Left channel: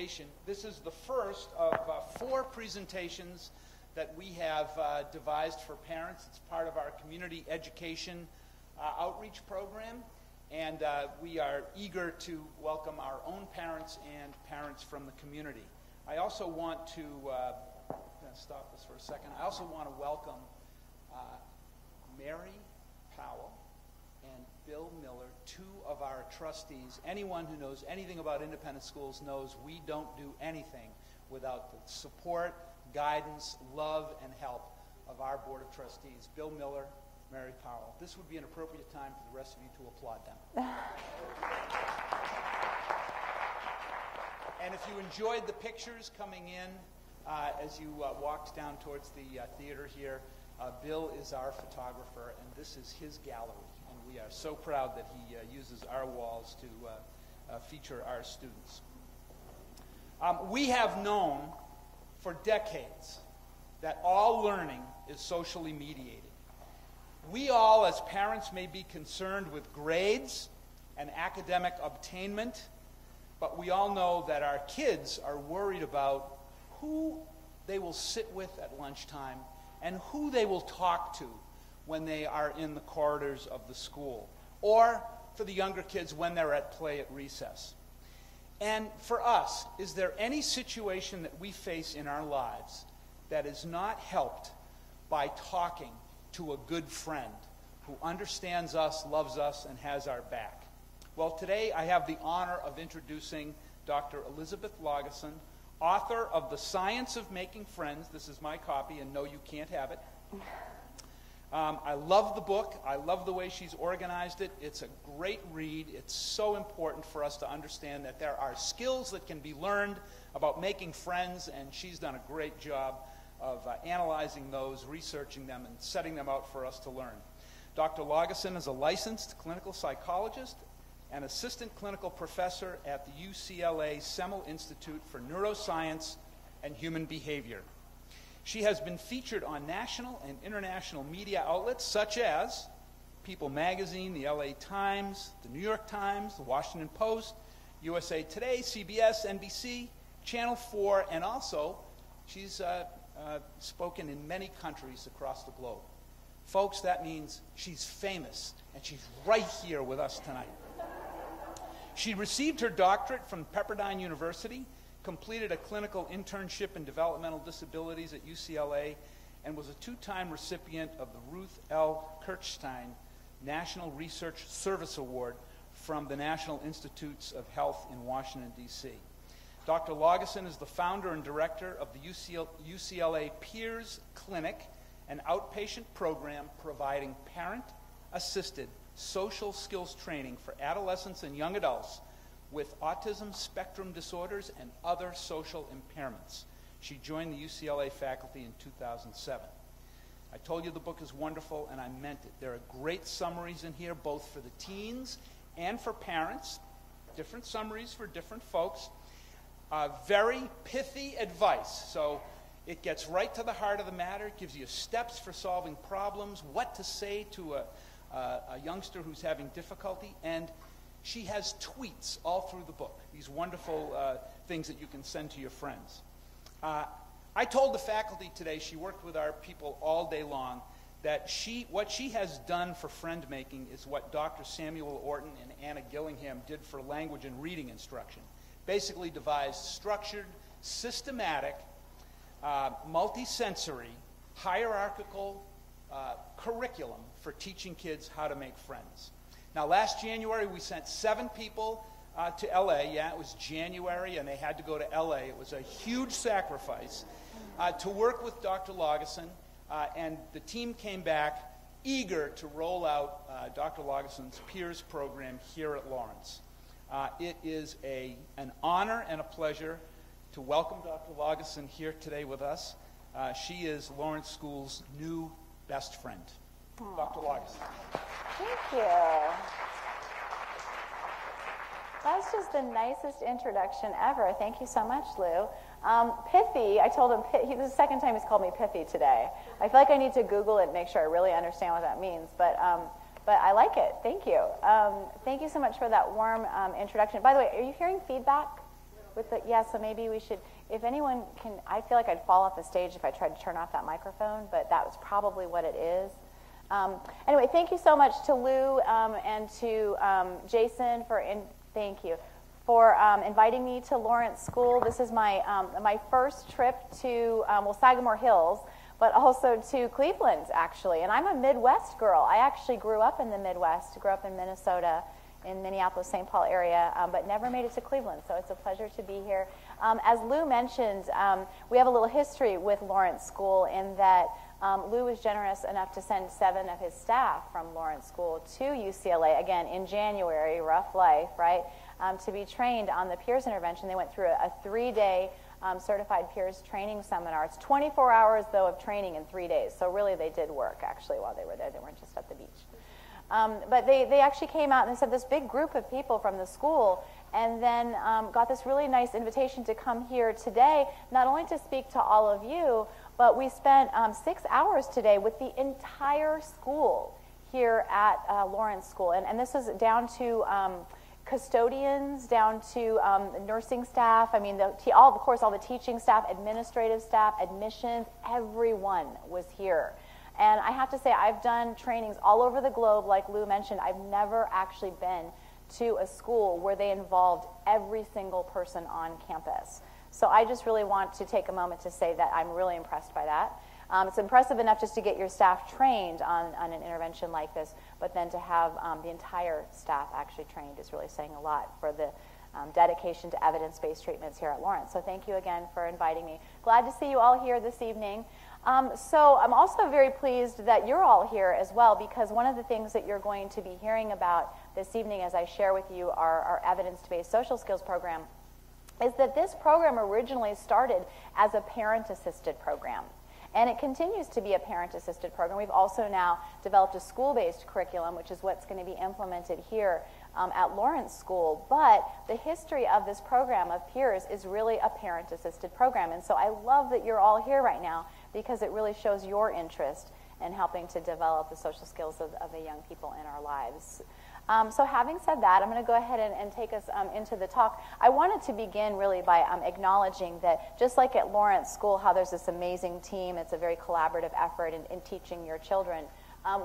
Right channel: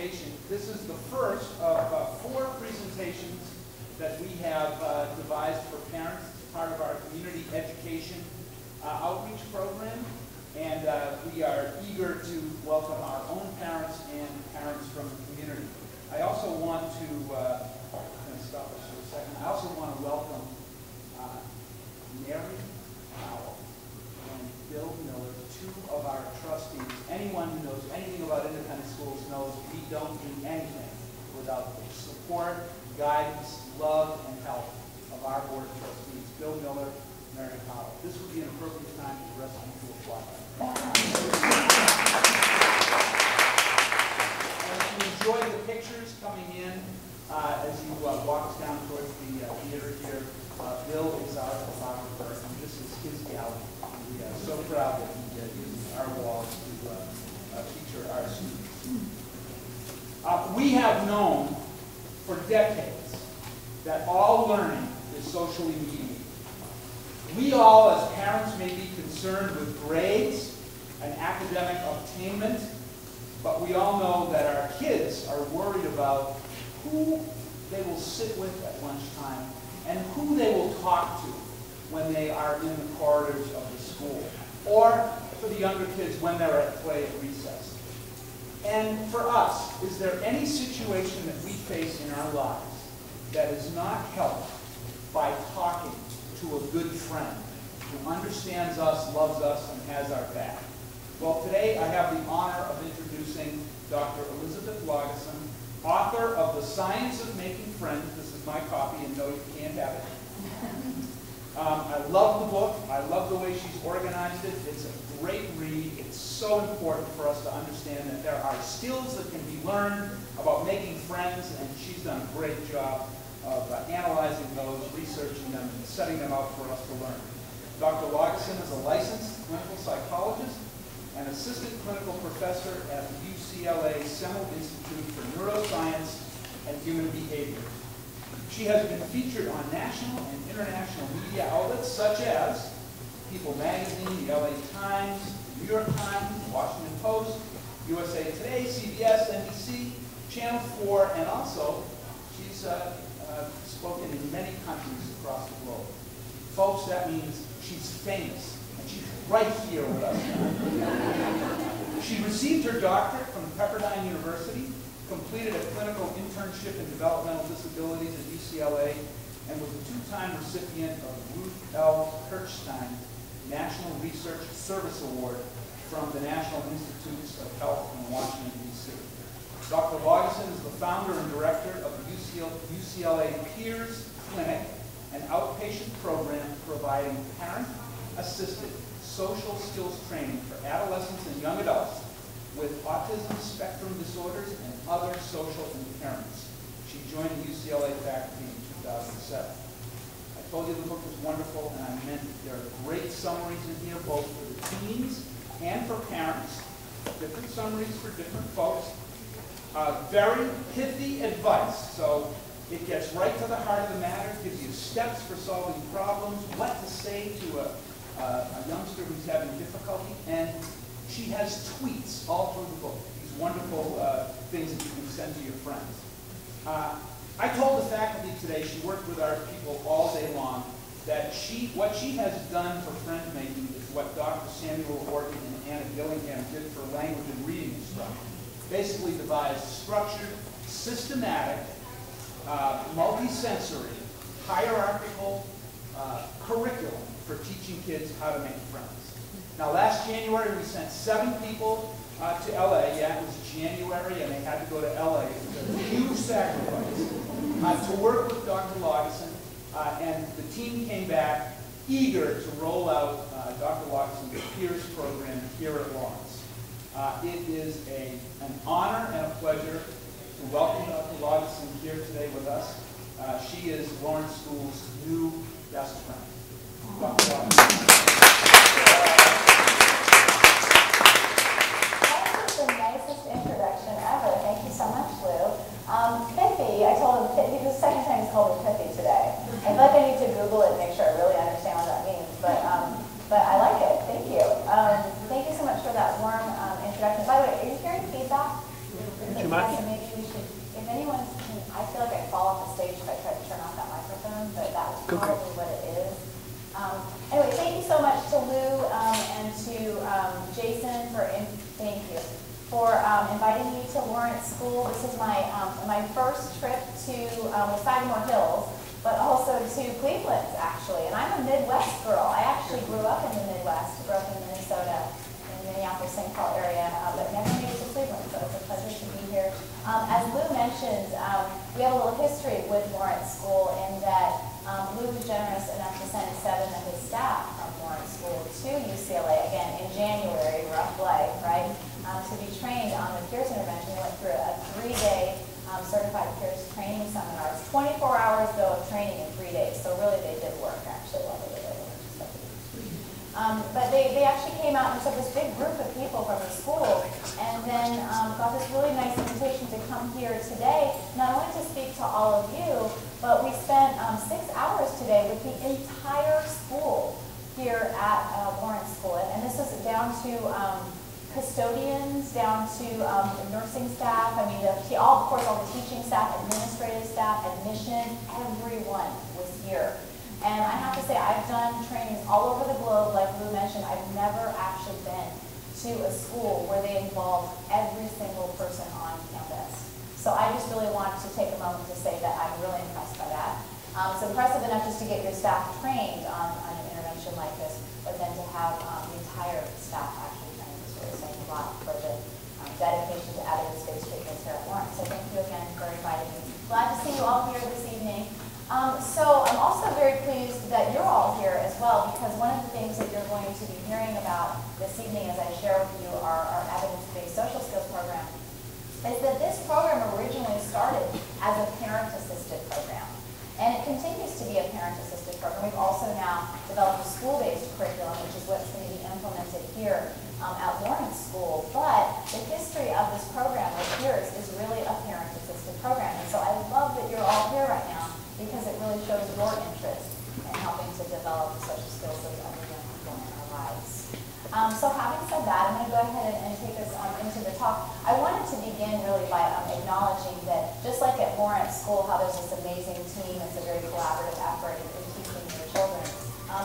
presentation. This is the first of 4 presentations that we have devised for parents. It's part of our community education outreach program, and we are eager to welcome our own parents and parents from the community. I also want to, I'm going to stop this for a second. I also want to welcome Mary Powell and Bill Miller, 2 of our trustees. Anyone who knows anything about independent schools knows we don't do anything without the support, guidance, love, and help of our board of trustees. Bill Miller, Mary Powell. This would be an appropriate time for us to apply. And if you enjoy the pictures coming in as you walk down towards the theater here, Bill is our photographer, and this is his gallery. We are so proud that he uses our walls to feature our students. We have known for decades that all learning is socially mediated. We all, as parents, may be concerned with grades and academic attainment, but we all know that our kids are worried about who they will sit with at lunchtime and who they will talk to when they are in the corridors of the school, or for the younger kids when they're at play at recess. And for us, is there any situation that we face in our lives that is not helped by talking to a good friend who understands us, loves us, and has our back? Well, today I have the honor of introducing Dr. Elizabeth Laugeson, author of The Science of Making Friends. This is my copy, and no, you can't have it. I love the book. I love the way she's organized it. It's a great read. It's so important for us to understand that there are skills that can be learned about making friends, and she's done a great job of analyzing those, researching them, and setting them up for us to learn. Dr. Laugeson is a licensed clinical psychologist and assistant clinical professor at the UCLA Semel Institute for Neuroscience and Human Behavior. She has been featured on national and international media outlets such as People Magazine, the LA Times, the New York Times, the Washington Post, USA Today, CBS, NBC, Channel 4, and also she's spoken in many countries across the globe. Folks, that means she's famous, and she's right here with us now. She received her doctorate from Pepperdine University, completed a clinical internship in developmental disabilities at UCLA, and was a 2-time recipient of the Ruth L. Kirchstein National Research Service Award from the National Institutes of Health in Washington, D.C. Dr. Laugeson is the founder and director of the UCLA Peers Clinic, an outpatient program providing parent-assisted social skills training for adolescents and young adults with autism spectrum disorders and other social impairments. She joined the UCLA faculty in 2007. I told you the book was wonderful, and I meant it. There are great summaries in here, both for the teens and for parents. Different summaries for different folks. Very pithy advice, so it gets right to the heart of the matter, gives you steps for solving problems, what to say to a youngster who's having difficulty, and she has tweets all through the book, these wonderful things that you can send to your friends. I told the faculty today, she worked with our people all day long, that what she has done for friend making is what Dr. Samuel Orton and Anna Gillingham did for language and reading instruction. Basically devised structured, systematic, multi-sensory, hierarchical curriculum for teaching kids how to make friends. Now, last January, we sent 7 people to LA. Yeah, it was January, and they had to go to LA. It was a huge sacrifice to work with Dr. Laugeson, and the team came back eager to roll out Dr. Laugeson's Peers program here at Lawrence. It is an honor and a pleasure to welcome Dr. Laugeson here today with us. She is Lawrence School's new best friend. Dr. Laugeson. That's the nicest introduction ever. Thank you so much, Lou. Pithy, I told him, Pithy, the second time he's called me Pithy today. I feel like I need to Google it and make sure I really understand what that means, but I like it. Thank you. Thank you so much for that warm introduction. By the way, are you hearing feedback? Too much? to Lou and to Jason thank you, for inviting me to Lawrence School. This is my first trip to Sagamore Hills, but also to Cleveland, actually. And I'm a Midwest girl. I actually grew up in the Midwest, grew up in Minnesota, in Minneapolis, St. Paul area, but never made it to Cleveland, so it's a pleasure to be here. As Lou mentioned, we have a little history with Lawrence School in that Lou was generous enough to send 7 of his staff from Lawrence School to UCLA, again, in January, rough life, right, to be trained on the peers intervention. They went through a 3-day certified peers training seminar. It's 24 hours, though, of training in 3 days, so really they did work, actually, while they were there. But they actually came out and so this big group of people from the school, and then got this really nice invitation to come here today, not only to speak to all of you, but we spent 6 hours today with the entire school here at Lawrence School. And this is down to custodians, down to nursing staff, I mean, of course, all the teaching staff, administrative staff, admission, everyone was here. And I have to say, I've done trainings all over the globe, like Lou mentioned. I've never actually been to a school where they involved every single person on campus. So I just really want to take a moment to say that I'm really impressed by that. It's impressive enough just to get your staff trained on an intervention like this, but then to have the entire staff actually trained is really saying a lot for the dedication to evidence-based treatments here at Lawrence. So thank you again for inviting me. Glad to see you all here this evening. So I'm also very pleased that you're all here as well, because one of the things that you're going to be hearing about this evening as I share with you our evidence-based social skills program is that this program originally started as a parent-assisted program. And it continues to be a parent-assisted program. We've also now developed a school-based curriculum, which is what's going to be implemented here at Lawrence School. But the history of this program of years is really a parent-assisted program. And so I love that you're all here right now, because it really shows your interest in helping to develop the social skills of the young people in our lives. So having said that, I'm going to go ahead and take us into the talk. I wanted to begin really by acknowledging that just like at Lawrence School, how there's this amazing team, it's a very collaborative effort in teaching your children.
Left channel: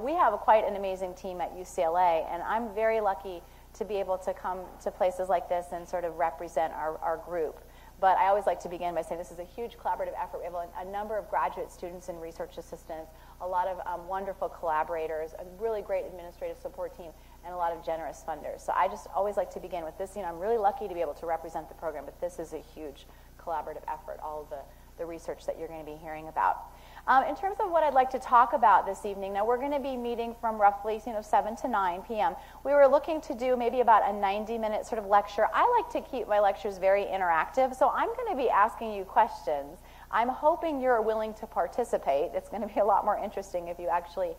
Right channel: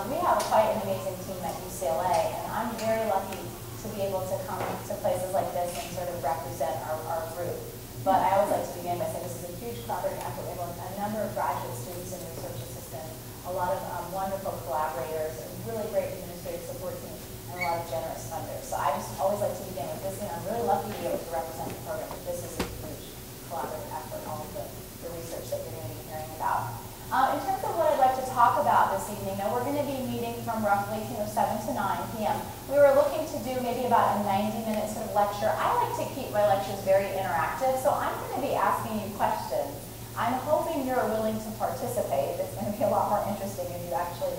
We have quite an amazing team at UCLA, and I'm very lucky to be able to come to places like this and sort of represent our group. But I always like to begin by saying this is a huge collaborative effort. We have a number of graduate students and research assistants, a lot of wonderful collaborators, a really great administrative support team, and a lot of generous funders. So I just always like to begin with this. I'm really lucky to be able to represent the program. This is a huge collaborative effort, all of the research that you're going to be hearing about. In terms of what I'd like to talk about this evening, now we're going to be meeting from roughly 7 to 9 p.m. We were looking to do maybe about a 90-minute sort of lecture. I like to keep my lectures very interactive, so I'm going to be asking you questions. I'm hoping you're willing to participate. It's going to be a lot more interesting if you actually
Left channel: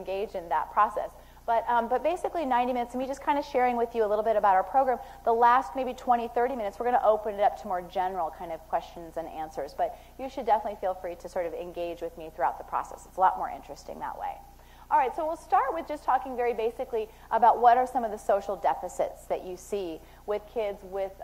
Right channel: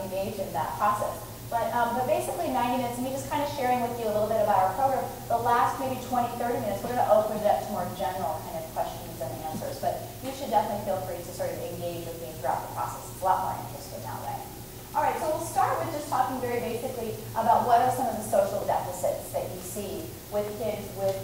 engage in that process. But basically 90 minutes, me just kind of sharing with you a little bit about our program. The last maybe 20, 30 minutes, we're going to open it up to more general kind of questions and answers. But you should definitely feel free to sort of engage with me throughout the process. It's a lot more interesting that way. All right, so we'll start with just talking very basically about what are some of the social deficits that you see with kids with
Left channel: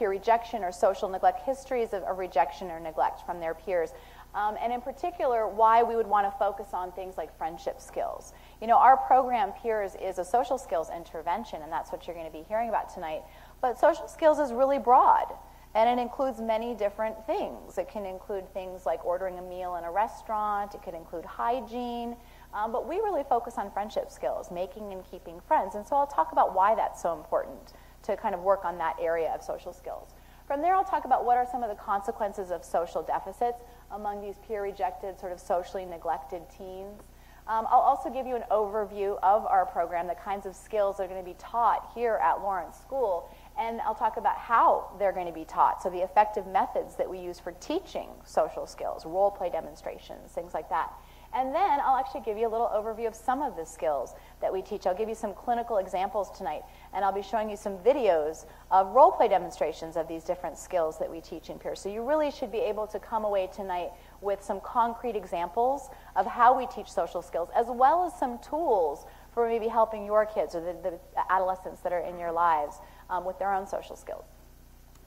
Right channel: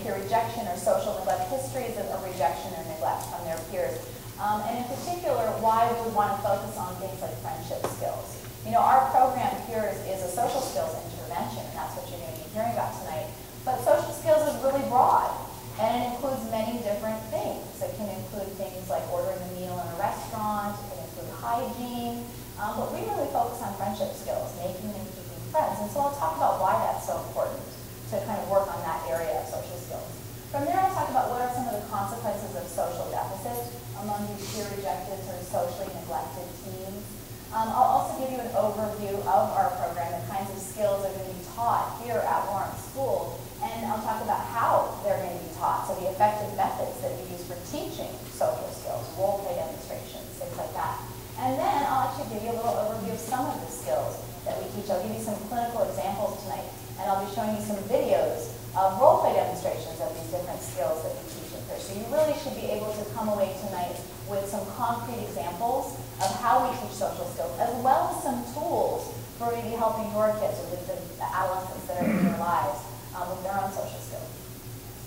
peer rejection or social neglect, histories of rejection or neglect from their peers. And in particular, why we would want to focus on things like friendship skills. Our program here is a social skills intervention, and that's what you're going to be hearing about tonight. But social skills is really broad, and it includes many different things. It can include things like ordering a meal in a restaurant, it can include hygiene, but we really focus on friendship skills, making and keeping friends. And so I'll talk about why that's so important to kind of work on that area of social skills. From there, I'll talk about what are some of the consequences of social deficits among these peer rejected or socially neglected teens. I'll also give you an overview of our program, the kinds of skills that are going to be taught here at Lawrence School, and I'll talk about how they're going to be taught, so the effective methods that we use for teaching social skills, role play demonstrations, things like that. And then I'll actually give you a little overview of some of the skills that we teach. I'll give you some clinical examples tonight, and I'll be showing you some videos of role play demonstrations of these different skills that we teach in here. So you really should be able to come away tonight with some concrete examples of how we teach social skills, as well as some tools for maybe helping your kids or the adolescents that are in your lives with their own social skills.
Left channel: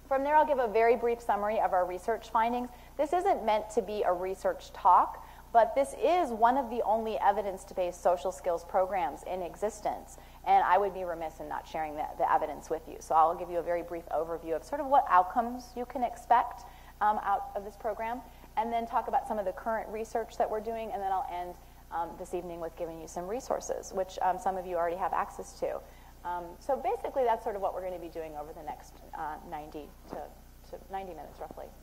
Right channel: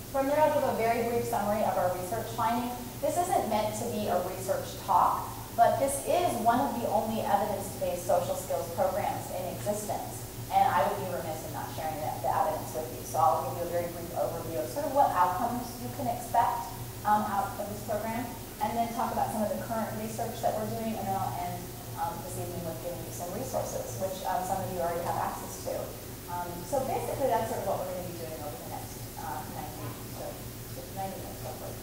From there, I'll give a very brief summary of our research finding. This isn't meant to be a research talk, but this is one of the only evidence-based social skills programs in existence some of you already have access to. So basically, that's sort of what we're going to be doing over the next 90 minutes, hopefully.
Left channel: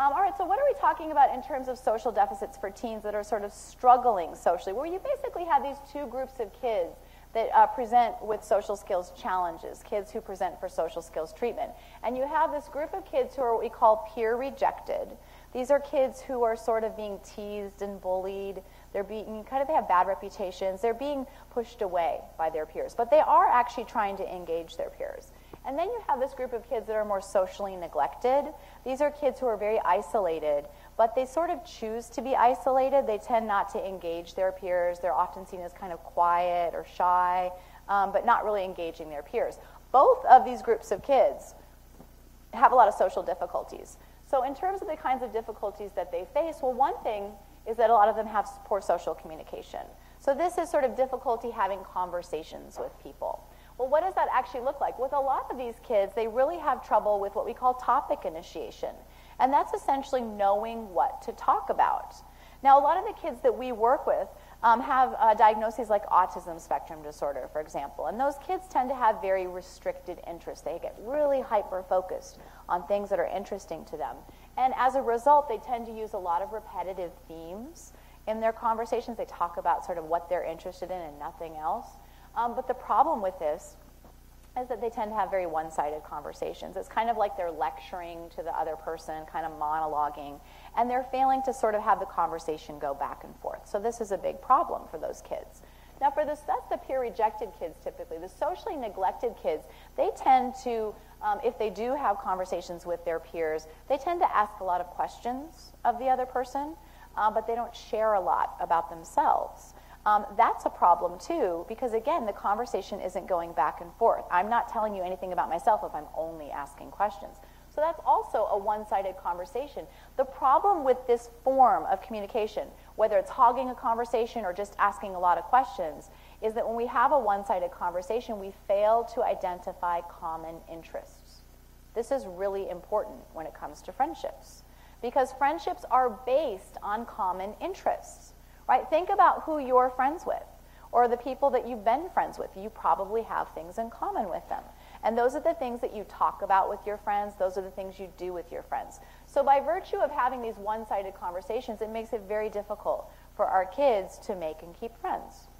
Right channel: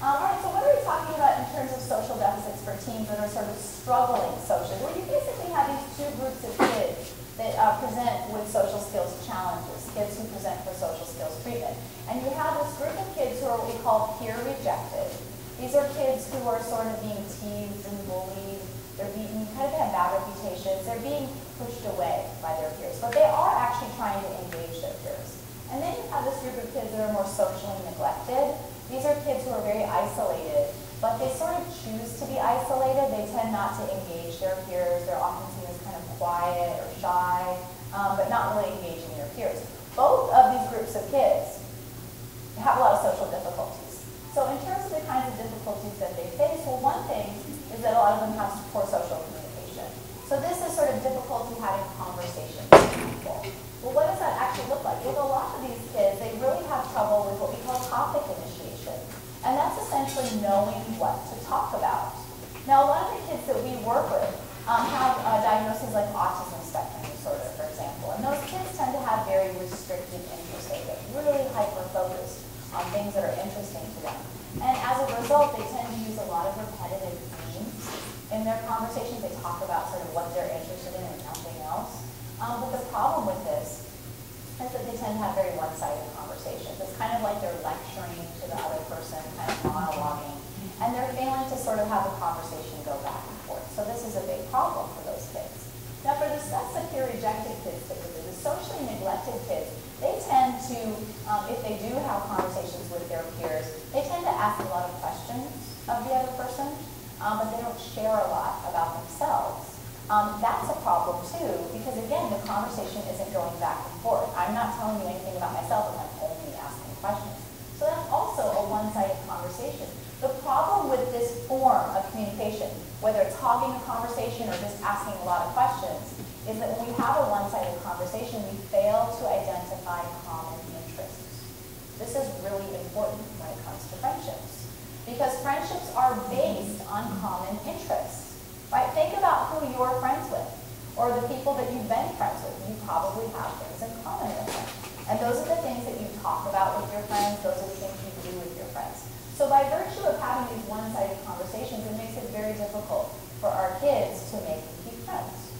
All right, so what are we talking about in terms of social deficits for teens that are sort of struggling socially? Well, you basically have these two groups of kids that present with social skills challenges, kids who present for social skills treatment. And you have this group of kids who are what we call peer rejected. These are kids who are sort of being teased and bullied. They're being, kind of have bad reputations. They're being pushed away by their peers. But they are actually trying to engage their peers. And then you have this group of kids that are more socially neglected. These are kids who are very isolated, but they sort of choose to be isolated. They tend not to engage their peers. They're often seen as kind of quiet or shy, but not really engaging their peers. Both of these groups of kids have a lot of social difficulties. So in terms of the kinds of difficulties that they face, well, one thing is that a lot of them have poor social communication. So this is sort of difficulty having conversations with people. Well, what does that actually look like? With a lot of these kids, they really have trouble with what we call topic initiation. And that's essentially knowing what to talk about. Now, a lot of the kids that we work with have diagnoses like autism spectrum disorder, for example. And those kids tend to have very restricted interests. They get really hyper-focused on things that are interesting to them. And as a result, they tend to use a lot of repetitive themes in their conversations. They talk about sort of what they're interested in and nothing else. But the problem with this is that they tend to have very one-sided conversations. It's kind of like they're lecturing to the other person, kind of monologuing, and they're failing to sort of have the conversation go back and forth. So this is a big problem for those kids. Now for the sets of peer-rejected kids, typically, the socially neglected kids, they tend to, if they do have conversations with their peers, they tend to ask a lot of questions of the other person, but they don't share a lot about themselves. That's a problem too, because again, the conversation isn't going back and forth. I'm not telling you anything about myself if I'm only asking questions. So that's also a one-sided conversation. The problem with this form of communication, whether it's hogging the conversation or just asking a lot of questions, is that when we have a one-sided conversation, we fail to identify common interests. This is really important when it comes to friendships, because friendships are based on common interests. Right? Think about who you're friends with, or the people that you've been friends with. You probably have things in common with them. And those are the things that you talk about with your friends. Those are the things you do with your friends. So by virtue of having these one-sided conversations, it makes it very difficult for our kids to make and keep friends.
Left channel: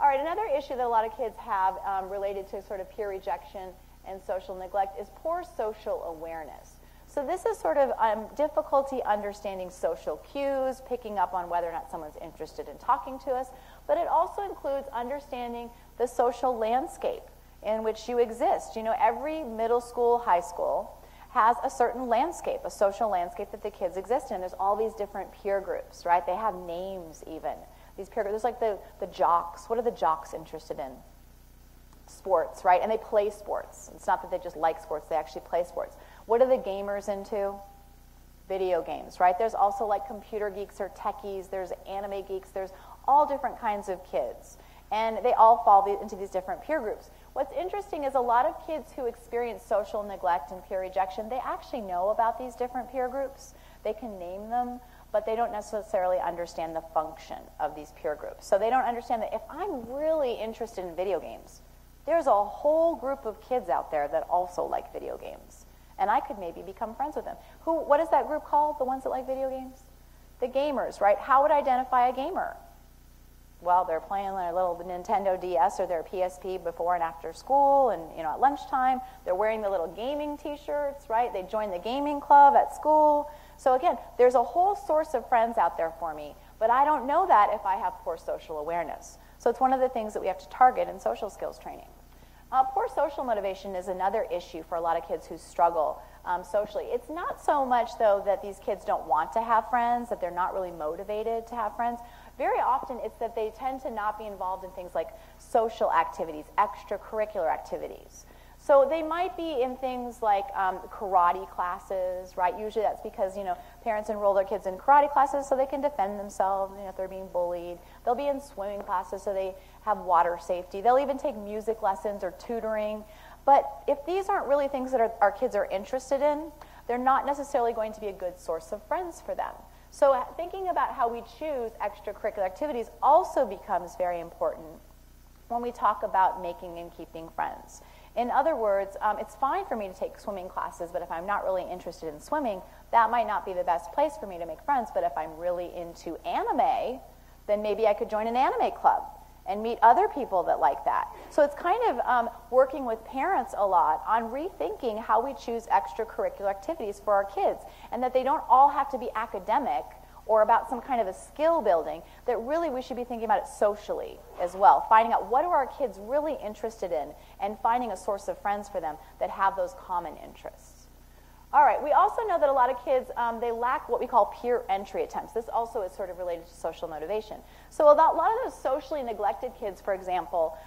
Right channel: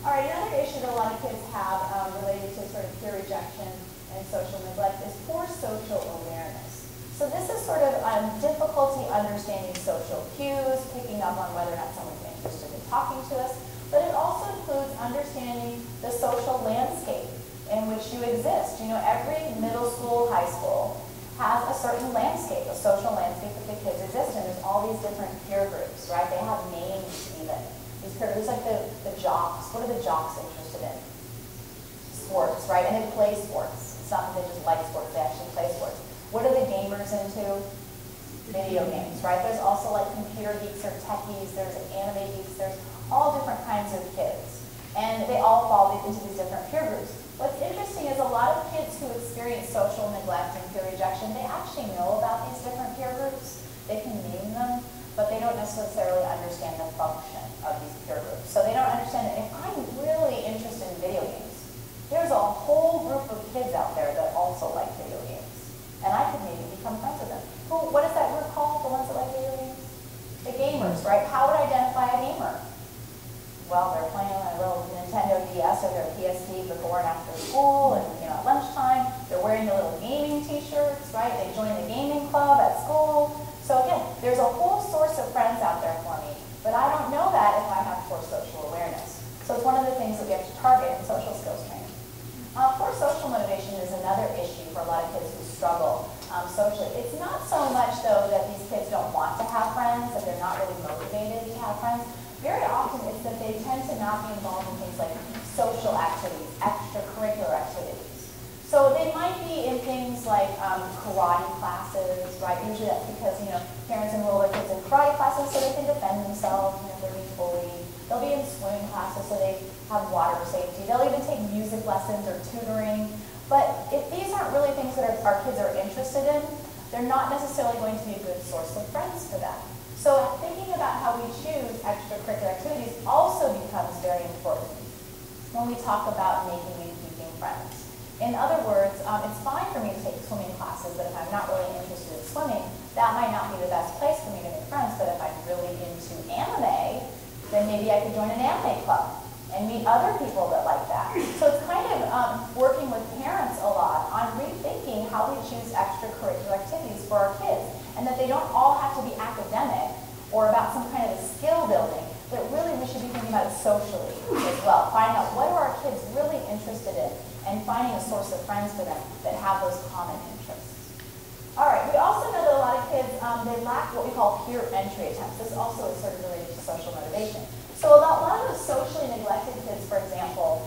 All right, another issue that a lot of kids have related to sort of peer rejection and social neglect is poor social awareness. So this is sort of difficulty understanding social cues, picking up on whether or not someone's interested in talking to us, but it also includes understanding the social landscape in which you exist. You know, every middle school, high school has a certain landscape, a social landscape that the kids exist in. There's all these different peer groups, right? They have names even. These peer groups, like the jocks. What are the jocks interested in? Sports, right? And they play sports. It's not that they just like sports, they actually play sports. What are the gamers into? Video games, right? There's also like computer geeks or techies, there's anime geeks, there's all different kinds of kids. And they all fall into these different peer groups. What's interesting is a lot of kids who experience social neglect and peer rejection, they actually know about these different peer groups. They can name them, but they don't necessarily understand the function of these peer groups. So they don't understand that if I'm really interested in video games, there's a whole group of kids out there that also like video games. And I could maybe become friends with them. What is that group called, the ones that like video games? The gamers, right? How would I identify a gamer? Well, they're playing on a little Nintendo DS or their PSP before and after school, and at lunchtime, they're wearing the little gaming t-shirts, right? They join the gaming club at school. So again, there's a whole source of friends out there for me, but I don't know that if I have poor social awareness. So it's one of the things that we have to target in social skills training. Poor social motivation is another issue for a lot of kids who struggle socially. It's not so much, though, that these kids don't want to have friends, that they're not really motivated to have friends. Very often it's that they tend to not be involved in things like social activities, extracurricular activities. So they might be in things like karate classes, right? Usually that's because, parents enroll their kids in karate classes so they can defend themselves if they're being bullied. They'll be in swimming classes so they have water safety. They'll even take music lessons or tutoring. But if these aren't really things that our kids are interested in, they're not necessarily going to be a good source of friends for that. So thinking about how we choose extracurricular activities also becomes very important. when we talk about making and keeping friends. In other words, it's fine for me to take swimming classes, but if I'm not really interested in swimming, that might not be the best place for me to make friends. But if I'm really into anime, then maybe I could join an anime club and meet other people that like that. So it's kind of working with parents a lot on rethinking how we choose extracurricular activities for our kids, and that they don't all have to be academic or about some kind of a skill building, that really we should be thinking about it socially as well. Finding out what are our kids really interested in, and finding a source of friends for them that have those common interests. All right, we also know that a lot of kids, they lack what we call peer entry attempts. This also is sort of related to social motivation. So a lot of those socially neglected kids, for example,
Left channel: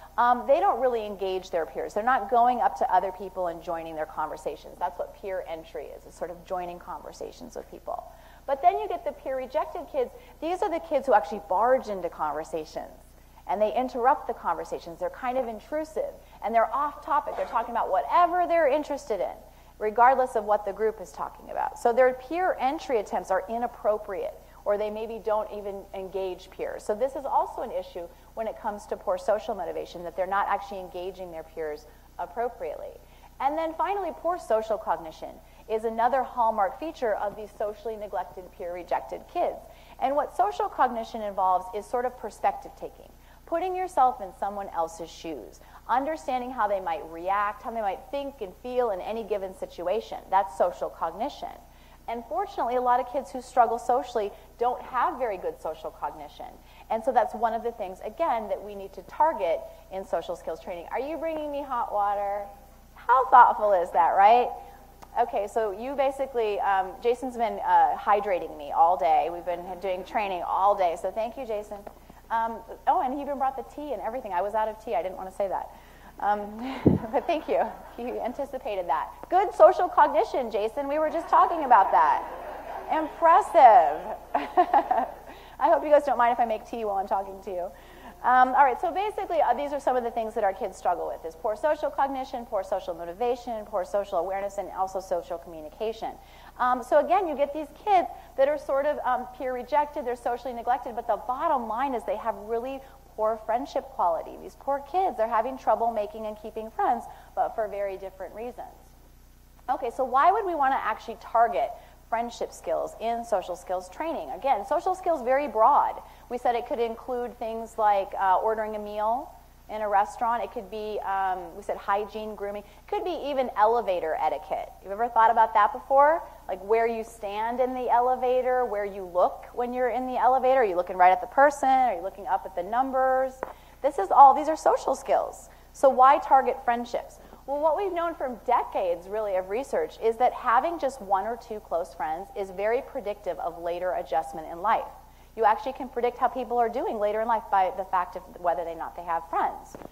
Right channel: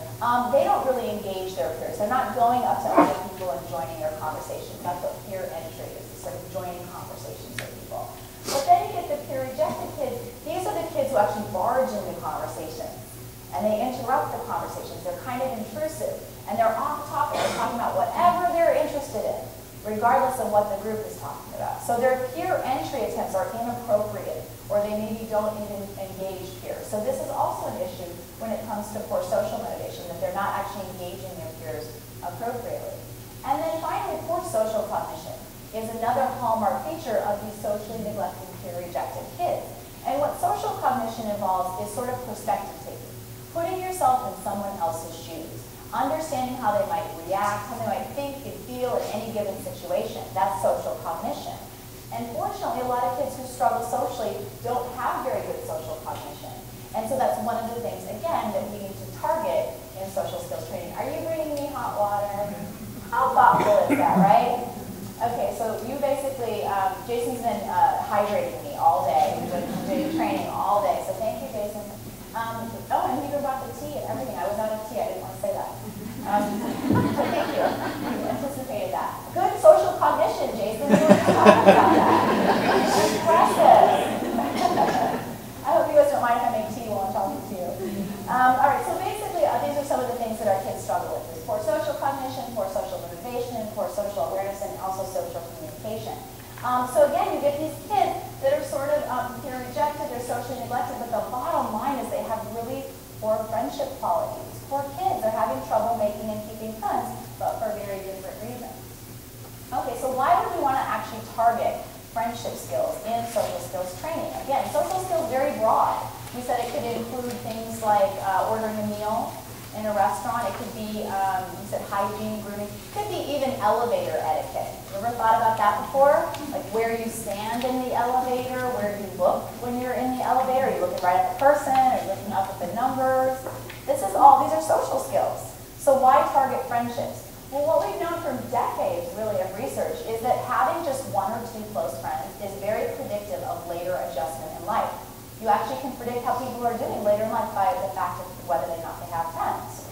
they don't really engage their peers. They're not going up to other people and joining their conversations. That's what peer entry is, sort of joining conversations with people. But then you get the peer rejected kids. These are the kids who actually barge into conversations, and they interrupt the conversations. They're kind of intrusive, and they're off topic. They're talking about whatever they're interested in, regardless of what the group is talking about. So their peer entry attempts are inappropriate, or they maybe don't even engage peers. So this is also an issue when it comes to poor social motivation, that they're not actually engaging their peers appropriately. And then finally, poor social cognition is another hallmark feature of these socially neglected, peer rejected kids. And what social cognition involves is sort of perspective taking, putting yourself in someone else's shoes, understanding how they might react, how they might think and feel in any given situation. That's social cognition. And fortunately, a lot of kids who struggle socially don't have very good social cognition. And so that's one of the things, again, that we need to target in social skills training. Are you bringing me hot water? How thoughtful is that, right? Okay, so you basically, Jason's been hydrating me all day. We've been doing training all day, so thank you, Jason. Oh, and he even brought the tea and everything. I was out of tea, I didn't want to say that. Thank you. You anticipated that. Good social cognition, Jason. We were talking about that. Impressive. I hope you guys don't mind if I make tea while I'm talking to you. All right, so basically, these are some of the things that our kids struggle with. Is poor social cognition, poor social motivation, poor social awareness, and also social communication. So again, you get these kids that are sort of peer rejected, they're socially neglected, but the bottom line is they have really poor friendship qualities. Poor kids, they're having trouble making and keeping friends, but for very different reasons. Okay, so why would we want to actually target friendship skills in social skills training? Again, social skills is very broad. We said it could include things like ordering a meal in a restaurant. It could be, we said hygiene, grooming. It could be even elevator etiquette. You ever thought about that before? Like where you stand in the elevator, where you look when you're in the elevator. Are you looking right at the person? Are you looking up at the numbers? These are social skills. So why target friendships? Well, what we've known from decades, really, of research is that having just one or two close friends is very predictive of later adjustment in life. You actually can predict how people are doing later in life by the fact of whether or not they have friends.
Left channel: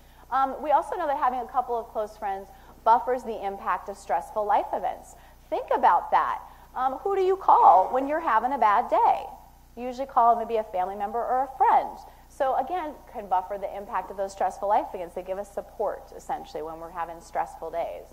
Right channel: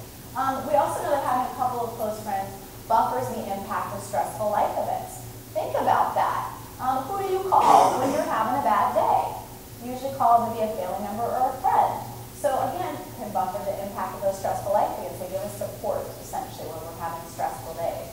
We also know that having a couple of close friends buffers the impact of stressful life events. Think about that. Who do you call when you're having a bad day? You usually call maybe a family member or a friend. So again, can buffer the impact of those stressful life events. They give us support, essentially, when we're having stressful days.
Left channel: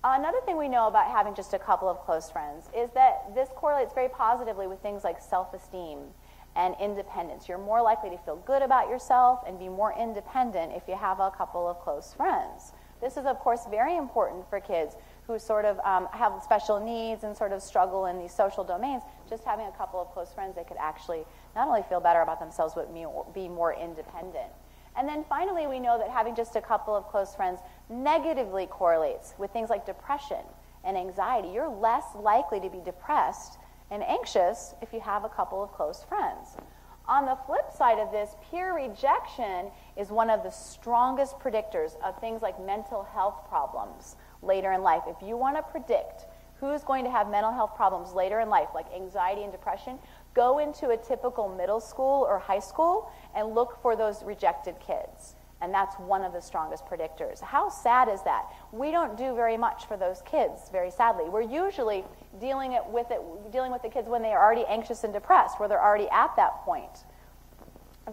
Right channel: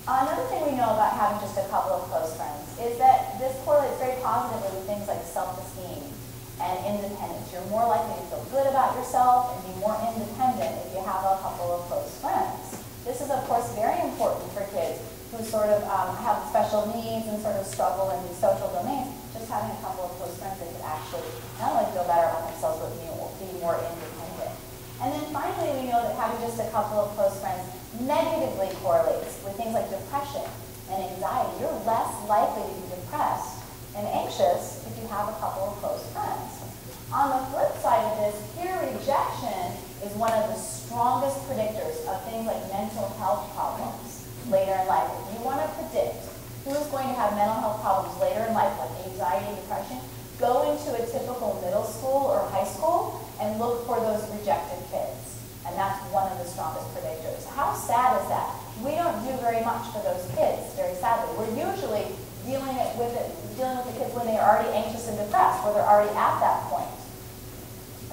Another thing we know about having just a couple of close friends is that this correlates very positively with things like self-esteem and independence. You're more likely to feel good about yourself and be more independent if you have a couple of close friends. This is, of course, very important for kids who sort of have special needs and sort of struggle in these social domains. Just having a couple of close friends that could actually not only feel better about themselves, but be more independent. And then finally, we know that having just a couple of close friends negatively correlates with things like depression and anxiety. You're less likely to be depressed and anxious if you have a couple of close friends. On the flip side of this, peer rejection is one of the strongest predictors of things like mental health problems later in life. If you want to predict who's going to have mental health problems later in life, like anxiety and depression, go into a typical middle school or high school and look for those rejected kids. And that's one of the strongest predictors. How sad is that? We don't do very much for those kids, very sadly. We're usually dealing with the kids when they're already anxious and depressed, where they're already at that point.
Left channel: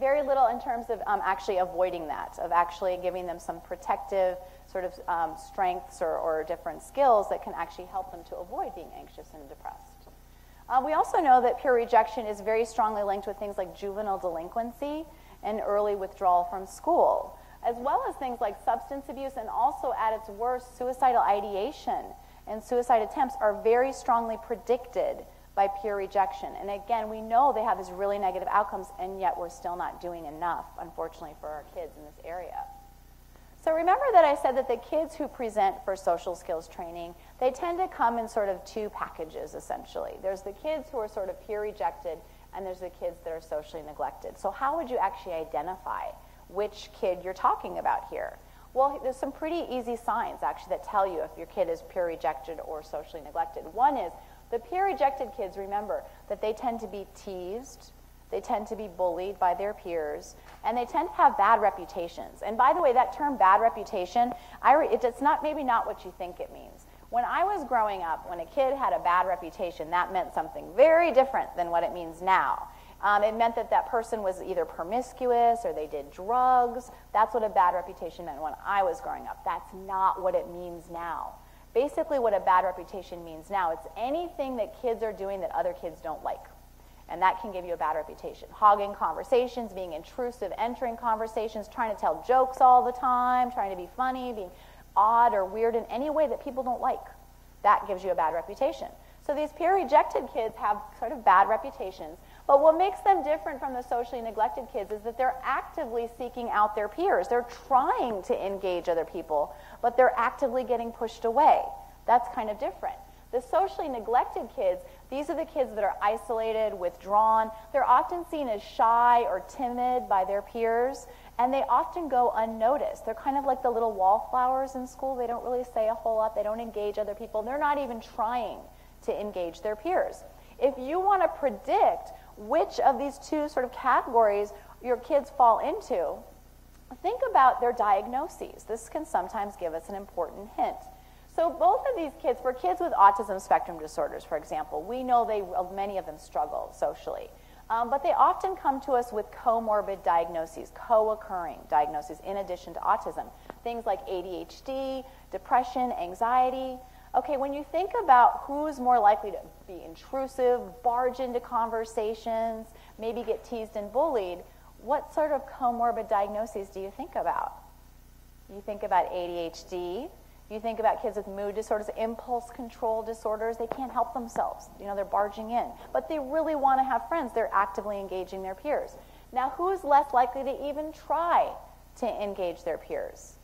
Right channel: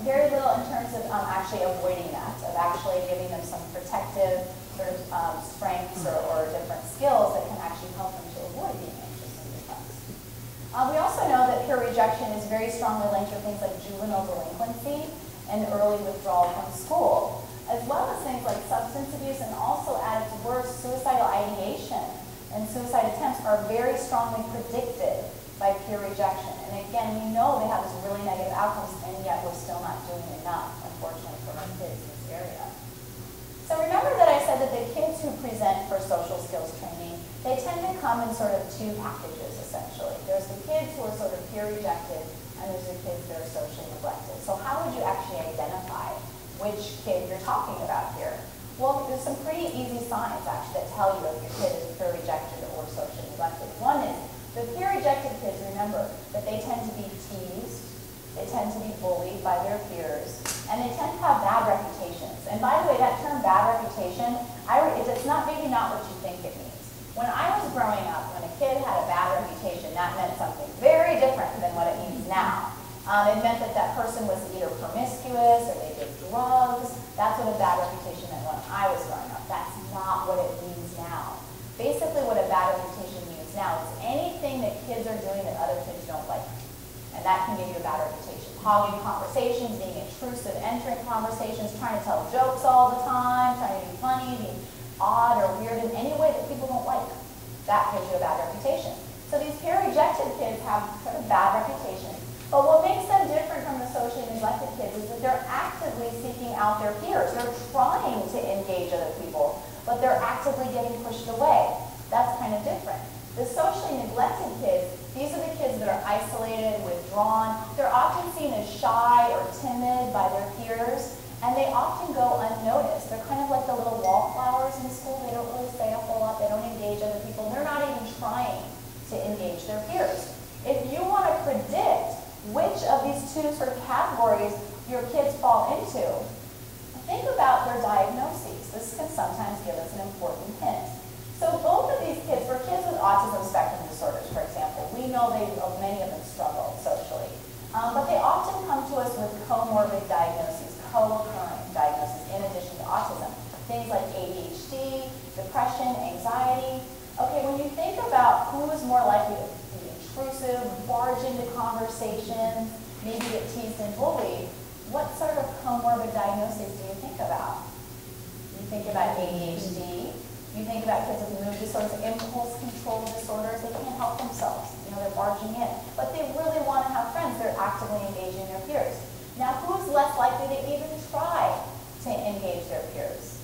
Very little in terms of actually avoiding that, of actually giving them some protective sort of strengths or different skills that can actually help them to avoid being anxious and depressed. We also know that peer rejection is very strongly linked with things like juvenile delinquency and early withdrawal from school, as are very strongly predicted by peer rejection. And again, we know they have this really negative outcomes, and yet we're still not doing enough, unfortunately, for our kids in this area. So remember that I said that the kids who present for social skills training, they tend to come in sort of two packages, essentially. There's the kids who are sort of peer rejected, and there's the kids that are socially neglected. So how would you actually identify which kid you're talking about here? Well, there's some pretty easy signs, actually, that tell you if your kid is peer rejected or socially neglected. One is, the peer rejected kids, remember, that they tend to be teased, they tend to be bullied by their peers, and they tend to have bad reputations. And by the way, that term bad reputation, it's maybe not what you think it means. When I was growing up, when a kid had a bad reputation, that meant something very different than what it means now. It meant that that person was either promiscuous or they did drugs. That's what a bad reputation meant when I was growing up. That's not what it means now. Basically, what a bad reputation means now is anything that kids are doing that other kids don't like. And that can give you a bad reputation. Hogging conversations, being intrusive, entering conversations, trying to tell jokes all the time, trying to be funny, being odd or weird in any way that people don't like. That gives you a bad reputation. So these peer-rejected kids have sort of bad reputations. But what makes them different from the socially neglected kids is that they're actively seeking out their peers. They're trying to engage other people, but they're actively getting pushed away. That's kind of different. The socially neglected kids, these are the kids that are isolated, withdrawn. They're often seen as shy or timid by their peers, and they often go unnoticed. They're kind of like the little wallflowers in school. They don't really say a whole lot. They don't engage other people. They're not even trying to engage their peers. If you want to predict which of these two sort of categories your kids fall into, think about their diagnoses. This can sometimes give us an important hint. So both of these kids, for kids with autism spectrum disorders, for example, we know many of them struggle socially. But they often come to us with comorbid diagnoses, co-occurring diagnoses in addition to autism. Things like ADHD, depression, anxiety. Okay, when you think about who is more likely to be intrusive, barge into conversations, maybe get teased and bullied, what sort of comorbid diagnoses do you think about? You think about ADHD. You think about kids with mood disorders, impulse control disorders. They can't help themselves. They're barging in. But they really want to have friends. They're actively engaging their peers. Now, who is less likely to even try to engage their peers?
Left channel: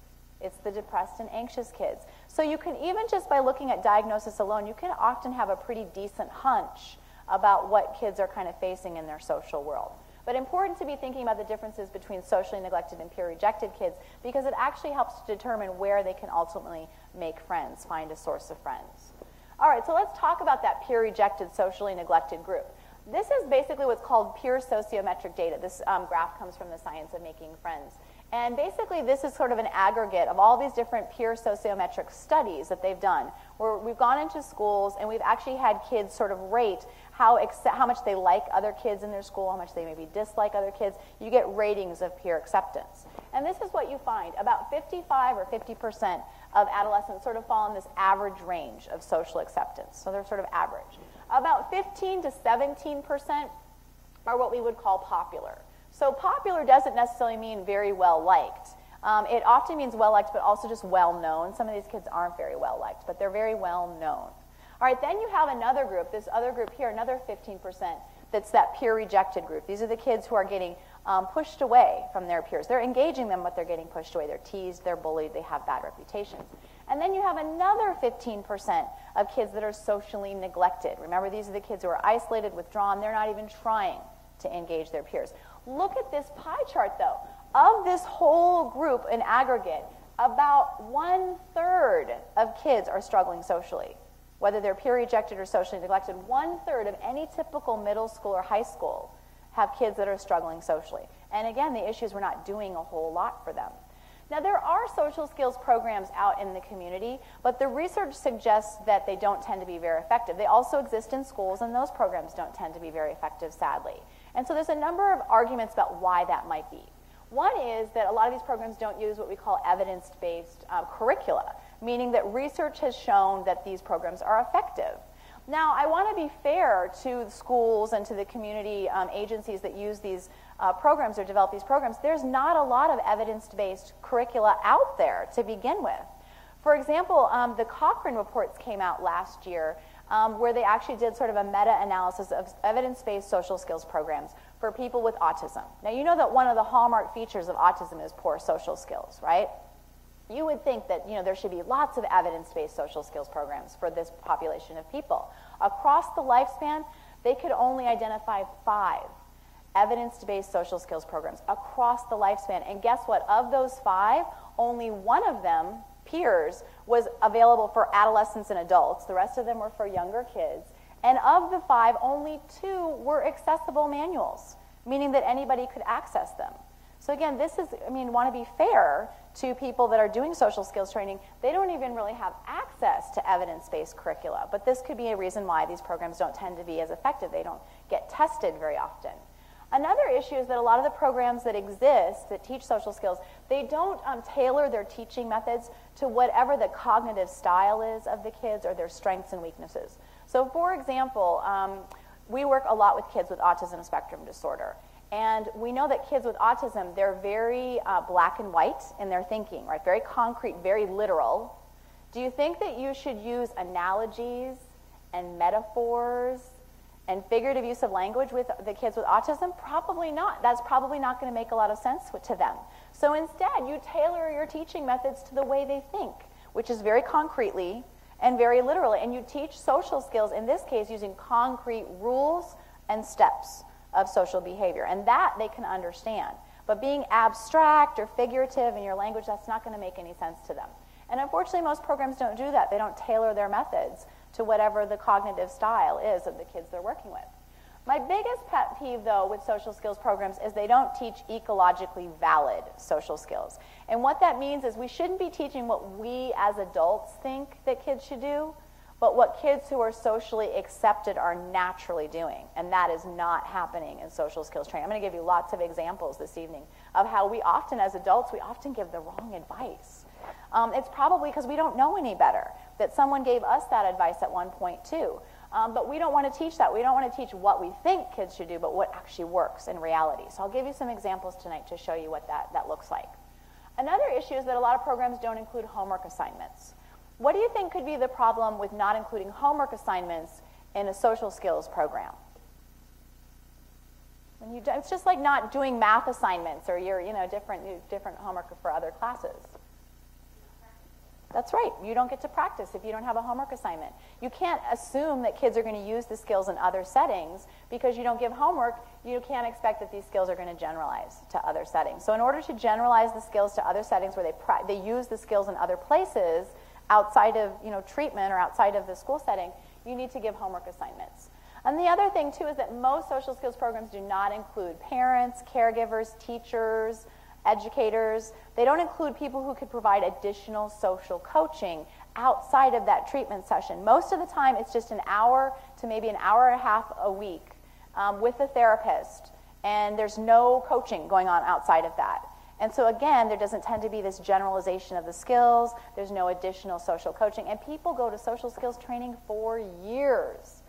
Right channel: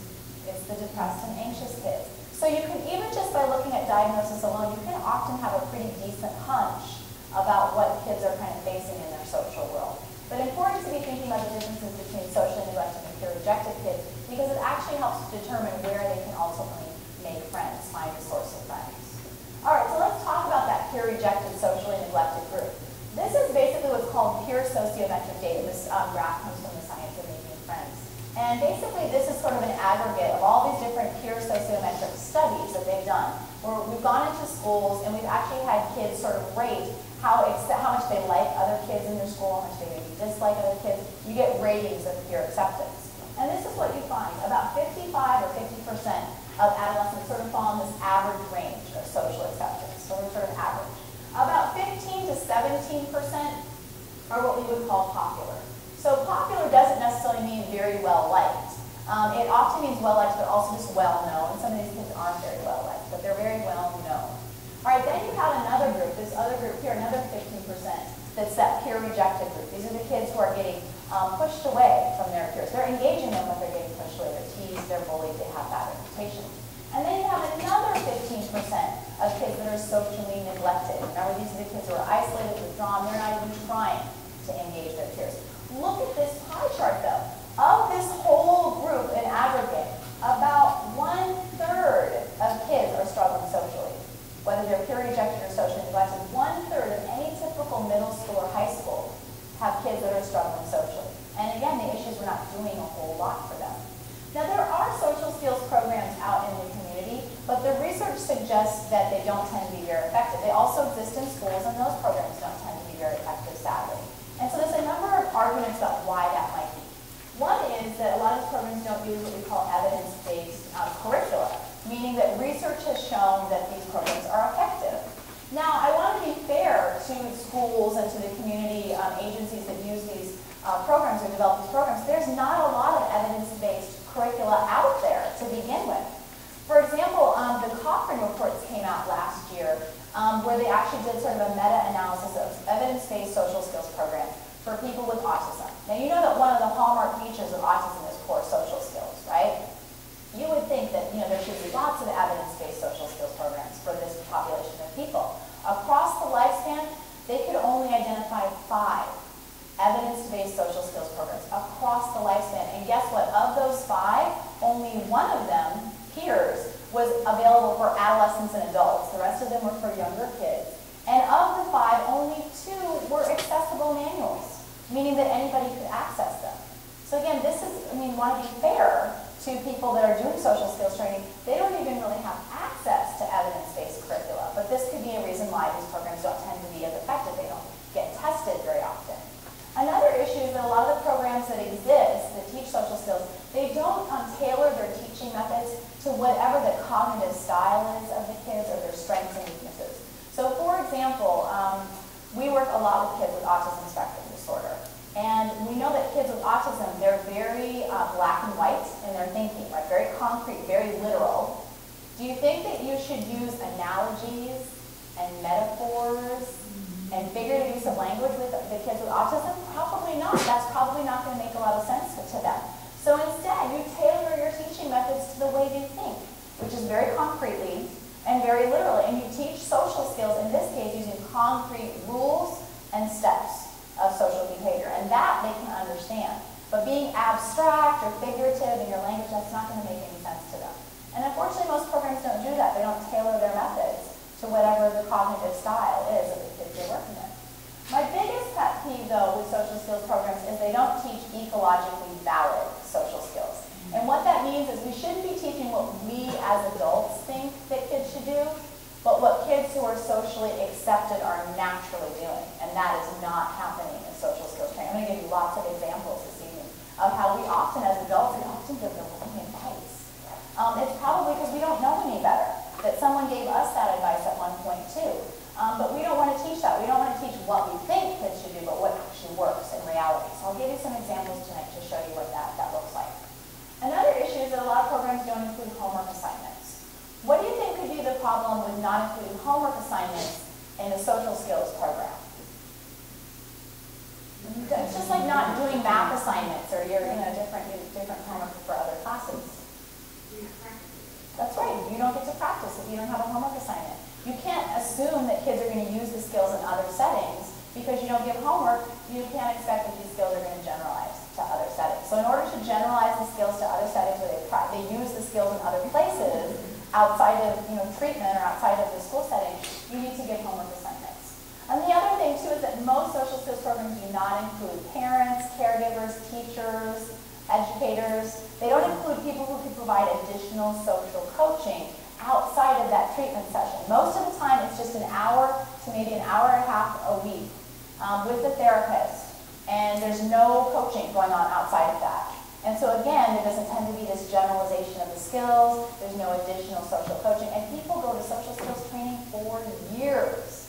It's the depressed and anxious kids. So you can, even just by looking at diagnosis alone, you can often have a pretty decent hunch about what kids are kind of facing in their social world. But important to be thinking about the differences between socially neglected and peer-rejected kids, because it actually helps to determine where they can ultimately make friends, find a source of friends. All right, so let's talk about that peer-rejected, socially neglected group. This is basically what's called peer sociometric data. This graph comes from the Science of Making Friends. And basically, this is sort of an aggregate of all these different peer sociometric studies that they've done, where we've gone into schools and we've actually had kids sort of rate how much they like other kids in their school, how much they maybe dislike other kids. You get ratings of peer acceptance. And this is what you find. About 55 or 50% of adolescents sort of fall in this average range of social acceptance. So they're sort of average. About 15 to 17% are what we would call popular. So popular doesn't necessarily mean very well liked. It often means well liked, but also just well known. Some of these kids aren't very well liked, but they're very well known. All right, then you have another group, this other group here, another 15%, that's that peer rejected group. These are the kids who are getting pushed away from their peers. They're engaging them, but they're getting pushed away. They're teased, they're bullied, they have bad reputations. And then you have another 15% of kids that are socially neglected. Remember, these are the kids who are isolated, withdrawn. They're not even trying to engage their peers. Look at this pie chart, though. Of this whole group in aggregate, about 1/3 of kids are struggling socially. Whether they're peer rejected or socially neglected, 1/3 of any typical middle school or high school have kids that are struggling socially. And again, the issue is we're not doing a whole lot for them. Now, there are social skills programs out in the community, but the research suggests that they don't tend to be very effective. They also exist in schools, and those programs don't tend to be very effective, sadly. And so there's a number of arguments about why that might be. One is that a lot of these programs don't use what we call evidence-based curricula, meaning that research has shown that these programs are effective. Now, I want to be fair to schools and to the community agencies that use these programs or develop these programs. There's not a lot of evidence-based curricula out there to begin with. For example, the Cochrane reports came out last year where they actually did sort of a meta-analysis of evidence-based social skills programs for people with autism. Now, you know that one of the hallmark features of autism is poor social skills, right? You would think that, there should be lots of evidence-based social skills programs for this population of people. Across the lifespan, they could only identify 5 evidence-based social skills programs across the lifespan. And guess what? Of those 5, only one of them, peers, was available for adolescents and adults. The rest of them were for younger kids. And of the 5, only 2 were accessible manuals, meaning that anybody could access them. So again, this is, want to be fair to people that are doing social skills training. They don't even really have access to evidence-based curricula, but this could be a reason why these programs don't tend to be as effective. They don't get tested very often. Another issue is that a lot of the programs that exist that teach social skills, they don't tailor their teaching methods to whatever the cognitive style is of the kids or their strengths and weaknesses. So for example, we work a lot with kids with autism spectrum disorder. And we know that kids with autism, they're very black and white in their thinking, right? Very concrete, very literal. Do you think that you should use analogies and metaphors and figurative use of language with the kids with autism? Probably not. That's probably not going to make a lot of sense to them. So instead, you tailor your teaching methods to the way they think, which is very concretely and very literally. And you teach social skills, in this case, using concrete rules and steps of social behavior. And that they can understand. But being abstract or figurative in your language, that's not going to make any sense to them. And unfortunately, most programs don't do that. They don't tailor their methods to whatever the cognitive style is of the kids they're working with. My biggest pet peeve, though, with social skills programs is they don't teach ecologically valid social skills. And what that means is we shouldn't be teaching what we as adults think that kids should do, but what kids who are socially accepted are naturally doing. And that is not happening in social skills training. I'm going to give you lots of examples this evening of how we often, as adults, we often give the wrong advice. It's probably because we don't know any better, that someone gave us that advice at one point too. But we don't want to teach that. We don't want to teach what we think kids should do, but what actually works in reality. So I'll give you some examples tonight to show you what that looks like. Another issue is that a lot of programs don't include homework assignments. What do you think could be the problem with not including homework assignments in the social skills program? It's just like not doing math assignments or your different homework for other classes. That's right. You don't get to practice if you don't have a homework assignment. You can't assume that kids are going to use the skills in other settings because you don't give homework. You can't expect that these skills are going to generalize to other settings. So in order to generalize the skills to other settings where they use the skills in other places outside of treatment or outside of the school setting, you need to give homework assignments. And the other thing too is that most social skills programs do not include parents, caregivers, teachers, educators. They don't include people who can provide additional social coaching outside of that treatment session. Most of the time it's just an hour to maybe an hour and a half a week with the therapist, and there's no coaching going on outside of that. And so again, there doesn't tend to be this generalization of the skills, there's no additional social coaching, and people go to social skills training for years,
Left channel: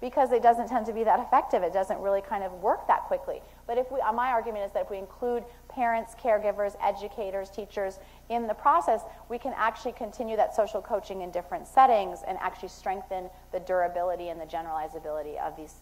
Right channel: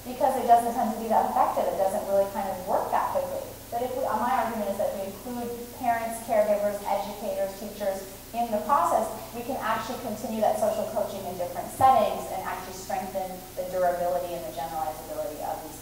because it doesn't tend to be that effective. It doesn't really kind of work that quickly. But my argument is that if we include parents, caregivers, educators, teachers in the process, we can actually continue that social coaching in different settings and actually strengthen the durability and the generalizability of these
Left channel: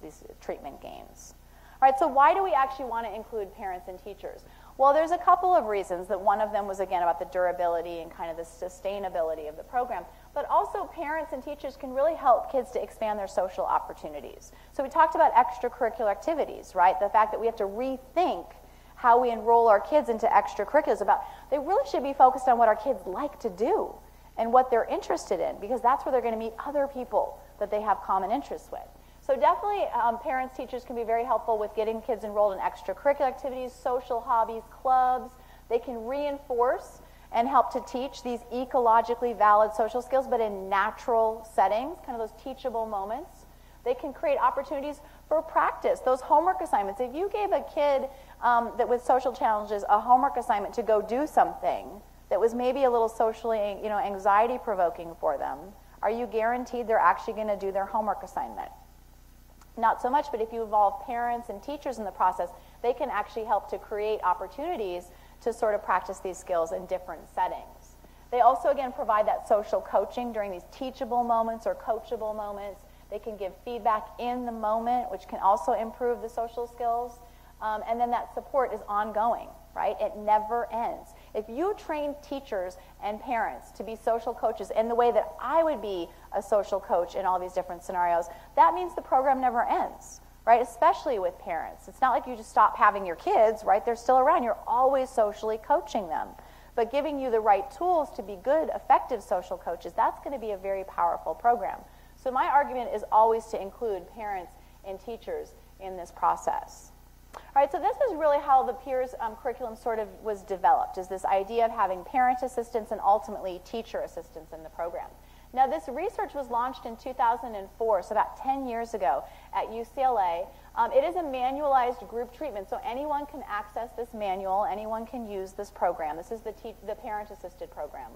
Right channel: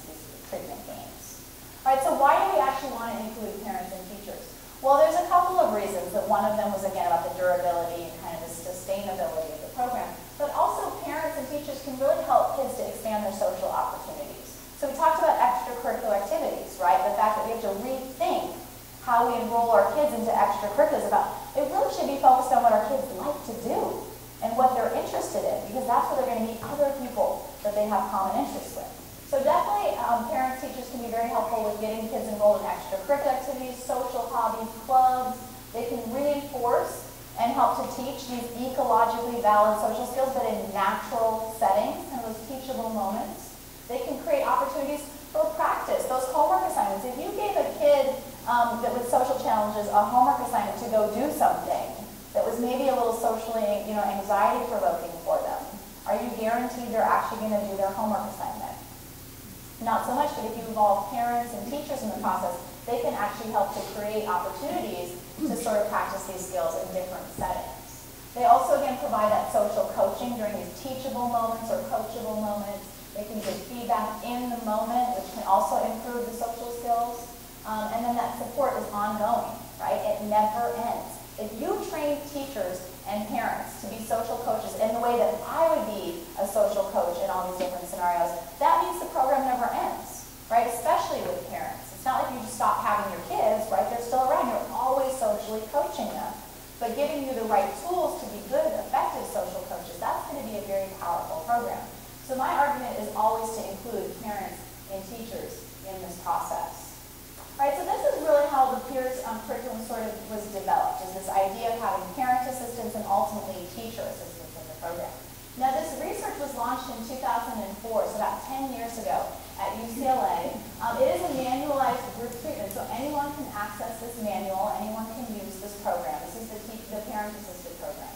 treatment gains. All right, so why do we actually want to include parents and teachers? Well, there's a couple of reasons. That one of them was, again, about the durability and kind of the sustainability of the program. But also, parents and teachers can really help kids to expand their social opportunities. So we talked about extracurricular activities, right? The fact that we have to rethink how we enroll our kids into extracurriculars. They really should be focused on what our kids like to do and what they're interested in, because that's where they're going to meet other people that they have common interests with. So definitely, parents, teachers can be very helpful with getting kids enrolled in extracurricular activities, social hobbies, clubs. They can reinforce and help to teach these ecologically valid social skills, but in natural settings and those teachable moments. They can create opportunities for practice, those homework assignments. If you gave a kid that with social challenges a homework assignment to go do something that was maybe a little socially, anxiety provoking for them, are you guaranteed they're actually going to do their homework assignment? Not so much, but if you involve parents and teachers in the process, they can actually help to create opportunities to sort of practice these skills in different settings. They also, again, can provide that social coaching during these teachable moments or coachable moments. They can give feedback in the moment, which can also improve the social skills. And then that support is ongoing, right? It never ends. If you train teachers and parents to be social coaches in the way that I would be a social coach in all these different scenarios, that means the program never ends, right? Especially with parents. It's not like you just stop having your kids, right? They're still around. You're always socially coaching them. But giving you the right tools to be good, effective social coaches, that's going to be a very powerful program. So my argument is always to include parents and teachers in this process. All right, so this is really how the peers curriculum sort of was developed, is this idea of having parent assistance and ultimately teacher assistance in the program. Now this research was launched in 2004, so about 10 years ago at UCLA. It is a manualized group treatment, so anyone can access this manual, anyone can use this program. This is the parent-assisted program.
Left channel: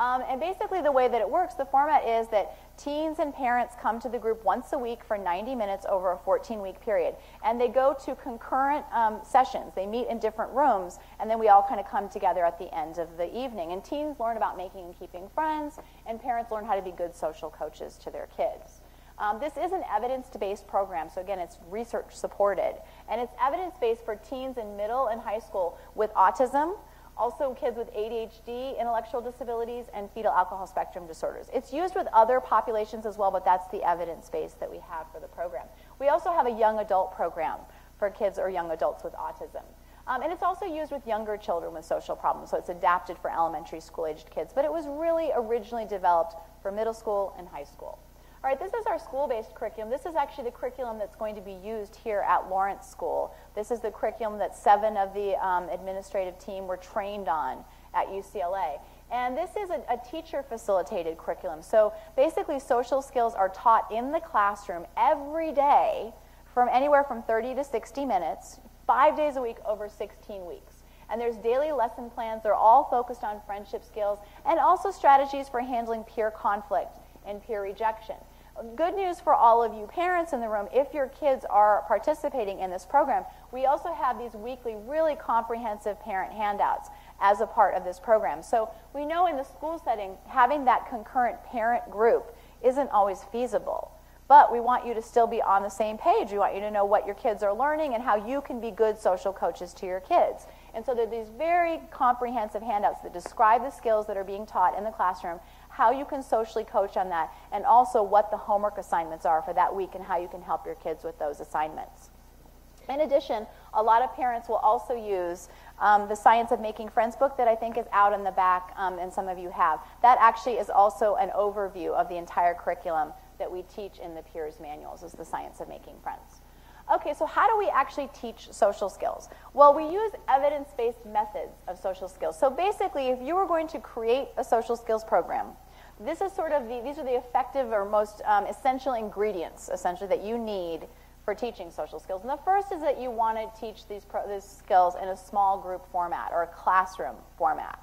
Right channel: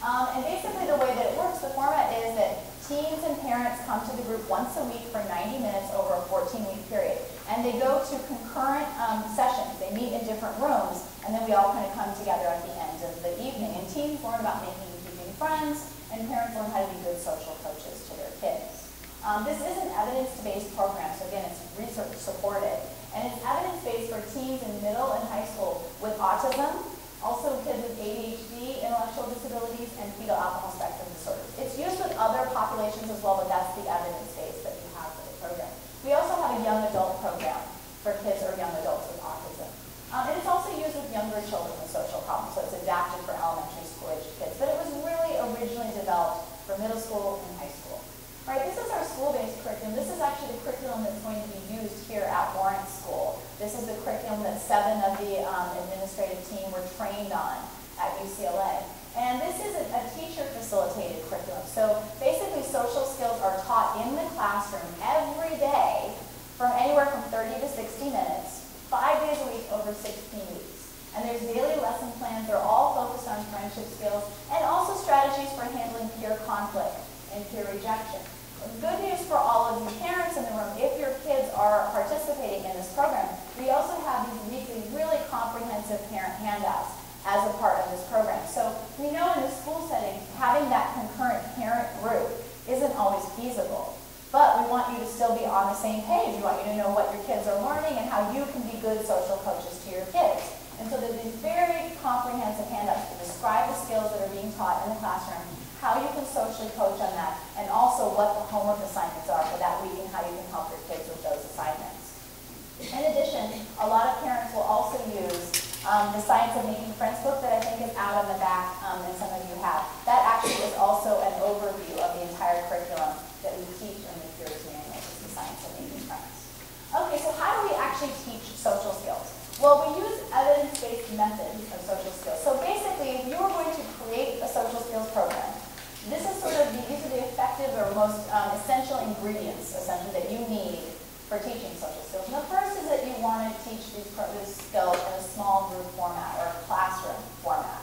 And basically the way that it works, the format is that teens and parents come to the group once a week for 90 minutes over a 14-week period. And they go to concurrent sessions. They meet in different rooms, and then we all kind of come together at the end of the evening. And teens learn about making and keeping friends, and parents learn how to be good social coaches to their kids. This is an evidence-based program, so again, it's research supported. And it's evidence-based for teens in middle and high school with autism, also kids with ADHD, intellectual disabilities, and fetal alcohol spectrum disorders. It's used with other populations as well, but that's the evidence base that we have for the program. We also have a young adult program for kids or young adults with autism. And it's also used with younger children with social problems, so it's adapted for elementary school-aged kids. But it was really originally developed for middle school and high school. All right, this is our school-based curriculum. This is actually the curriculum that's going to be used here at Lawrence School. This is the curriculum that 7 of the administrative team were trained on at UCLA. And this is a teacher-facilitated curriculum. So basically, social skills are taught in the classroom every day for anywhere from 30 to 60 minutes, 5 days a week over 16 weeks. And there's daily lesson plans. They're all focused on friendship skills and also strategies for handling peer conflict and peer rejection. Good news for all of you parents in the room, if your kids are participating in this program, we also have these weekly, really comprehensive parent handouts as a part of this program. So we know in the school setting, having that concurrent parent group isn't always feasible. But we want you to still be on the same page. We want you to know what your kids are learning and how you can be good social coaches to your kids. And so there's these very comprehensive handouts that describe the skills that are being taught in the classroom, how you can socially coach on that, and also what the homework assignments are for that week and how you can help your kids with those assignments. In addition, a lot of parents will also use the Science of Making Friends book that I think is out on the back, and some of you have. That actually is also an overview of the entire curriculum that we teach in the Peers Manual, is the Science of Making Friends. Okay, so how do we actually teach social skills? Well, we use evidence-based methods of social skills. So basically, if you were going to create a social skills program, this is sort of these are the effective or most essential ingredients, essentially, that you need for teaching social skills. And the first is that you want to teach these skills in a small group format or a classroom format.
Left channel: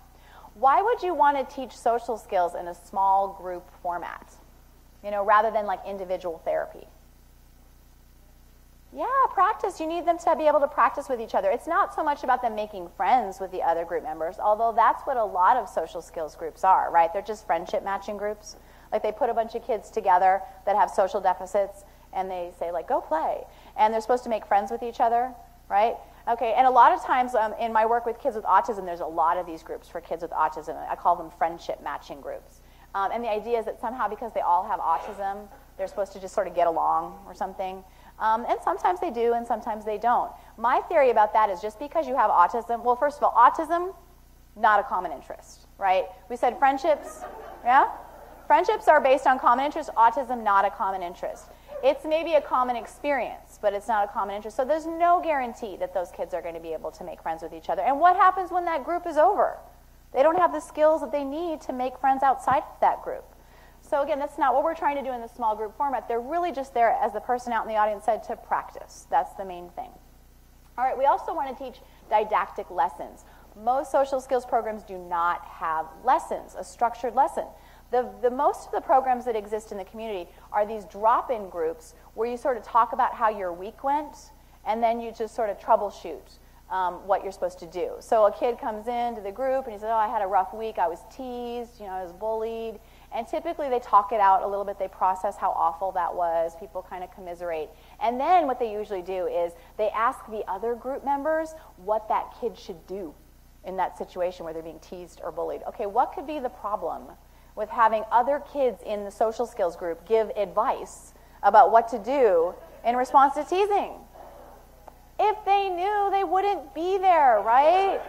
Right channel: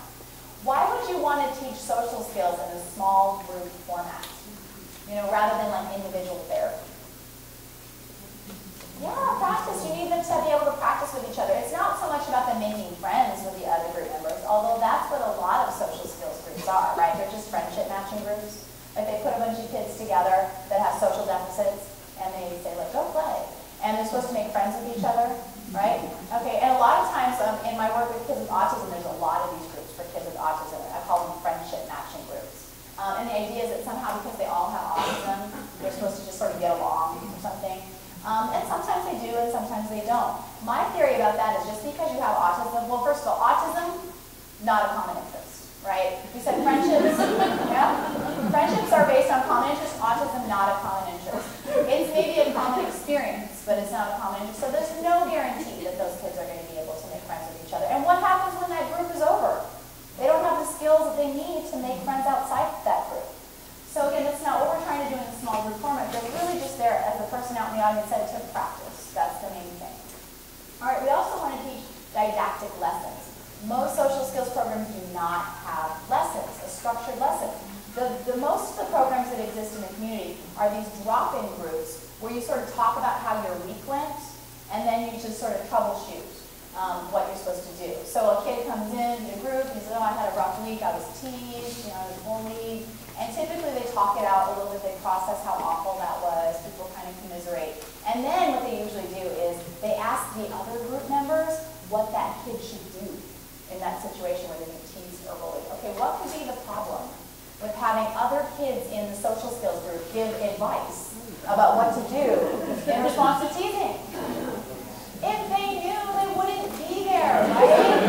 Why would you want to teach social skills in a small group format, rather than like individual therapy? Yeah, practice. You need them to be able to practice with each other. It's not so much about them making friends with the other group members, although that's what a lot of social skills groups are, right? They're just friendship matching groups. Like they put a bunch of kids together that have social deficits, and they say, like, go play. And they're supposed to make friends with each other, right? Okay, and a lot of times in my work with kids with autism, there's a lot of these groups for kids with autism. I call them friendship matching groups. And the idea is that somehow because they all have autism, they're supposed to just sort of get along or something. And sometimes they do and sometimes they don't. My theory about that is just because you have autism, well, first of all, autism, not a common interest, right? We said friendships, Friendships are based on common interest, autism, not a common interest. It's maybe a common experience, but it's not a common interest. So there's no guarantee that those kids are going to be able to make friends with each other. And what happens when that group is over? They don't have the skills that they need to make friends outside that group. So again, that's not what we're trying to do in the small group format. They're really just there, as the person out in the audience said, to practice. That's the main thing. All right, we also want to teach didactic lessons. Most social skills programs do not have lessons, or structured lessons. Most of the programs that exist in the community are these drop-in groups where you sort of talk about how your week went, and then you just sort of troubleshoot what you're supposed to do. So a kid comes into the group and he says, oh, I had a rough week, I was teased, I was talk it out a little bit, they process how awful that was, people kind of commiserate. And then what they usually do is they ask the other group members what that kid should do in that situation where they're being teased or bullied. Okay, what could be the problem with having other kids in the social skills group give advice about what to do in response to teasing? If they knew, they wouldn't be there, right?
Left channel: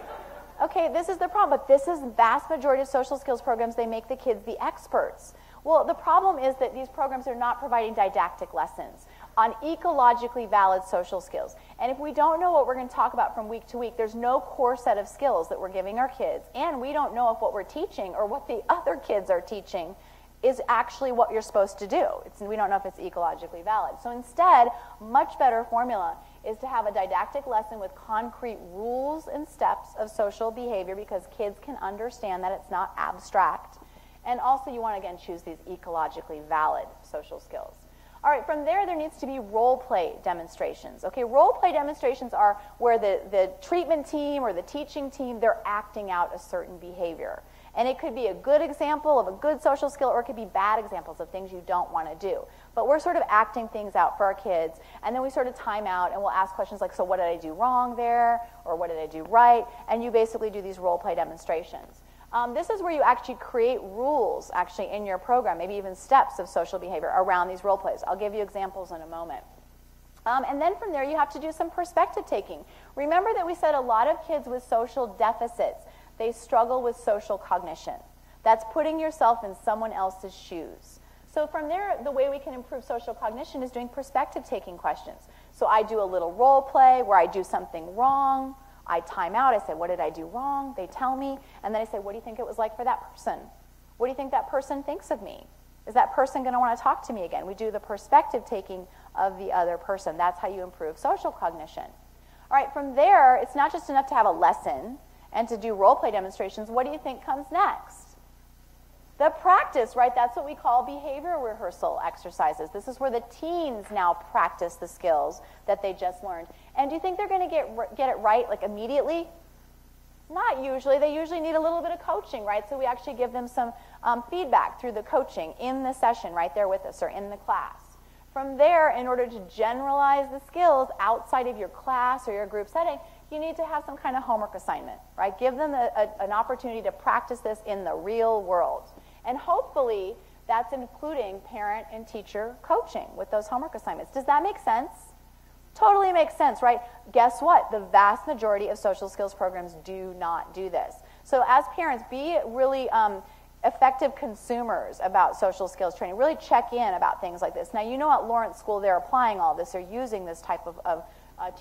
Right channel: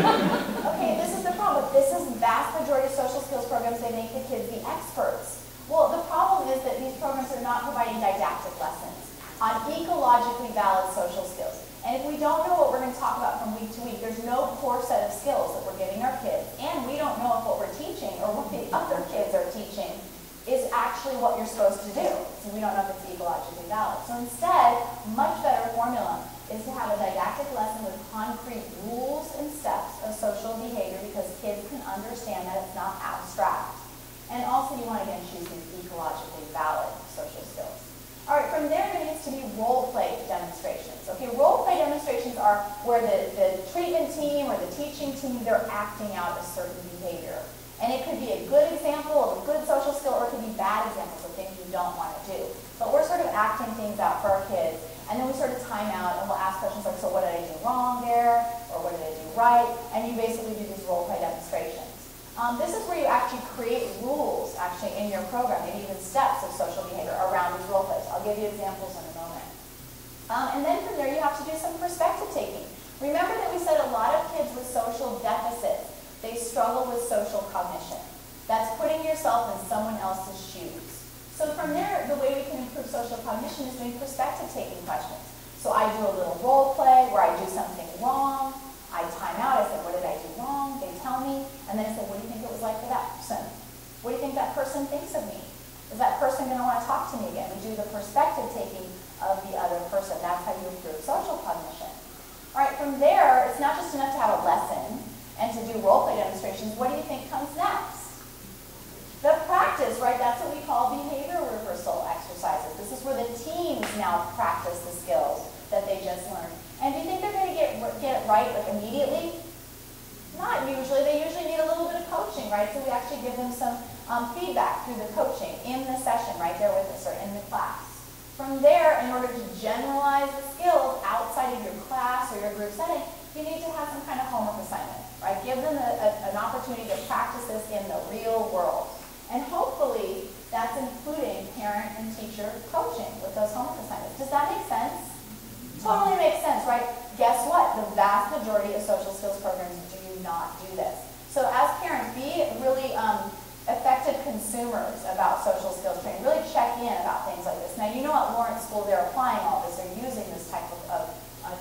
Okay, this is the problem. This is vast majority of social skills programs, they make the kids the experts. Well, the problem is that these programs are not providing didactic lessons on ecologically valid social skills. And if we don't know what we're going to talk about from week to week, there's no core set of skills that we're giving our kids, and we don't know if what we're teaching or what the other kids are teaching is actually what you're supposed to do. And we don't know if it's ecologically valid. So instead, much better formula is to have a didactic lesson with concrete rules and steps of social behavior because kids can understand that it's not abstract. And also you want to, again, choose these ecologically valid social skills. All right, from there needs to be role play demonstrations. Okay, role play demonstrations are where the treatment team or the teaching team, they're acting out a certain behavior. And it could be a good example of a good social skill or it could be bad examples of things you don't want to do. But we're sort of acting things out for our kids. And then we sort of time out and we'll ask questions like, so what did I do wrong there? Or what did I do right? And you basically do these role play demonstrations. This is where you actually create rules actually in your program, maybe even steps of social behavior around these role plays. I'll give you examples in a moment. And then from there you have to do some perspective taking. Remember that we said a lot of kids with social deficits, they struggle with social cognition. That's putting yourself in someone else's shoes. So from there, the way we can improve social cognition is doing perspective-taking questions. So I do a little role play where I do something wrong. I time out. I say, what did I do wrong? They tell me. And then I say, what do you think it was like for that person? What do you think that person thinks of me? Is that person going to want to talk to me again? We do the perspective-taking of the other person. That's how you improve social cognition. All right, from there, it's not just enough to have a lesson and to do role play demonstrations. What do you think comes next? The practice, right? That's what we call behavior rehearsal exercises. This is where the teams now practice the skills that they just learned. And do you think they're going to get it right like immediately? Not usually. They usually need a little bit of coaching, right? So we actually give them some feedback through the coaching in the session right there with us or in the class. From there, in order to generalize the skills outside of your class or your group setting, you need to have some kind of homework assignment, right? Give them an opportunity to practice this in the real world. And hopefully, that's including parent and teacher coaching with those homework assignments. Does that make sense? Totally makes sense, right? Guess what? The vast majority of social skills programs do not do this. So as parents, be really effective consumers about social skills training. Really check in about things like this. Now, you know at Lawrence School, they're applying all this. They're using this type of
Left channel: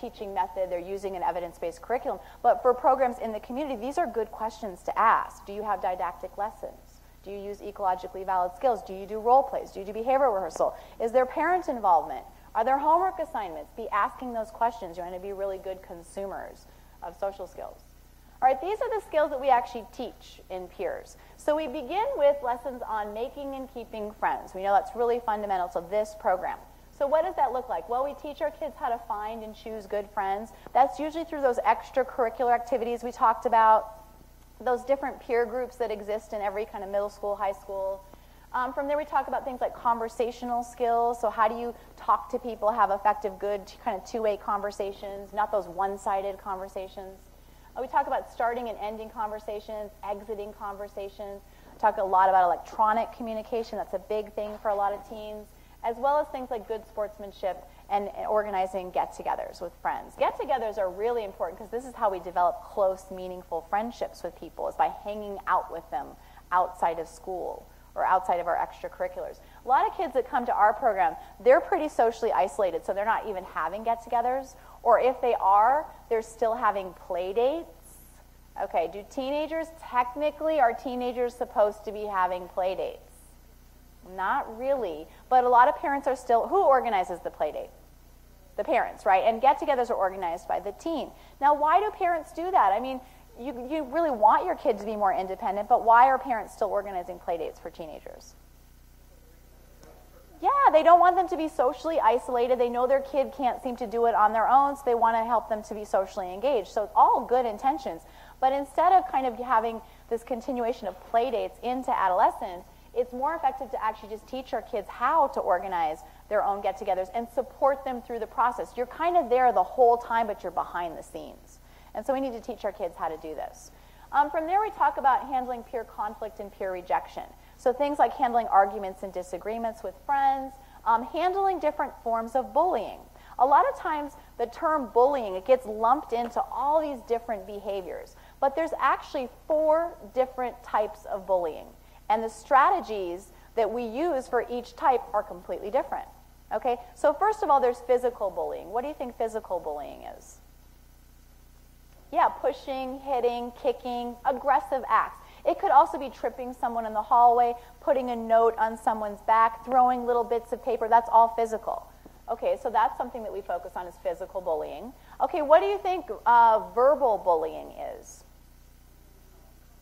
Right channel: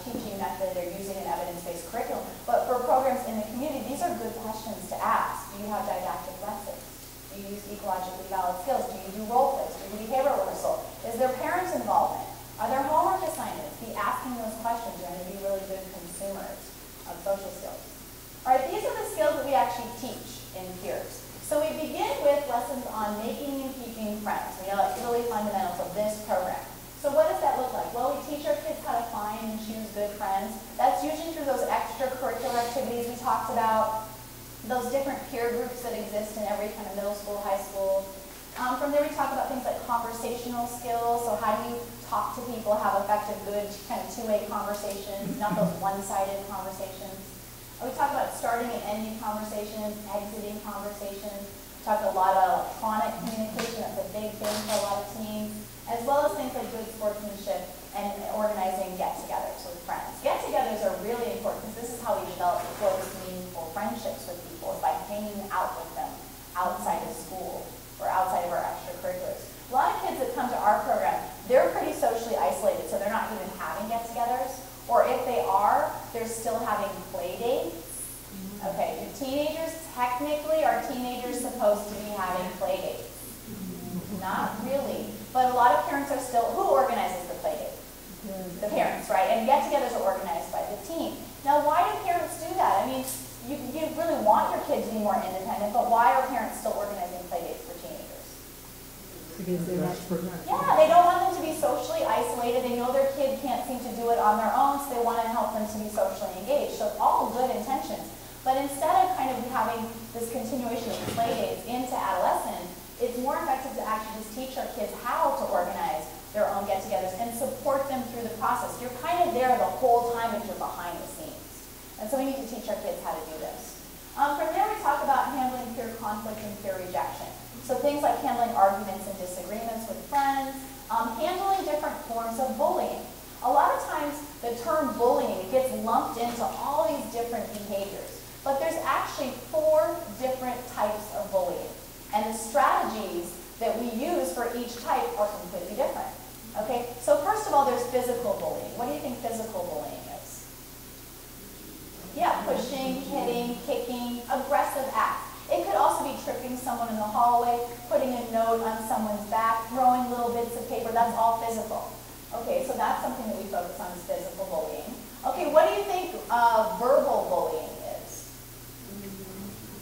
teaching method. They're using an evidence-based curriculum. But for programs in the community, these are good questions to ask. Do you have didactic lessons? Do you use ecologically valid skills? Do you do role plays? Do you do behavior rehearsal? Is there parent involvement? Are there homework assignments? Be asking those questions. You're going to be really good consumers of social skills. All right, these are the skills that we actually teach in peers. So we begin with lessons on making and keeping friends. We know that's really fundamental for this program. So what does that look like? Well, we teach our kids how to find and choose good friends. That's usually through those extracurricular activities we talked about, those different peer groups that exist in every kind of middle school, high school. From there we talk about things like conversational skills. So how do you talk to people, have effective, good, kind of two-way conversations, not those one-sided conversations. We talk about starting and ending conversations, exiting conversations. We talked a lot about electronic communication. That's a big thing for a lot of teens, as well as things like good sportsmanship and organizing get-togethers with friends. Get-togethers are really important because this is how we develop close, meaningful friendships with people, is by hanging out with them outside of school or outside of our extracurriculars. A lot of kids that come to our program, they're pretty socially isolated, so they're not even having get-togethers. Or if they are, they're still having play dates. Okay, do teenagers, technically, are teenagers supposed to be having play dates? Not really. But a lot of parents are still, who organizes the play date? The parents, right? And get-togethers are organized by the teen. Now, why do parents do that? I mean, you really want your kids to be more independent, but why are parents still organizing play dates for teenagers? Yeah, they don't want them to be socially isolated. They know their kid can't seem to do it on their own, so they want to help them to be socially engaged. So it's all good intentions. But instead of kind of having this continuation of play dates into adolescence, it's more effective to actually just through the process. You're kind of there the whole time, but you're behind the scenes. And so we need to teach our kids how to do this. From there, we talk about handling peer conflict and peer rejection. So things like handling arguments and disagreements with friends, handling different forms of bullying. A lot of times, the term bullying gets lumped into all these different behaviors, but there's actually 4 different types of bullying. And the strategies that we use for each type are completely different. Okay, so first of all, there's physical bullying. What do you think physical bullying is? Yeah, pushing, hitting, kicking, aggressive acts. It could also be tripping someone in the hallway, putting a note on someone's back, throwing little bits of paper. That's all physical. Okay, so that's something that we focus on is physical bullying. Okay, what do you think verbal bullying is?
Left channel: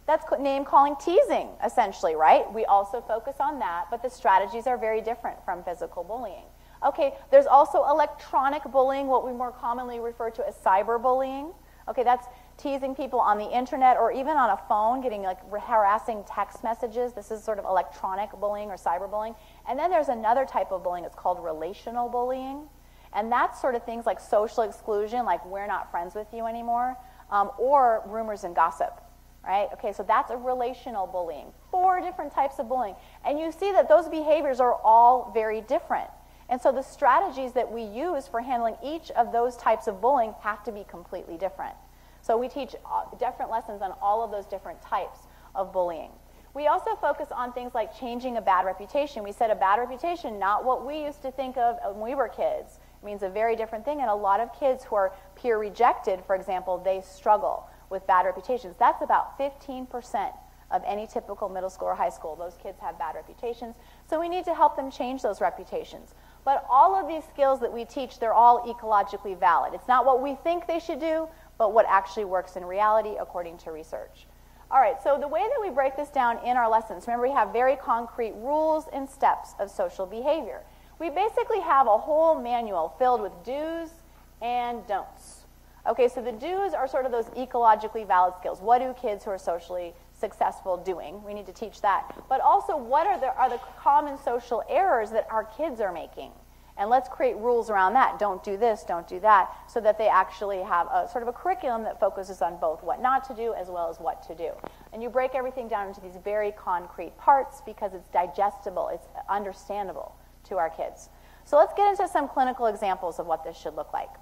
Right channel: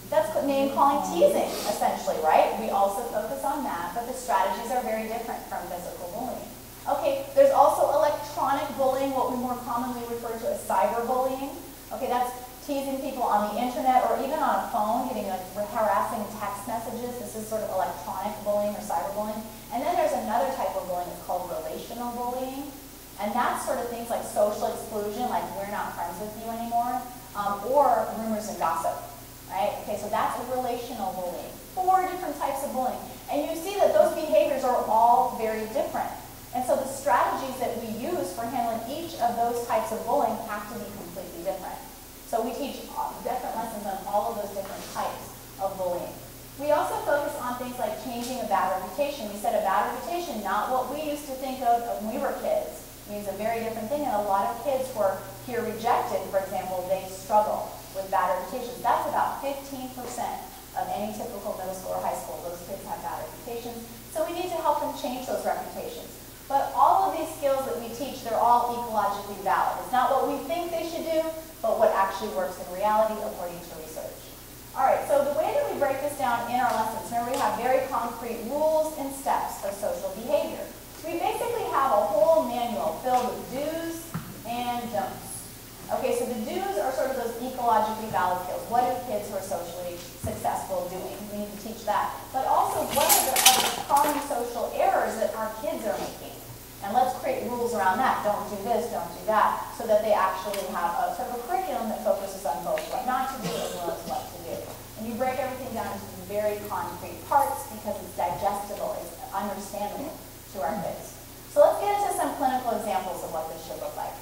That's name calling, teasing, essentially, right? We also focus on that, but the strategies are very different from physical bullying. Okay, there's also electronic bullying, what we more commonly refer to as cyberbullying. Okay, that's teasing people on the internet or even on a phone, getting like harassing text messages. This is sort of electronic bullying or cyberbullying. And then there's another type of bullying, it's called relational bullying. And that's sort of things like social exclusion, like we're not friends with you anymore, or rumors and gossip, right? Okay, so that's relational bullying. 4 different types of bullying. And you see that those behaviors are all very different. And so the strategies that we use for handling each of those types of bullying have to be completely different. So we teach different lessons on all of those different types of bullying. We also focus on things like changing a bad reputation. We said a bad reputation, not what we used to think of when we were kids. It means a very different thing, and a lot of kids who are peer rejected, for example, they struggle with bad reputations. That's about 15% of any typical middle school or high school. Those kids have bad reputations. So we need to help them change those reputations. But all of these skills that we teach, they're all ecologically valid. It's not what we think they should do, but what actually works in reality according to research. All right, so the way that we break this down in our lessons, remember we have very concrete rules and steps of social behavior. We basically have a whole manual filled with do's and don'ts. Okay, so the do's are sort of those ecologically valid skills. What do kids who are socially successful doing? We need to teach that. But also, what are the other common social errors that our kids are making? And let's create rules around that. Don't do this, don't do that, so that they actually have a sort of a curriculum that focuses on both what not to do as well as what to do. And you break everything down into very concrete parts because it's digestible, it's understandable to our kids. So let's get into some clinical examples of what this should look like.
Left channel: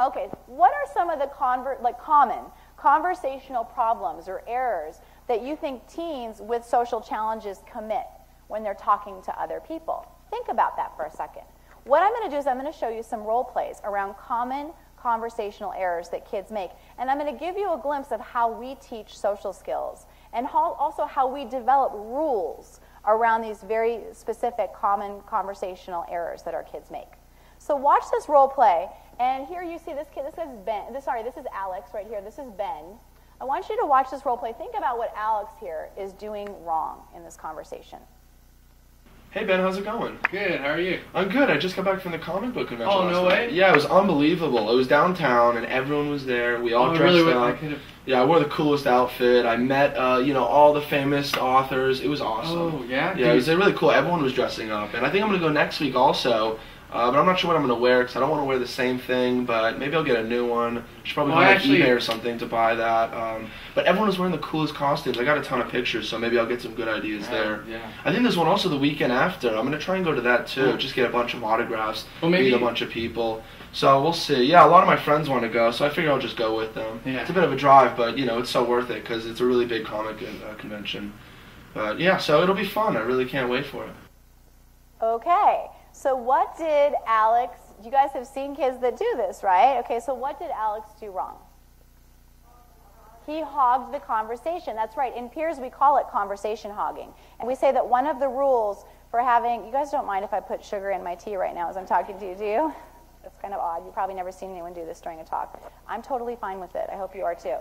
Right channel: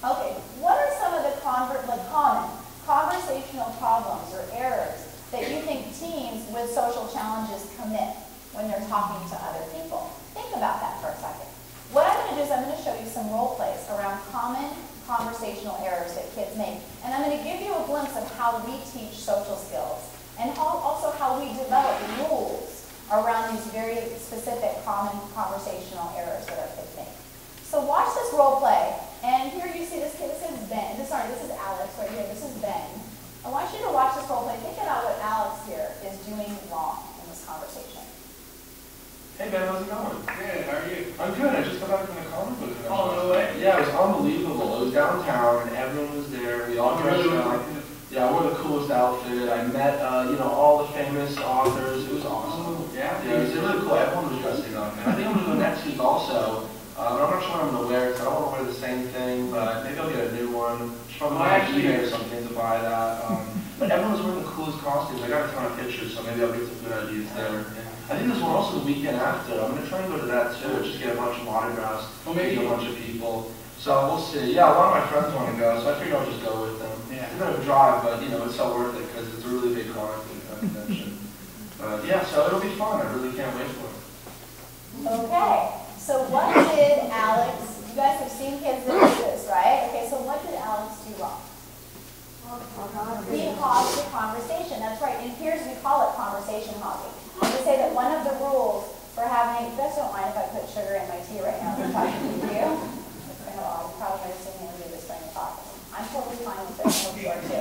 Okay, what are some of the common conversational problems or errors that you think teens with social challenges commit when they're talking to other people? Think about that for a second. What I'm going to do is I'm going to show you some role plays around common conversational errors that kids make. And I'm going to give you a glimpse of how we teach social skills and also how we develop rules around these very specific common conversational errors that our kids make. So watch this role play. And here you see this kid, this is Ben. Sorry, this is Alex right here. This is Ben. I want you to watch this role play. Think about what Alex here is doing wrong in this conversation. Hey Ben, how's it going? Good, how are you? I'm good. I just got back from the comic book convention. Oh, no way? Yeah, it was unbelievable. It was downtown and everyone was there. We all dressed up. Yeah, I wore the coolest outfit. I met, all the famous authors. It was awesome. Oh, yeah? Yeah, it was really cool. Everyone was dressing up. And I think I'm going to go next week also. But I'm not sure what I'm going to wear because I don't want to wear the same thing, but maybe I'll get a new one. I should probably buy an eBay or something to buy that. But everyone was wearing the coolest costumes. I got a ton of pictures, so maybe I'll get some good ideas there. Yeah. I think there's one also the weekend after. I'm going to try and go to that too. Just get a bunch of autographs, meet a bunch of people. So we'll see. Yeah, a lot of my friends want to go, so I figure I'll just go with them. Yeah. It's a bit of a drive, but it's so worth it because it's a really big comic convention. But yeah, so it'll be fun. I really can't wait for it. Okay, so what did Alex, you guys have seen kids that do this, right? Okay, so what did Alex do wrong? He hogged the conversation, that's right. In peers, we call it conversation hogging. And we say that one of the rules for having, you guys don't mind if I put sugar in my tea right now as I'm talking to you, do you? It's kind of odd. You've probably never seen anyone do this during a talk. I'm totally fine with it. I hope you are too.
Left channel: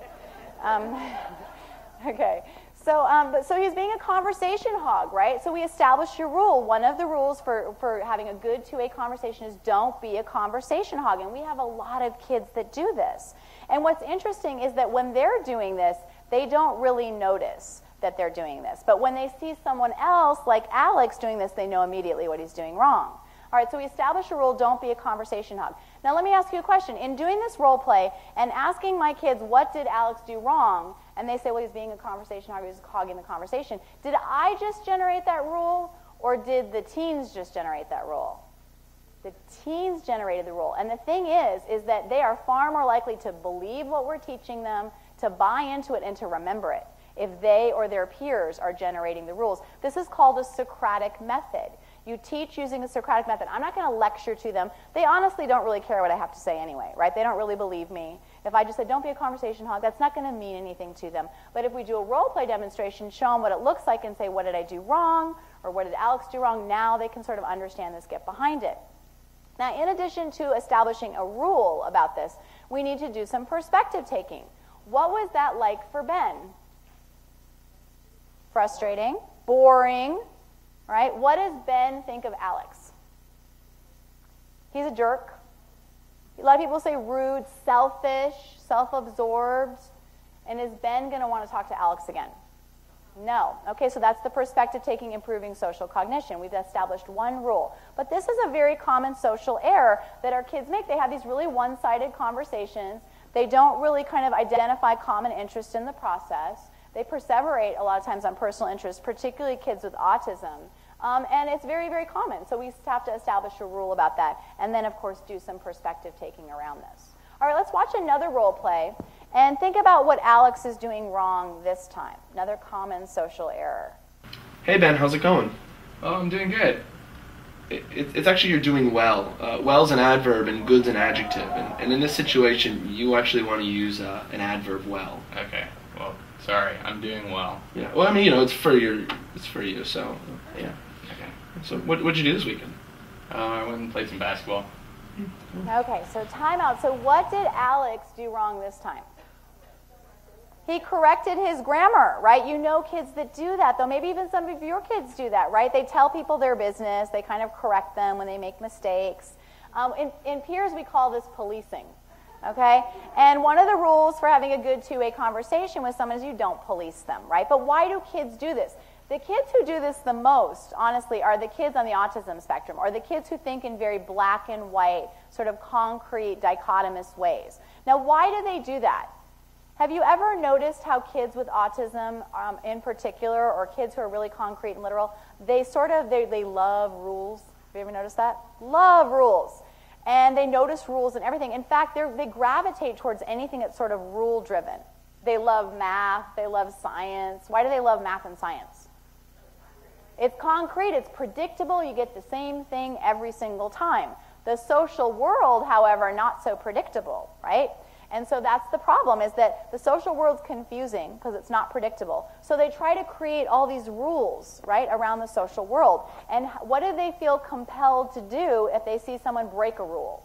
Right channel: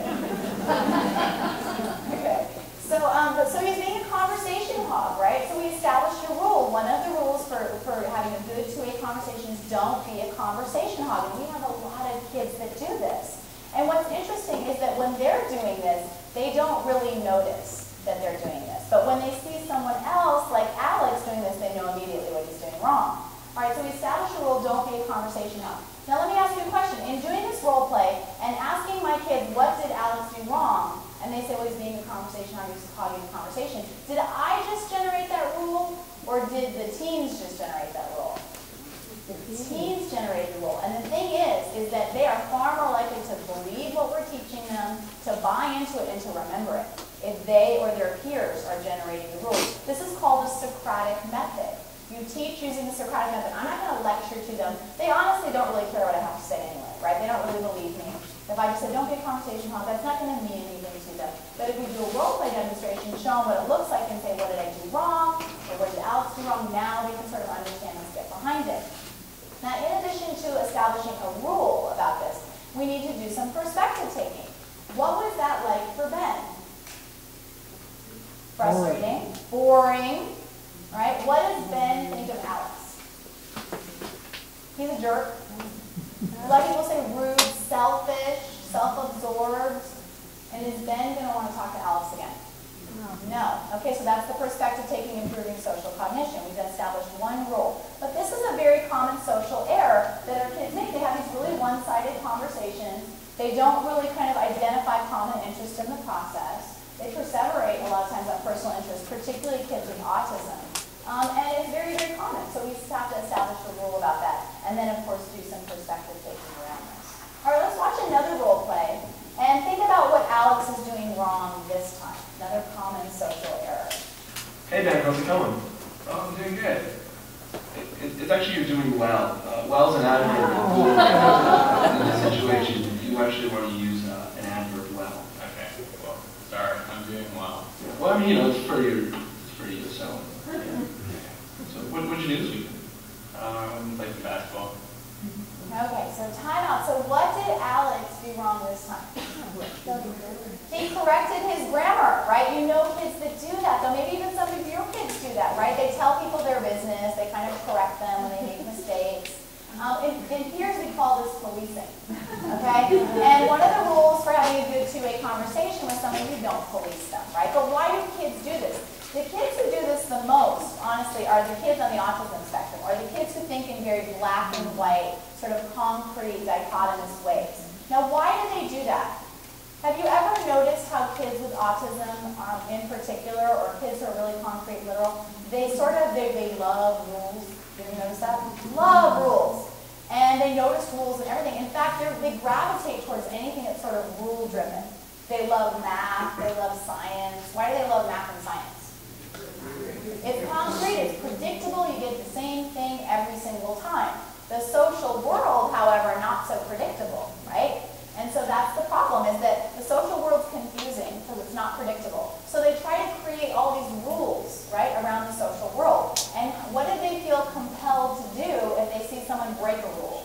Okay. So you're being a conversation hog, right? So we established a rule. One of the rules for having a good two-way conversation is don't be a conversation hog. And we have a lot of kids that do this. And what's interesting is that when they're doing this, they don't really notice that they're doing this. But when they see someone else, like Alex, doing this, they know immediately what he's doing wrong. All right, so we established a rule, don't be a conversation hog. Now let me ask you a question. In doing this role play and asking my kids, what did Alex do wrong? And they say, well, he's being a conversation hog, he's hogging a conversation. Did I just generate that rule, or did the teens just generate that rule? The teens generated the rule. And the thing is that they are far more likely to believe what we're teaching them, to buy into it, and to remember it, if they or their peers are generating the rules. This is called the Socratic method. You teach using the Socratic method. I'm not going to lecture to them. They honestly don't really care what I have to say anyway, right? They don't really believe me. If I just said, don't be a conversation hog, that's not going to mean anything to them. But if we do a role play demonstration, show them what it looks like and say, what did I do wrong? Or what did Alex do wrong? Now they can sort of understand and get behind it. Now, in addition to establishing a rule about this, we need to do some perspective taking. What was that like for Ben? Frustrating, boring, right? What does Ben think of Alex? He's a jerk. A lot of people say rude, selfish, self-absorbed. And is Ben going to want to talk to Alex again? No. Okay, so that's the perspective taking, improving social cognition. We've established one rule. But this is a very common social error that our kids make. They have these really one-sided conversations. They don't really kind of identify common interests in the process. They perseverate a lot of times on personal interests, particularly kids with autism. And it's very, very common. So we just have to establish a rule about that. And then, of course, do some perspective taking around this. All right, let's watch another role play. And think about what Alex is doing wrong this time. Another common social error. Hey Ben, how's it going? Oh, I'm doing good. It's actually you're doing well. Well's an adverb and good's an adjective. And in this situation, you actually want to use an adverb well. Okay. Well, sorry, I'm doing well. Yeah. Well, I mean, it's for you, so yeah. So what'd you do this weekend? I went and played some basketball. Okay, so time out. So what did Alex do wrong this time? He corrected his grammar, right? You know kids that do that, though. Maybe even some of your kids do that, right? They tell people their business. They kind of correct them when they make mistakes. In peers, we call this policing, okay? And one of the rules for having a good two-way conversation with someone is you don't police them, right? But why do kids do this? The kids who do this the most, honestly, are the kids on the autism spectrum, or the kids who think in very black and white, sort of concrete, dichotomous ways. Now, why do they do that? Have you ever noticed how kids with autism, in particular, or kids who are really concrete and literal, they love rules? You ever notice that? Love rules. And they notice rules and everything. In fact, they gravitate towards anything that's sort of rule-driven. They love math. They love science. Why do they love math and science? It's concrete. It's predictable. You get the same thing every single time. The social world, however, not so predictable, right? And so that's the problem, is that the social world's confusing because it's not predictable. So they try to create all these rules, right, around the social world. And what do they feel compelled to do if they see someone break a rule?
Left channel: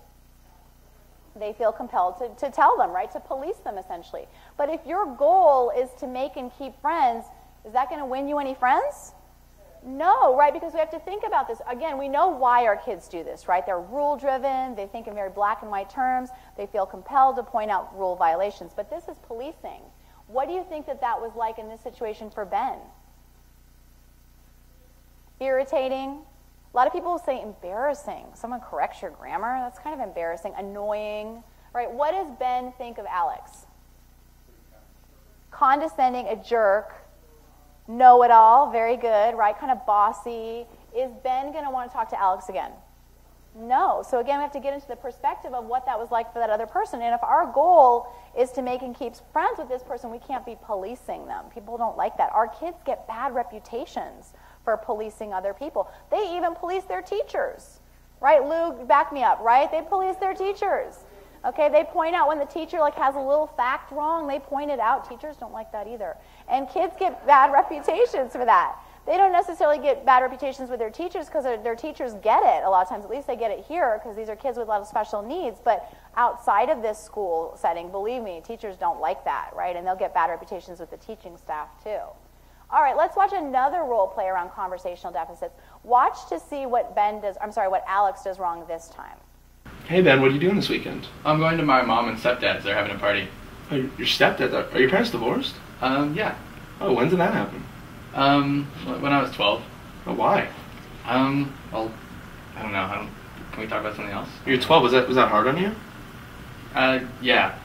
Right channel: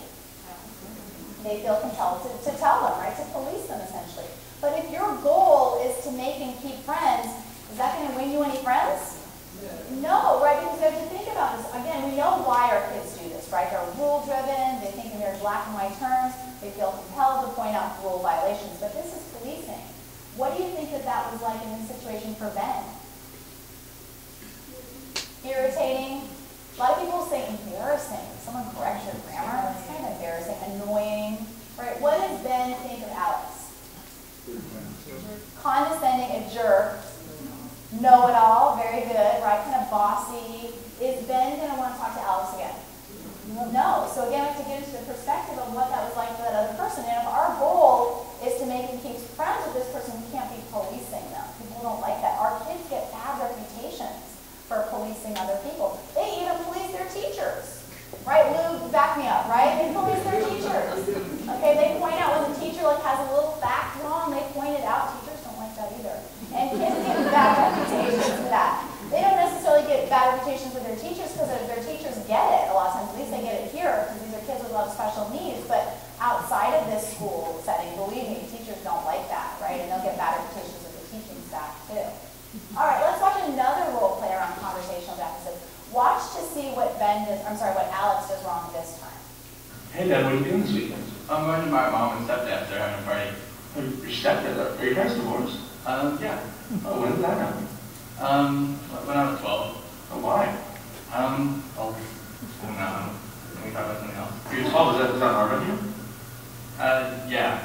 They feel compelled to tell them, right, to police them, essentially. But if your goal is to make and keep friends, is that going to win you any friends? No, right, because we have to think about this. Again, we know why our kids do this, right? They're rule-driven, they think in very black and white terms, they feel compelled to point out rule violations. But this is policing. What do you think that was like in this situation for Ben? Irritating? A lot of people say embarrassing. Someone corrects your grammar, that's kind of embarrassing. Annoying, right? What does Ben think of Alex? Condescending, a jerk. Know-it-all, very good, right? Kind of bossy. Is Ben going to want to talk to Alex again? No. So again, we have to get into the perspective of what that was like for that other person. And if our goal is to make and keep friends with this person, we can't be policing them. People don't like that. Our kids get bad reputations for policing other people. They even police their teachers. Right, Lou, back me up, right? They police their teachers. Okay, they point out when the teacher has a little fact wrong, they point it out. Teachers don't like that either. And kids get bad reputations for that. They don't necessarily get bad reputations with their teachers because their teachers get it. A lot of times, at least they get it here because these are kids with a lot of special needs. But outside of this school setting, believe me, teachers don't like that, right? And they'll get bad reputations with the teaching staff too. All right, let's watch another role play around conversational deficits. Watch to see what what Alex does wrong this time. Hey Ben, what are you doing this weekend? I'm going to my mom and stepdad's. They're having a party. Oh, your stepdad? Are your parents divorced? Yeah. Oh, when did that happen? When I was 12. Oh, why? Well, I don't know. Can we talk about something else? You're 12. Was that hard on you? Yeah.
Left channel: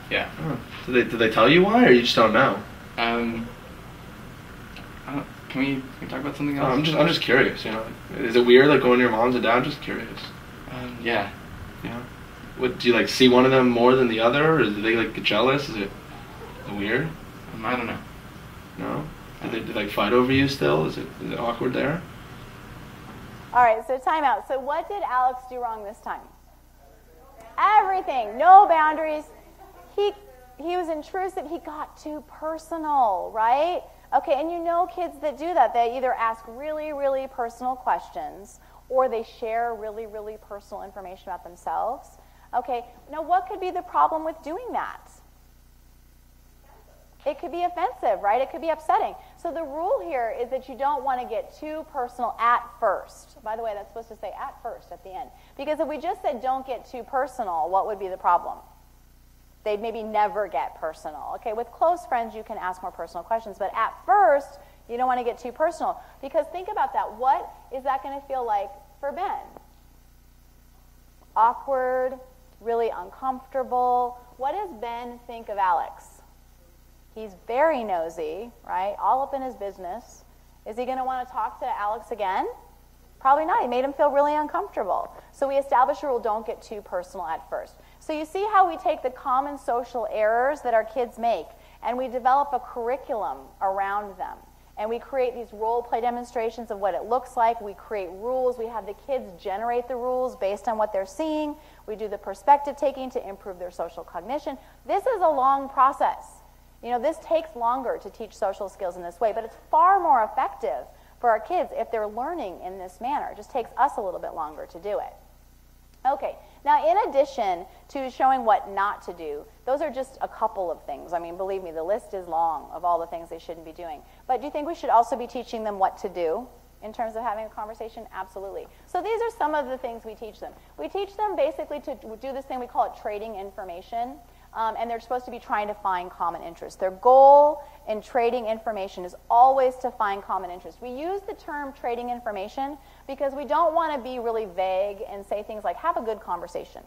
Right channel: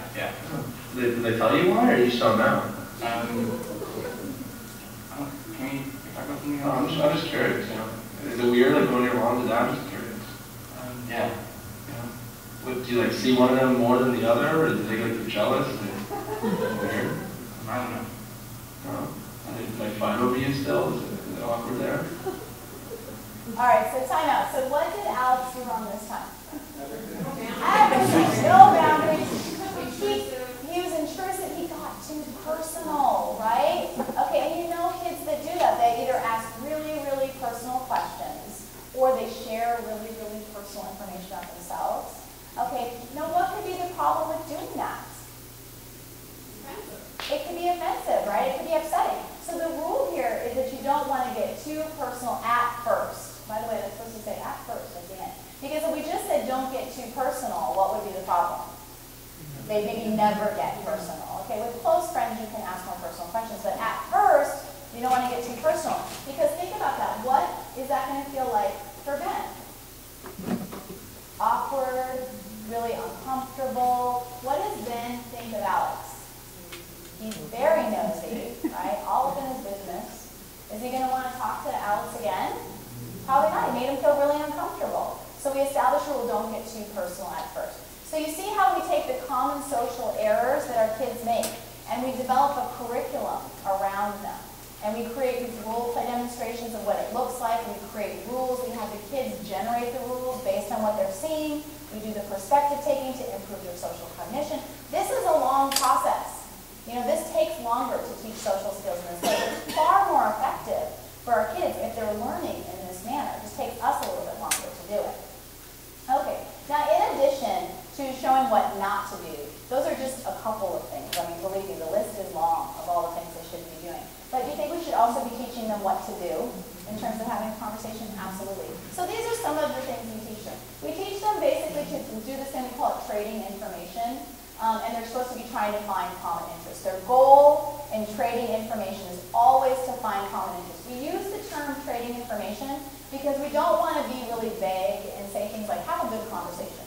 Oh. Did they tell you why, or you just don't know? Can we talk about something else? I'm just curious. Is it weird like going to your moms and dad? Just curious. Yeah. What, do you like see one of them more than the other, or do they like get jealous? Is it weird? I don't know. No. Do they like fight over you still? Is it awkward there? All right, so time out. So what did Alex do wrong this time? Everything. No boundaries. He was intrusive. He got too personal, right? Okay, and you know kids that do that. They either ask really, really personal questions, or they share really, really personal information about themselves. Okay, now what could be the problem with doing that? It could be offensive, right? It could be upsetting. So the rule here is that you don't want to get too personal at first. By the way, that's supposed to say at first at the end. Because if we just said don't get too personal, what would be the problem? They maybe never get personal. Okay, with close friends you can ask more personal questions, but at first you don't want to get too personal. Because think about that. What is that going to feel like for Ben? Awkward, really uncomfortable. What does Ben think of Alex? He's very nosy, right? All up in his business. Is he going to want to talk to Alex again? Probably not. He made him feel really uncomfortable. So we established a rule, don't get too personal at first. So you see how we take the common social errors that our kids make, and we develop a curriculum around them. And we create these role play demonstrations of what it looks like. We create rules. We have the kids generate the rules based on what they're seeing. We do the perspective taking to improve their social cognition. This is a long process. This takes longer to teach social skills in this way. It's far more effective for our kids if they're learning in this manner. It just takes us a little bit longer to do it. Okay, now in addition to showing what not to do, those are just a couple of things. I mean, believe me, the list is long of all the things they shouldn't be doing. But do you think we should also be teaching them what to do in terms of having a conversation? Absolutely. So these are some of the things we teach them. We teach them basically to do this thing we call it trading information. And they're supposed to be trying to find common interests. Their goal in trading information is always to find common interests. We use the term trading information because we don't want to be really vague and say things like, have a good conversation.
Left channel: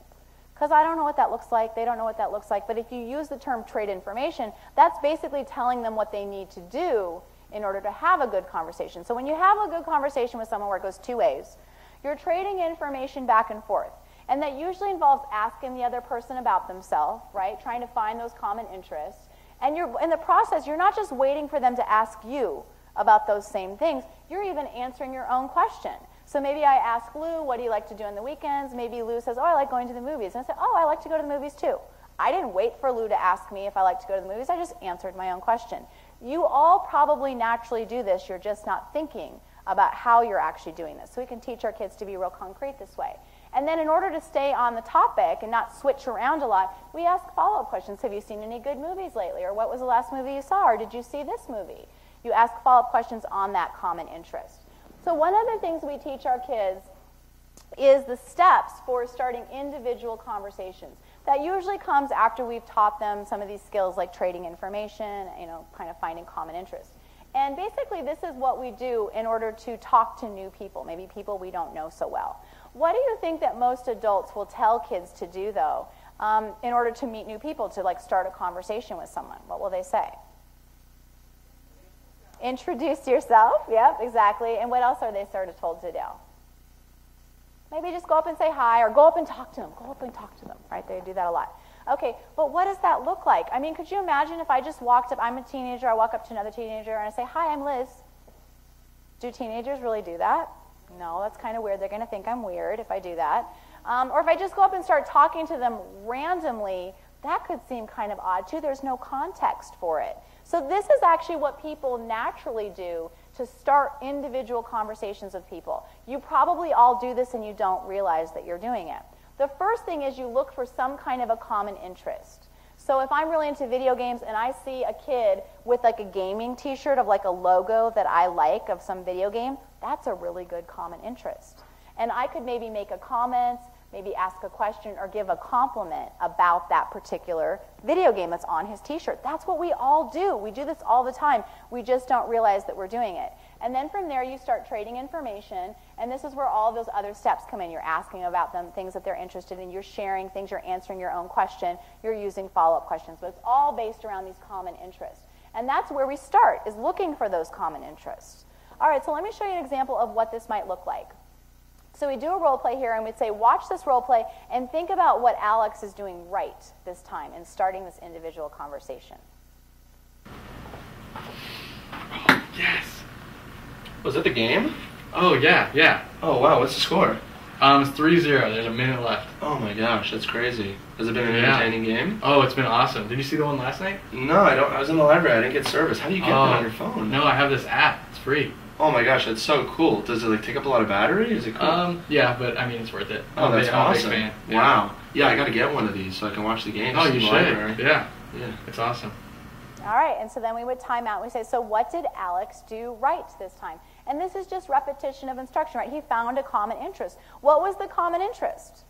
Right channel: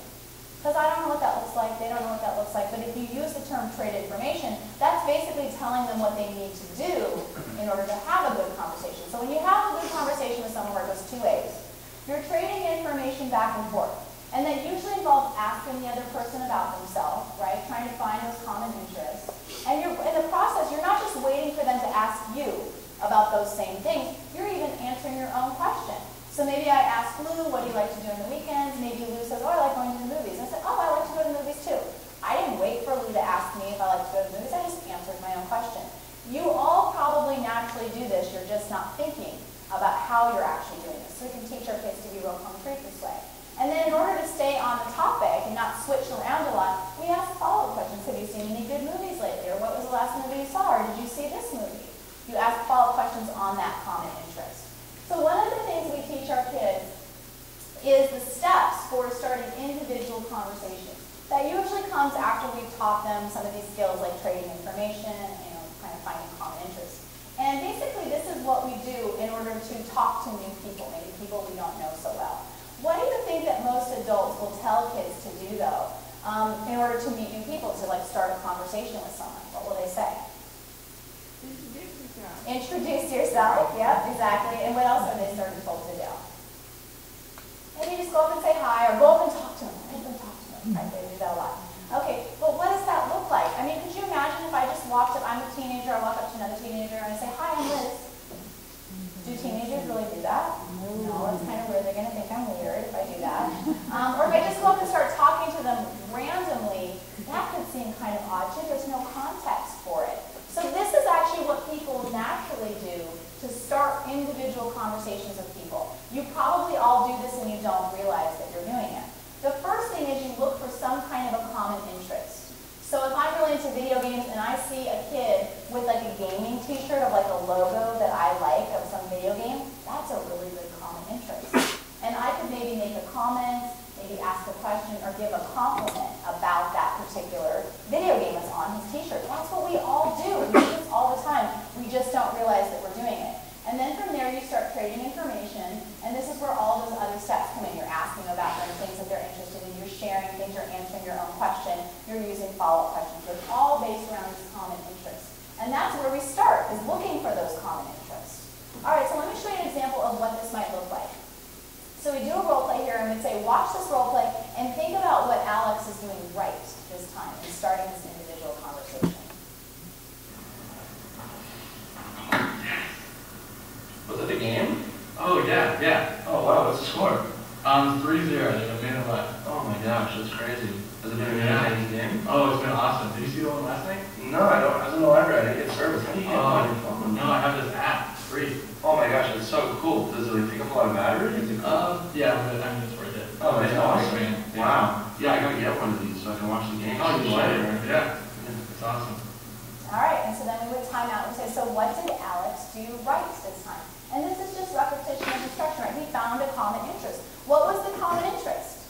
Because I don't know what that looks like, they don't know what that looks like, but if you use the term trade information, that's basically telling them what they need to do in order to have a good conversation. So when you have a good conversation with someone where it goes two ways, you're trading information back and forth. And that usually involves asking the other person about themselves, right? Trying to find those common interests. And in the process, you're not just waiting for them to ask you about those same things. You're even answering your own question. So maybe I asked Lou, what do you like to do on the weekends? Maybe Lou says, oh, I like going to the movies. And I said, oh, I like to go to movies too. I didn't wait for Lou to ask me if I like to go to the movies. I just answered my own question. You all probably naturally do this. You're just not thinking about how you're actually doing this. So we can teach our kids to be real concrete this way. And then in order to stay on the topic and not switch around a lot, we ask follow-up questions. Have you seen any good movies lately? Or what was the last movie you saw? Or did you see this movie? You ask follow-up questions on that common interest. So one of the things we teach our kids is the steps for starting individual conversations. That usually comes after we've taught them some of these skills like trading information, kind of finding common interests. And basically this is what we do in order to talk to new people, maybe people we don't know so well. What do you think that most adults will tell kids to do, though, in order to meet new people, to start a conversation with someone? What will they say? Introduce yourself. Yeah, exactly. And what else are they sort of told to do? Maybe just go up and say hi, or go up and talk to them. Go up and talk to them. Right? They do that a lot. Okay, but what does that look like? I mean, could you imagine if I just walked up, I'm a teenager, I walk up to another teenager, and I say, hi, I'm Liz. Do teenagers really do that? No, that's kind of weird. They're going to think I'm weird if I do that. Or if I just go up and start talking to them randomly, that could seem kind of odd too. There's no context for it. So this is actually what people naturally do to start individual conversations with people. You probably all do this and you don't realize that you're doing it. The first thing is you look for some kind of a common interest. So if I'm really into video games and I see a kid with like a gaming t-shirt of like a logo that I like of some video game, that's a really good common interest. And I could maybe make a comment, maybe ask a question, or give a compliment about that particular video game that's on his t-shirt. That's what we all do. We do this all the time. We just don't realize that we're doing it. And then from there you start trading information, and this is where all those other steps come in. You're asking follow-up questions. It's all based around these common interests. And that's where we start, is looking for those common interests. All right, so let me show you an example of what this might look like. So we do a role play here, and we say, watch this role play, and think about what Alex is doing right this time in starting this individual conversation. Yes. Was it the game? Oh, yeah, yeah. Oh, wow, what's the score? It's 3-0. There's a minute left. Oh my gosh, that's crazy. Has it been an Yeah. entertaining game? Oh, it's been awesome. Did you see the one last night? No, I don't. I was in the library. I didn't get service. How do you get that on your phone? No, I have this app. It's free. Oh my gosh, that's so cool. Does it like take up a lot of battery? Is it cool? Yeah, but I mean, it's worth it. Oh, that's I'm a big awesome. fan. Wow. Yeah, I gotta get one of these so I can watch the games. Oh, in you the library. should. Yeah. Yeah. It's awesome. All right, and so then we would time out and say, so what did Alex do right this time? And this is just repetition of instruction, right? He found a common interest. What was the common interest?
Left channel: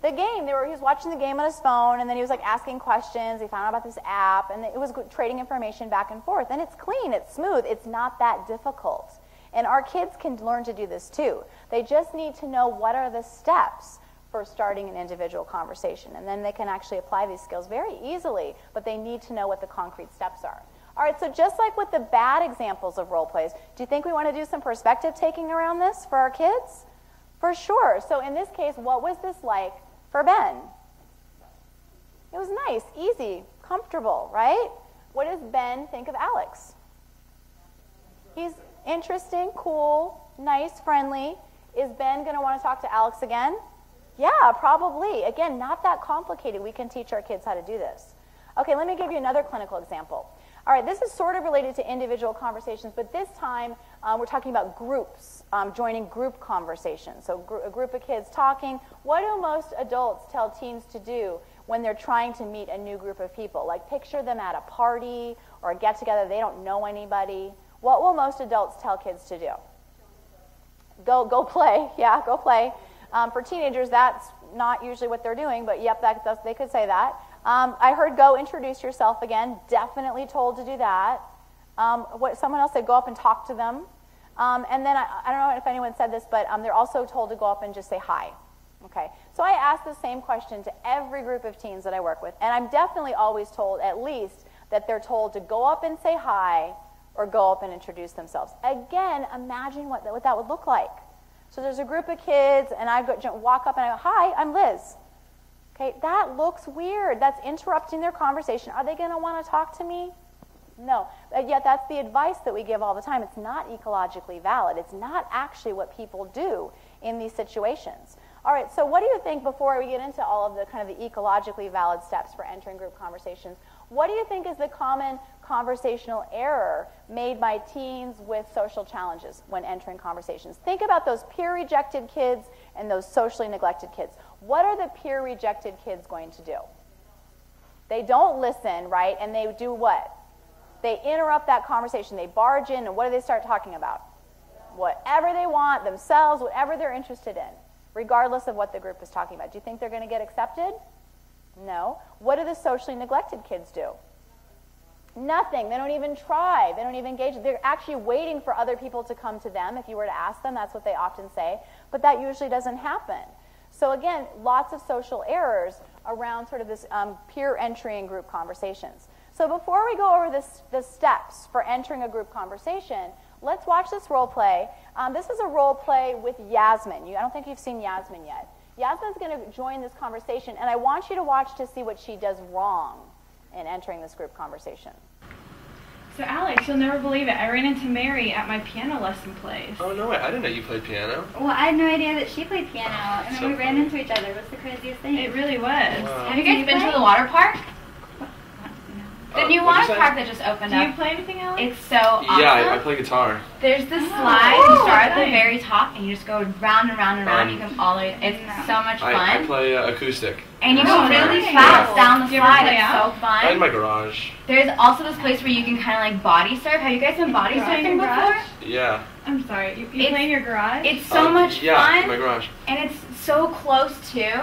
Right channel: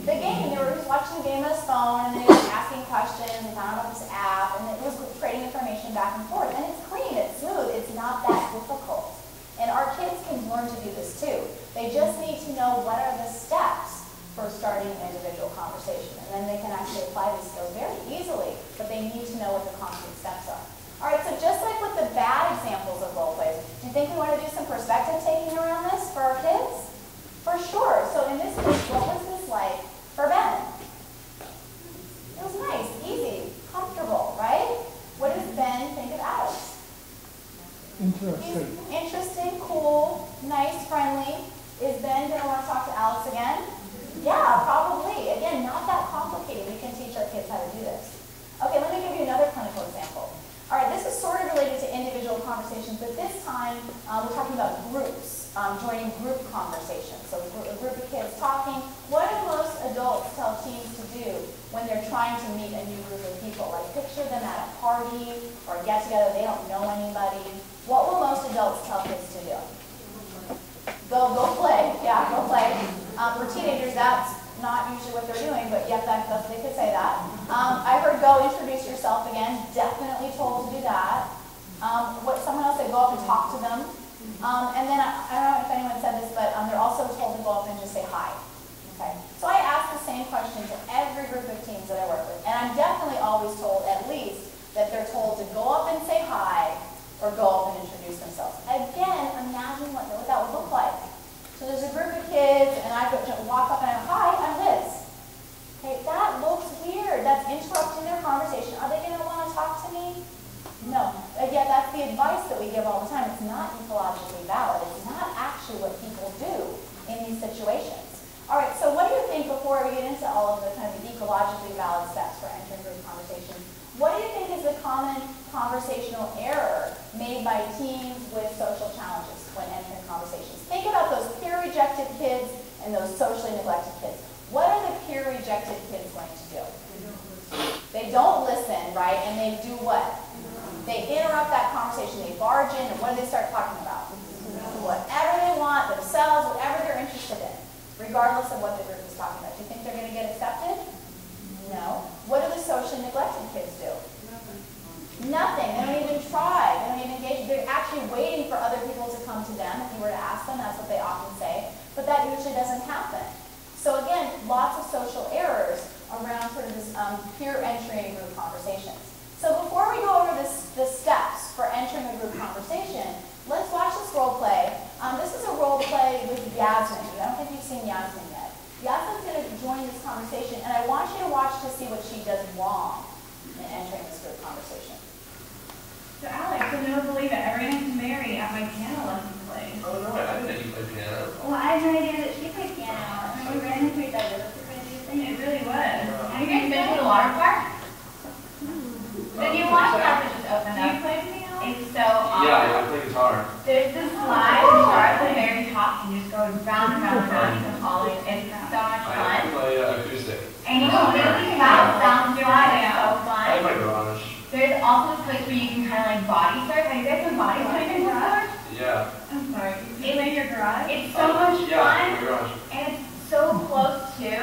The game. They were just watching the game on his phone, and then he was asking questions. He found out about this app, and it was trading information back and forth. And it's clean, it's smooth, it's not that difficult. And our kids can learn to do this too. They just need to know what are the steps for starting an individual conversation. And then they can actually apply these skills very easily, but they need to know what the concrete steps are. All right, so just like with the bad examples of role plays, do you think we want to do some perspective taking around this for our kids? For sure. So in this case, what was this like for Ben? It was nice, easy, comfortable, right? What does Ben think of Alex? He's interesting, cool, nice, friendly. Is Ben going to want to talk to Alex again? Yeah, probably. Again, not that complicated. We can teach our kids how to do this. Okay, let me give you another clinical example. All right, this is sort of related to individual conversations, but this time we're talking about groups, joining group conversations. So a group of kids talking. What do most adults tell teens to do when they're trying to meet a new group of people? Like picture them at a party or a get-together, they don't know anybody. What will most adults tell kids to do? Go play. Yeah, go play. For teenagers, that's not usually what they're doing, but yep, they could say that. I heard go introduce yourself again. Definitely told to do that. Someone else said go up and talk to them. And then I don't know if anyone said this, but they're also told to go up and just say hi. Okay. So I ask the same question to every group of teens that I work with, and I'm definitely always told at least that they're told to go up and say hi or go up and introduce themselves. Again, imagine what that would look like. So there's a group of kids, and I walk up and I go, hi, I'm Liz. Okay, that looks weird. That's interrupting their conversation. Are they going to want to talk to me? No. Yet that's the advice that we give all the time. It's not ecologically valid. It's not actually what people do in these situations. All right, so what do you think, before we get into all of the kind of the ecologically valid steps for entering group conversations, what do you think is a common conversational error made by teens with social challenges when entering conversations? Think about those peer-rejected kids and those socially neglected kids. What are the peer-rejected kids going to do? They don't listen, right? And they do what? They interrupt that conversation. They barge in, and what do they start talking about? Whatever they want, themselves, whatever they're interested in, regardless of what the group is talking about. Do you think they're going to get accepted? No. What do the socially neglected kids do? Nothing. They don't even try. They don't even engage. They're actually waiting for other people to come to them. If you were to ask them, that's what they often say. But that usually doesn't happen. So again, lots of social errors around sort of this peer entry in group conversations. So before we go over the steps for entering a group conversation, let's watch this role play. This is a role play with Yasmin. I don't think you've seen Yasmin yet. Yasmin's going to join this conversation, and I want you to watch to see what she does wrong in entering this group conversation. So Alex, you'll never believe it. I ran into Mary at my piano lesson place. Oh, no way. I didn't know you played piano. Well, I had no idea that she played piano, and then we ran into each other. That's the craziest thing. It really was. Have you guys been to the water park? The new water park that just opened Do you up. play piano? It's so awesome. Yeah, I play guitar. There's this slide. You start at the very top, and you just go round and round and round. You come all the way. It's so much I fun. play acoustic. And you go really fast down the slide. It's so I in fun. my garage. There's also this place where you can kind of like body surf. Have you guys been body surfing before? Yeah. I'm sorry. You play in your garage? It's so much Yeah, in my fun, garage. and it's so close too.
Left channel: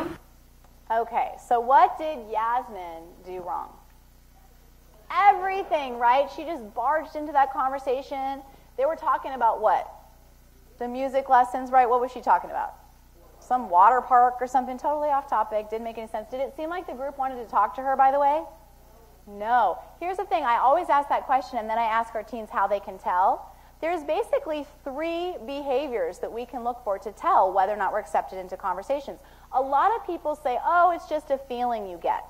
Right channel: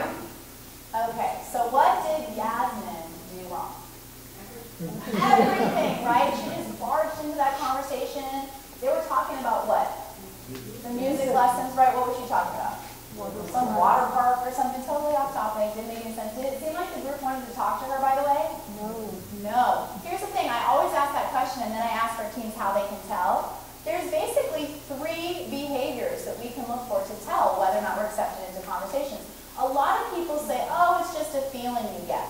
Okay, so what did Yasmin do wrong? Everything, right? She just barged into that conversation. They were talking about what? The music lessons, right? What was she talking about? Some water park or something totally off topic. Didn't make any sense. Did it seem like the group wanted to talk to her, by the way? means how they can tell. There's basically 3 behaviors that we can look for to tell whether or not we're accepted into conversations. A lot of people say, oh, it's just a feeling you get.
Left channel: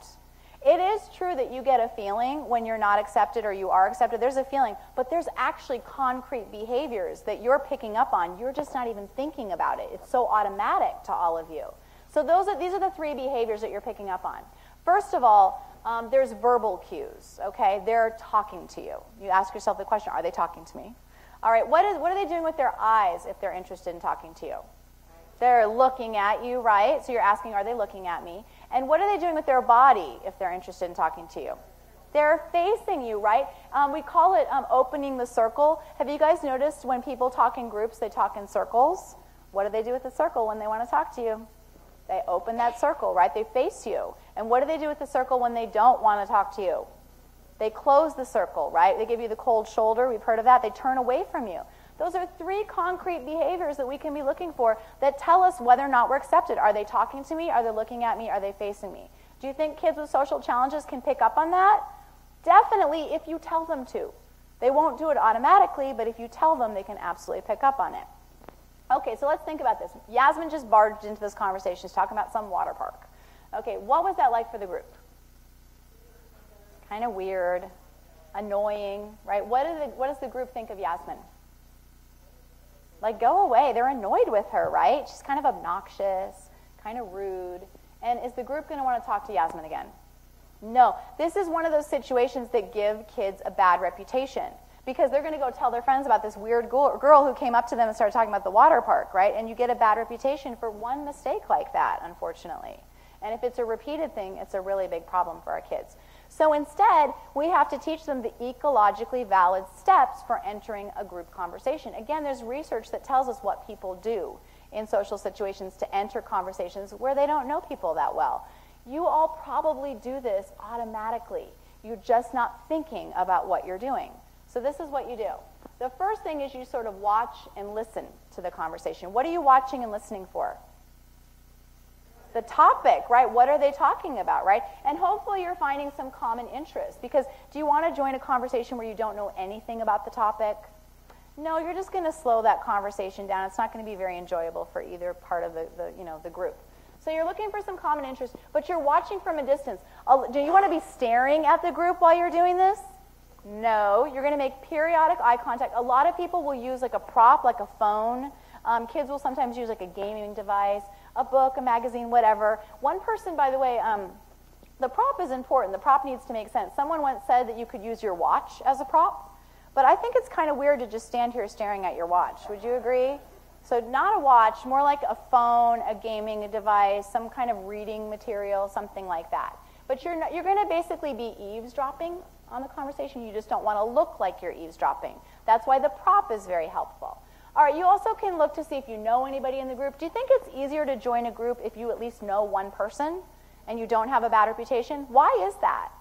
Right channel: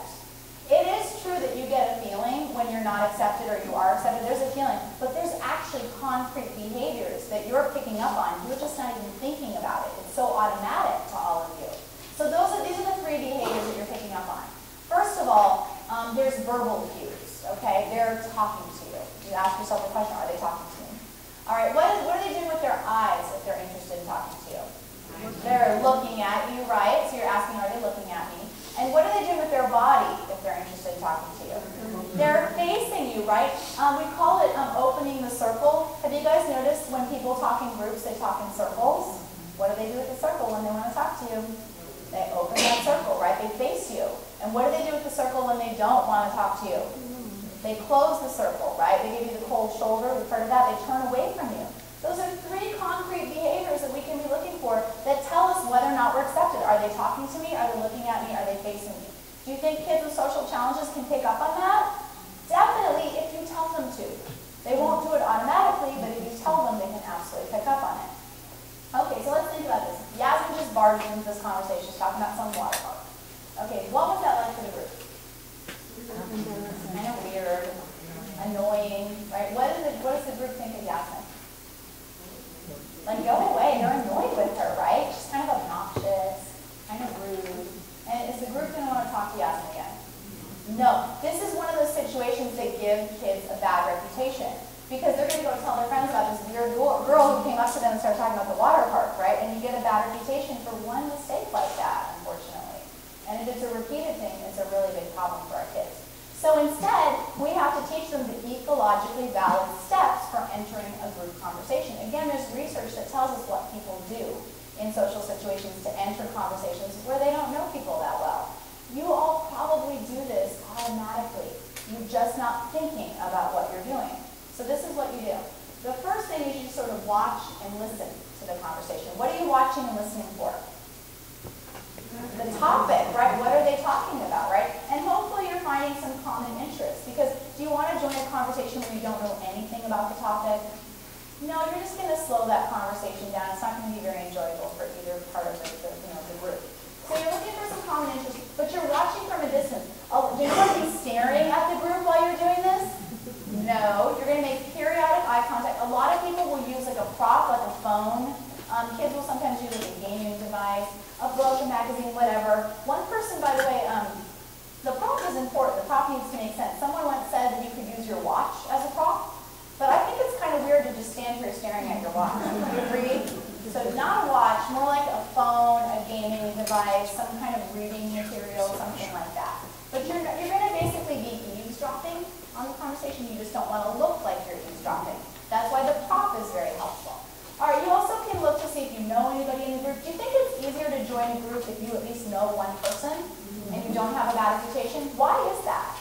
It is true that you get a feeling when you're not accepted or you are accepted. There's a feeling, but there's actually concrete behaviors that you're picking up on. You're just not even thinking about it. It's so automatic to all of you. So these are the 3 behaviors that you're picking up on. First of all, there's verbal cues, okay? They're talking to you. You ask yourself the question, are they talking to me? All right, what are they doing with their eyes if they're interested in talking to you? They're looking at you, right? So you're asking, are they looking at me? And what are they doing with their body if they're interested in talking to you? They're facing you, right? We call it opening the circle. Have you guys noticed when people talk in groups, they talk in circles? What do they do with the circle when they want to talk to you? They open that circle, right? They face you. And what do they do with the circle when they don't want to talk to you? They close the circle, right? They give you the cold shoulder. We've heard of that. They turn away from you. Those are 3 concrete behaviors that we can be looking for that tell us whether or not we're accepted. Are they talking to me? Are they looking at me? Are they facing me? Do you think kids with social challenges can pick up on that? Definitely, if you tell them to. They won't do it automatically, but if you tell them, they can absolutely pick up on it. Okay, so let's think about this. Yasmin just barged into this conversation. She's talking about some water park. Okay, what was that like for the group? Kind of weird, annoying, right? What does the group think of Yasmin? Like, go away. They're annoyed with her, right? She's kind of obnoxious, kind of rude. And is the group going to want to talk to Yasmin again? No. This is one of those situations that give kids a bad reputation because they're going to go tell their friends about this weird girl who came up to them and started talking about the water park, right? And you get a bad reputation for one mistake like that, unfortunately. And if it's a repeated thing, it's a really big problem for our kids. So instead, we have to teach them the ecologically valid steps for entering a group conversation. Again, there's research that tells us what people do in social situations to enter conversations where they don't know people that well. You all probably do this automatically. You're just not thinking about what you're doing. So this is what you do. The first thing is you sort of watch and listen to the conversation. What are you watching and listening for? The topic, right? What are they talking about, right? And hopefully you're finding some common interest because do you want to join a conversation where you don't know anything about the topic? No, you're just going to slow that conversation down. It's not going to be very enjoyable for either part of the group. So you're looking for some common interest, but you're watching from a distance. Do you want to be staring at the group while you're doing this? No. You're going to make periodic eye contact. A lot of people will use like a prop, like a phone. Kids will sometimes use like a gaming device, a book, a magazine, whatever. One person, by the way, the prop is important. The prop needs to make sense. Someone once said that you could use your watch as a prop, but I think it's kind of weird to just stand here staring at your watch. Would you agree? So not a watch, more like a phone, a gaming device, some kind of reading material, something like that. But you're going to basically be eavesdropping on the conversation. You just don't want to look like you're eavesdropping. That's why the prop is very helpful. All right, you also can look to see if you know anybody in the group. Do you think it's easier to join a group if you at least know one person and you don't have a bad reputation? Why is that?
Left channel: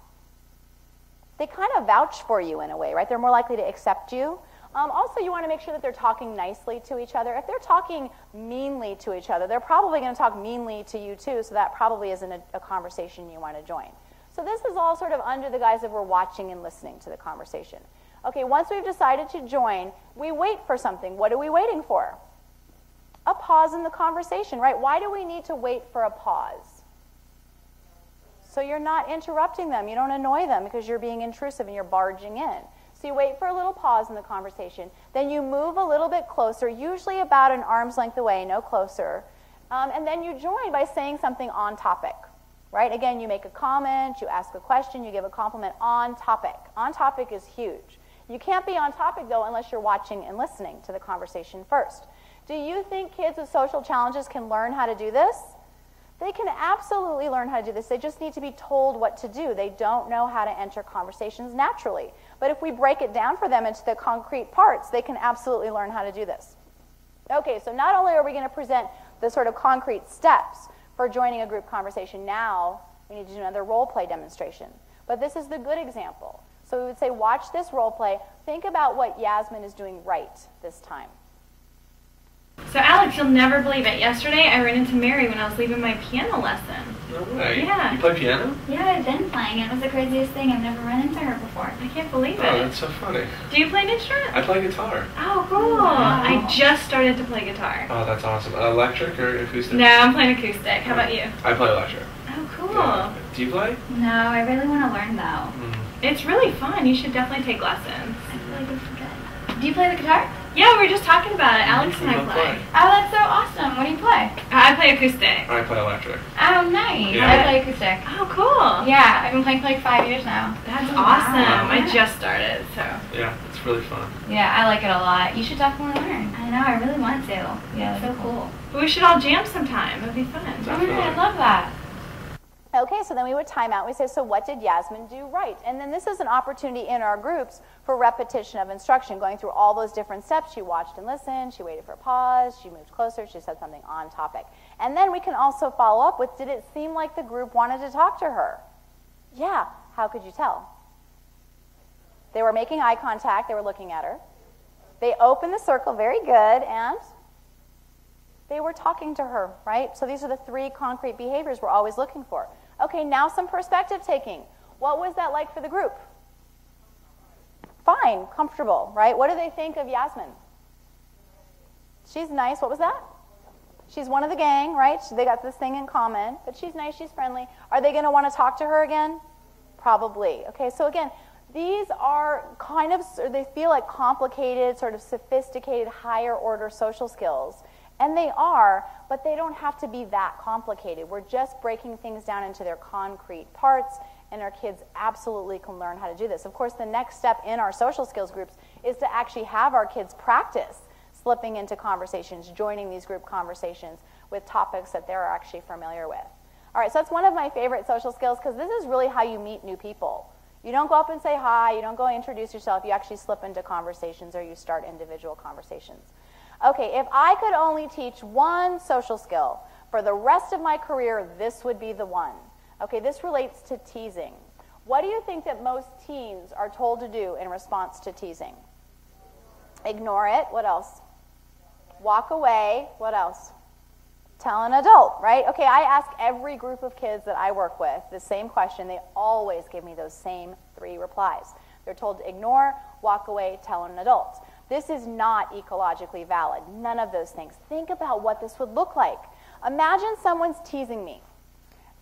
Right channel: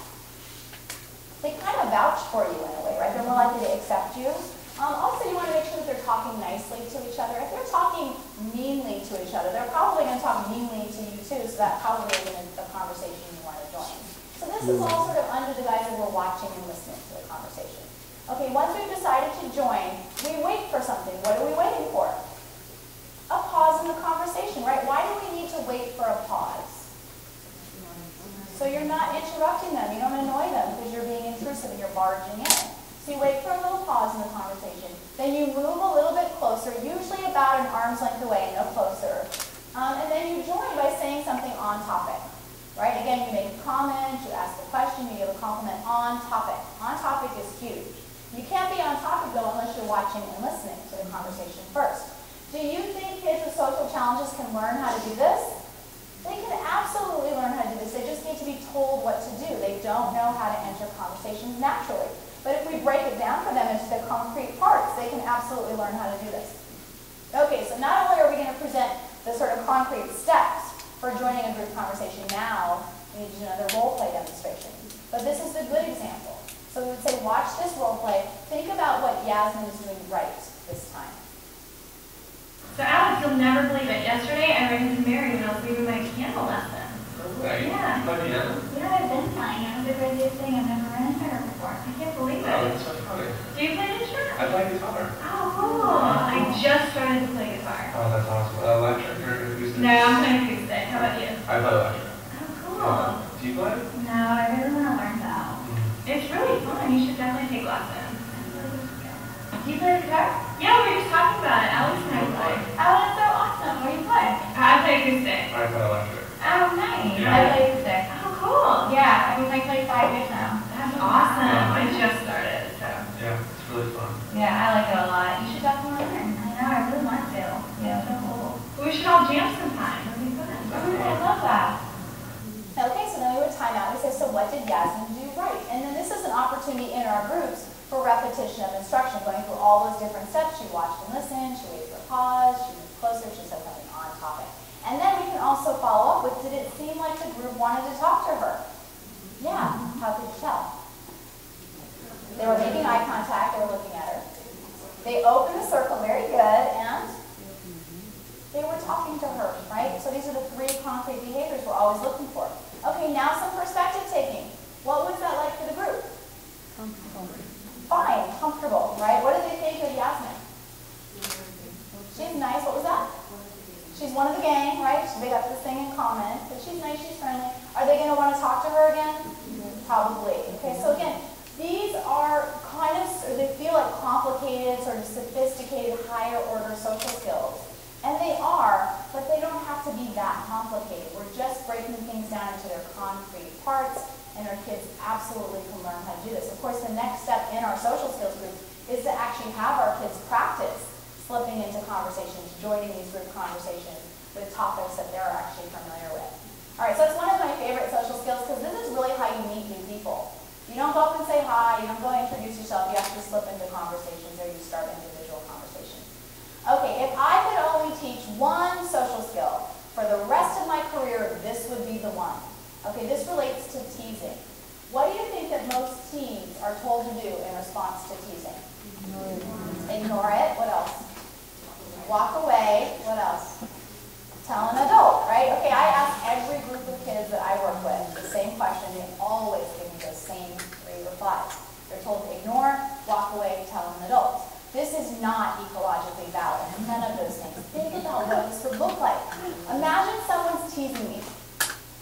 They kind of vouch for you in a way, right? They're more likely to accept you. Also, you want to make sure that they're talking nicely to each other. If they're talking meanly to each other, they're probably going to talk meanly to you too, so that probably isn't a conversation you want to join. So this is all sort of under the guise that we're watching and listening to the conversation. Okay, once we've decided to join, we wait for something. What are we waiting for? A pause in the conversation, right? Why do we need to wait for a pause? So you're not interrupting them. You don't annoy them because you're being intrusive and you're barging in. So you wait for a little pause in the conversation. Then you move a little bit closer, usually about an arm's length away, no closer. And then you join by saying something on topic. Right? Again, you make a comment, you ask a question, you give a compliment on topic. On topic is huge. You can't be on topic, though, unless you're watching and listening to the conversation first. Do you think kids with social challenges can learn how to do this? They can absolutely learn how to do this. They just need to be told what to do. They don't know how to enter conversations naturally. But if we break it down for them into the concrete parts, they can absolutely learn how to do this. Okay, so not only are we going to present the sort of concrete steps for joining a group conversation, now we need to do another role play demonstration. But this is a good example. So we would say, watch this role play. Think about what Yasmin is doing right this time. So Alex, you'll never believe it. Yesterday I ran into Mary when I was leaving my piano lesson. No way. Yeah. You play piano? Yeah, I've been playing. It was the craziest thing. I've never run into her before. I can't believe Oh, it. that's so funny. Do you play an instrument? I play guitar. Oh, cool. I just started to play guitar. Oh, that's awesome. Electric or acoustic? No, I'm playing acoustic. How about you? I play electric. Oh, cool. Yeah. Do you play? No, I really want to learn though. It's really fun. You should definitely take lessons. I feel like it's good. Do you play the guitar? Yeah, we were just talking about it. Alex and I play. Oh, that's so awesome. What do you play? I play acoustic. I play electric. Oh, nice. Yeah. I play acoustic. Oh, cool. Yeah, I've been playing for like 5 years now. That's awesome. I just started, so. Yeah, it's really fun. Yeah, I like it a lot. You should definitely learn. I know, I really want to. Yeah, it's so cool. But we should all jam sometime. It would be fun. I love that. Okay, so then we would time out. We say, so what did Yasmin do right? And then this is an opportunity in our groups for repetition of instruction, going through all those different steps. She watched and listened, she waited for a pause, she moved closer, she said something on topic. And then we can also follow up with, did it seem like the group wanted to talk to her? Yeah, how could you tell? They were making eye contact, they were looking at her. They opened the circle, very good, and they were talking to her, right? So these are the 3 concrete behaviors we're always looking for. Okay, now some perspective taking. What was that like for the group? Fine, comfortable, right? What do they think of Yasmin? She's nice, what was that? She's one of the gang, right? So they got this thing in common, but she's nice, she's friendly. Are they gonna wanna talk to her again? Probably. Okay, so again, these are kind of, they feel like complicated, sort of sophisticated, higher order social skills. And they are, but they don't have to be that complicated. We're just breaking things down into their concrete parts, and our kids absolutely can learn how to do this. Of course, the next step in our social skills group is to actually have our kids practice slipping into conversations, joining these group conversations with topics that they're actually familiar with. All right, so that's one of my favorite social skills because this is really how you meet new people. You don't go up and say hi, you don't go and introduce yourself, you actually slip into conversations or you start individual conversations. Okay, if I could only teach one social skill for the rest of my career, this would be the one. Okay, this relates to teasing. What do you think that most teens are told to do in response to teasing? Ignore it. What else? Walk away. What else? Tell an adult, right? Okay, I ask every group of kids that I work with the same question. They always give me those same 3 replies. They're told to ignore, walk away, tell an adult. This is not ecologically valid. None of those things. Think about what this would look like. Imagine someone's teasing me,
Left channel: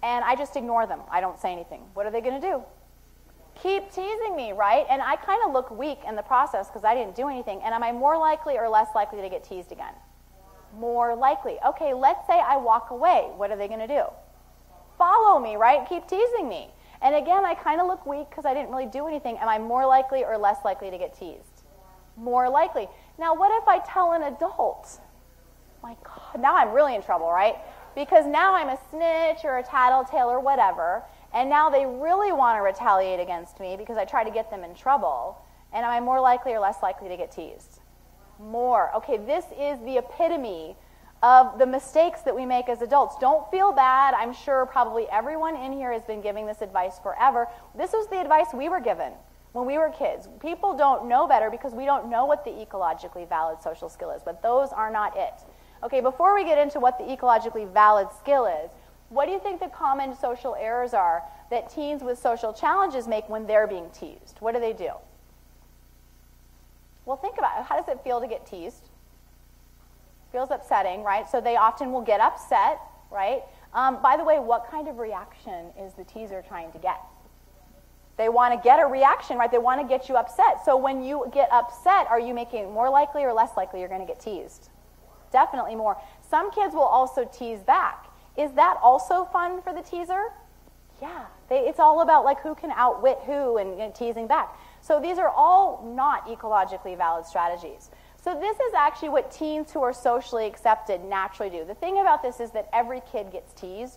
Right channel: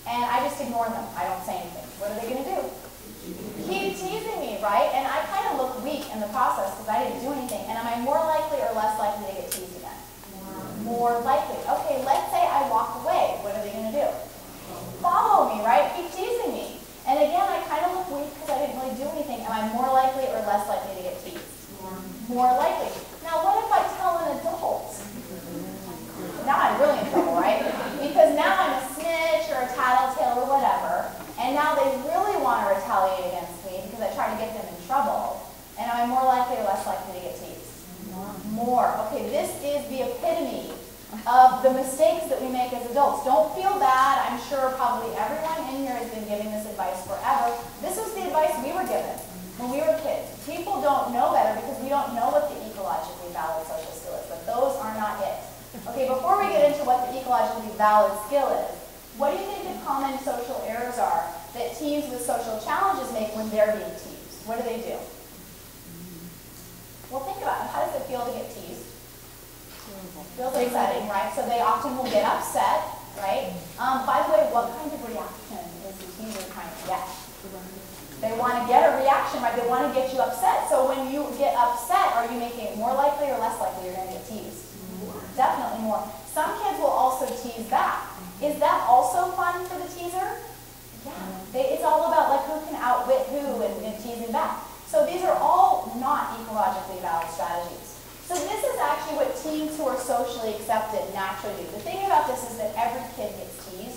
and I just ignore them. I don't say anything. What are they going to do? Keep teasing me, right? And I kind of look weak in the process because I didn't do anything. And am I more likely or less likely to get teased again? More likely. Okay, let's say I walk away. What are they going to do? Follow me, right? Keep teasing me. And again, I kind of look weak because I didn't really do anything. Am I more likely or less likely to get teased? More likely. Now, what if I tell an adult? Now I'm really in trouble, right? Because now I'm a snitch or a tattletale or whatever, and now they really want to retaliate against me because I try to get them in trouble. And am I more likely or less likely to get teased? More. Okay, this is the epitome of the mistakes that we make as adults. Don't feel bad. I'm sure probably everyone in here has been giving this advice forever. This is the advice we were given when we were kids. People don't know better because we don't know what the ecologically valid social skill is, but those are not it. Okay, before we get into what the ecologically valid skill is, what do you think the common social errors are that teens with social challenges make when they're being teased? What do? Well, think about it. How does it feel to get teased? It feels upsetting, right? So they often will get upset, right? By the way, what kind of reaction is the teaser trying to get? They want to get a reaction, right? They want to get you upset. So when you get upset, are you making it more likely or less likely you're going to get teased? Definitely more. Some kids will also tease back. Is that also fun for the teaser? Yeah. It's all about like who can outwit who and teasing back. So these are all not ecologically valid strategies. So this is actually what teens who are socially accepted naturally do. The thing about this is that every kid gets teased.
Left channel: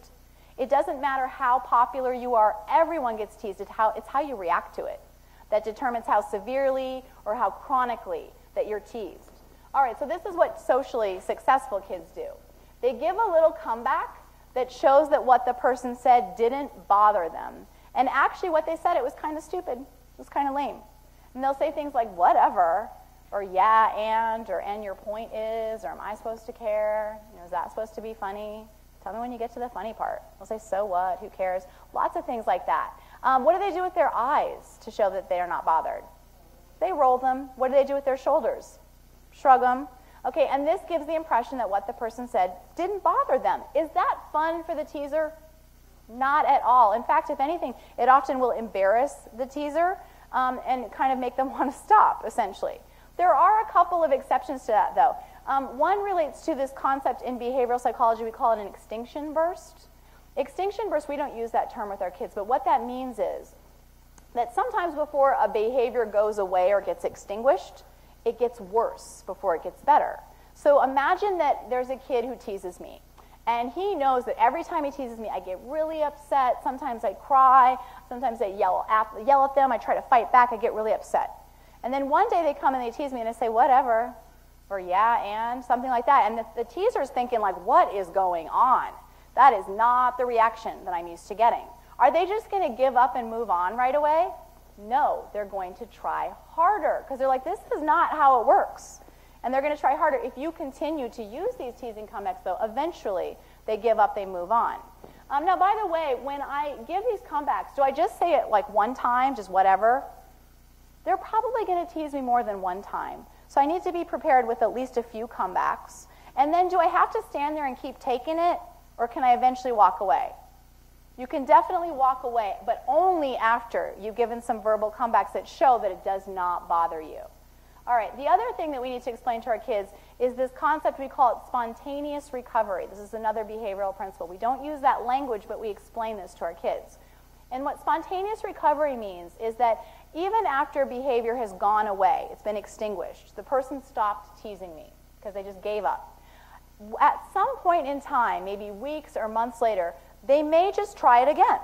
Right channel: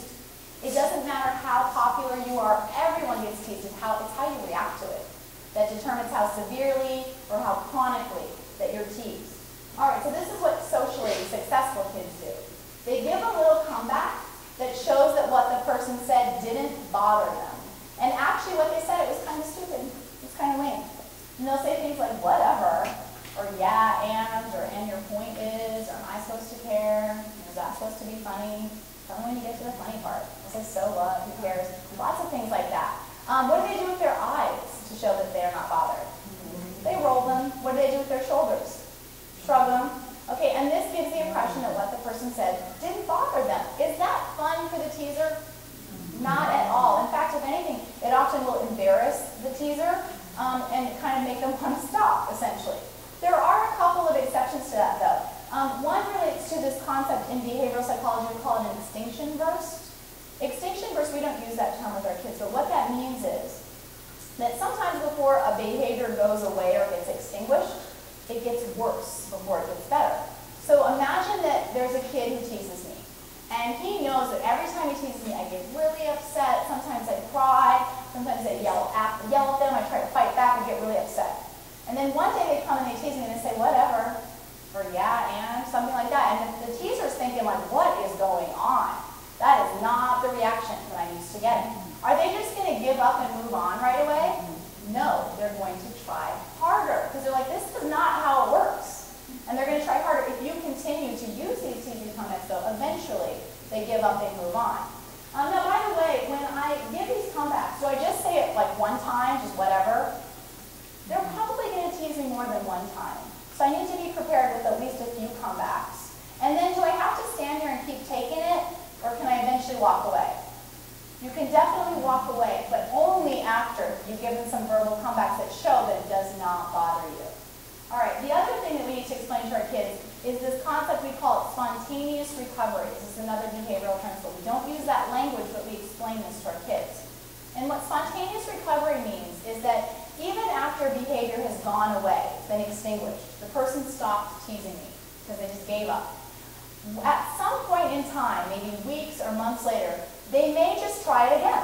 It doesn't matter how popular you are, everyone gets teased. It's how you react to it that determines how severely or how chronically that you're teased. All right, so this is what socially successful kids do. They give a little comeback that shows that what the person said didn't bother them. And actually what they said, it was kind of stupid. It was kind of lame. And they'll say things like, whatever, or yeah, and your point is, or am I supposed to care? Is that supposed to be funny? Tell me when you get to the funny part. say, so what, who cares? Lots of things like that. What do they do with their eyes to show that they are not bothered? They roll them. What do they do with their shoulders? Shrug them. Okay, and this gives the impression that what the person said didn't bother them. Is that fun for the teaser? Not at all. In fact, if anything, it often will embarrass the teaser and kind of make them want to stop, essentially. There are a couple of exceptions to that, though. One relates to this concept in behavioral psychology. We call it an extinction burst. Extinction burst, we don't use that term with our kids, but what that means is that sometimes before a behavior goes away or gets extinguished, it gets worse before it gets better. So imagine that there's a kid who teases me, and he knows that every time he teases me, I get really upset. Sometimes I cry. Sometimes I yell at them. I try to fight back. I get really upset. And then one day they come and they tease me and they say, whatever, or yeah, and something like that. And the teaser's thinking, like, what is going on? That is not the reaction that I'm used to getting. Are they just going to give up and move on right away? No, they're going to try harder. Because they're like, this is not how it works. And they're going to try harder. If you continue to use these teasing comments, though, eventually they give up, they move on. Now, by the way, when I give these comebacks, do I just say it like one time, just whatever? They're probably going to tease me more than one time. So I need to be prepared with at least a few comebacks. And then do I have to stand there and keep taking it, or can I eventually walk away? You can definitely walk away, but only after you've given some verbal comebacks that show that it does not bother you. All right, the other thing that we need to explain to our kids is this concept we call it spontaneous recovery. This is another behavioral principle. We don't use that language, but we explain this to our kids. And what spontaneous recovery means is that even after behavior has gone away, been extinguished, the person stopped teasing me because they just gave up. At some point in time, maybe weeks or months later, they may just try it again.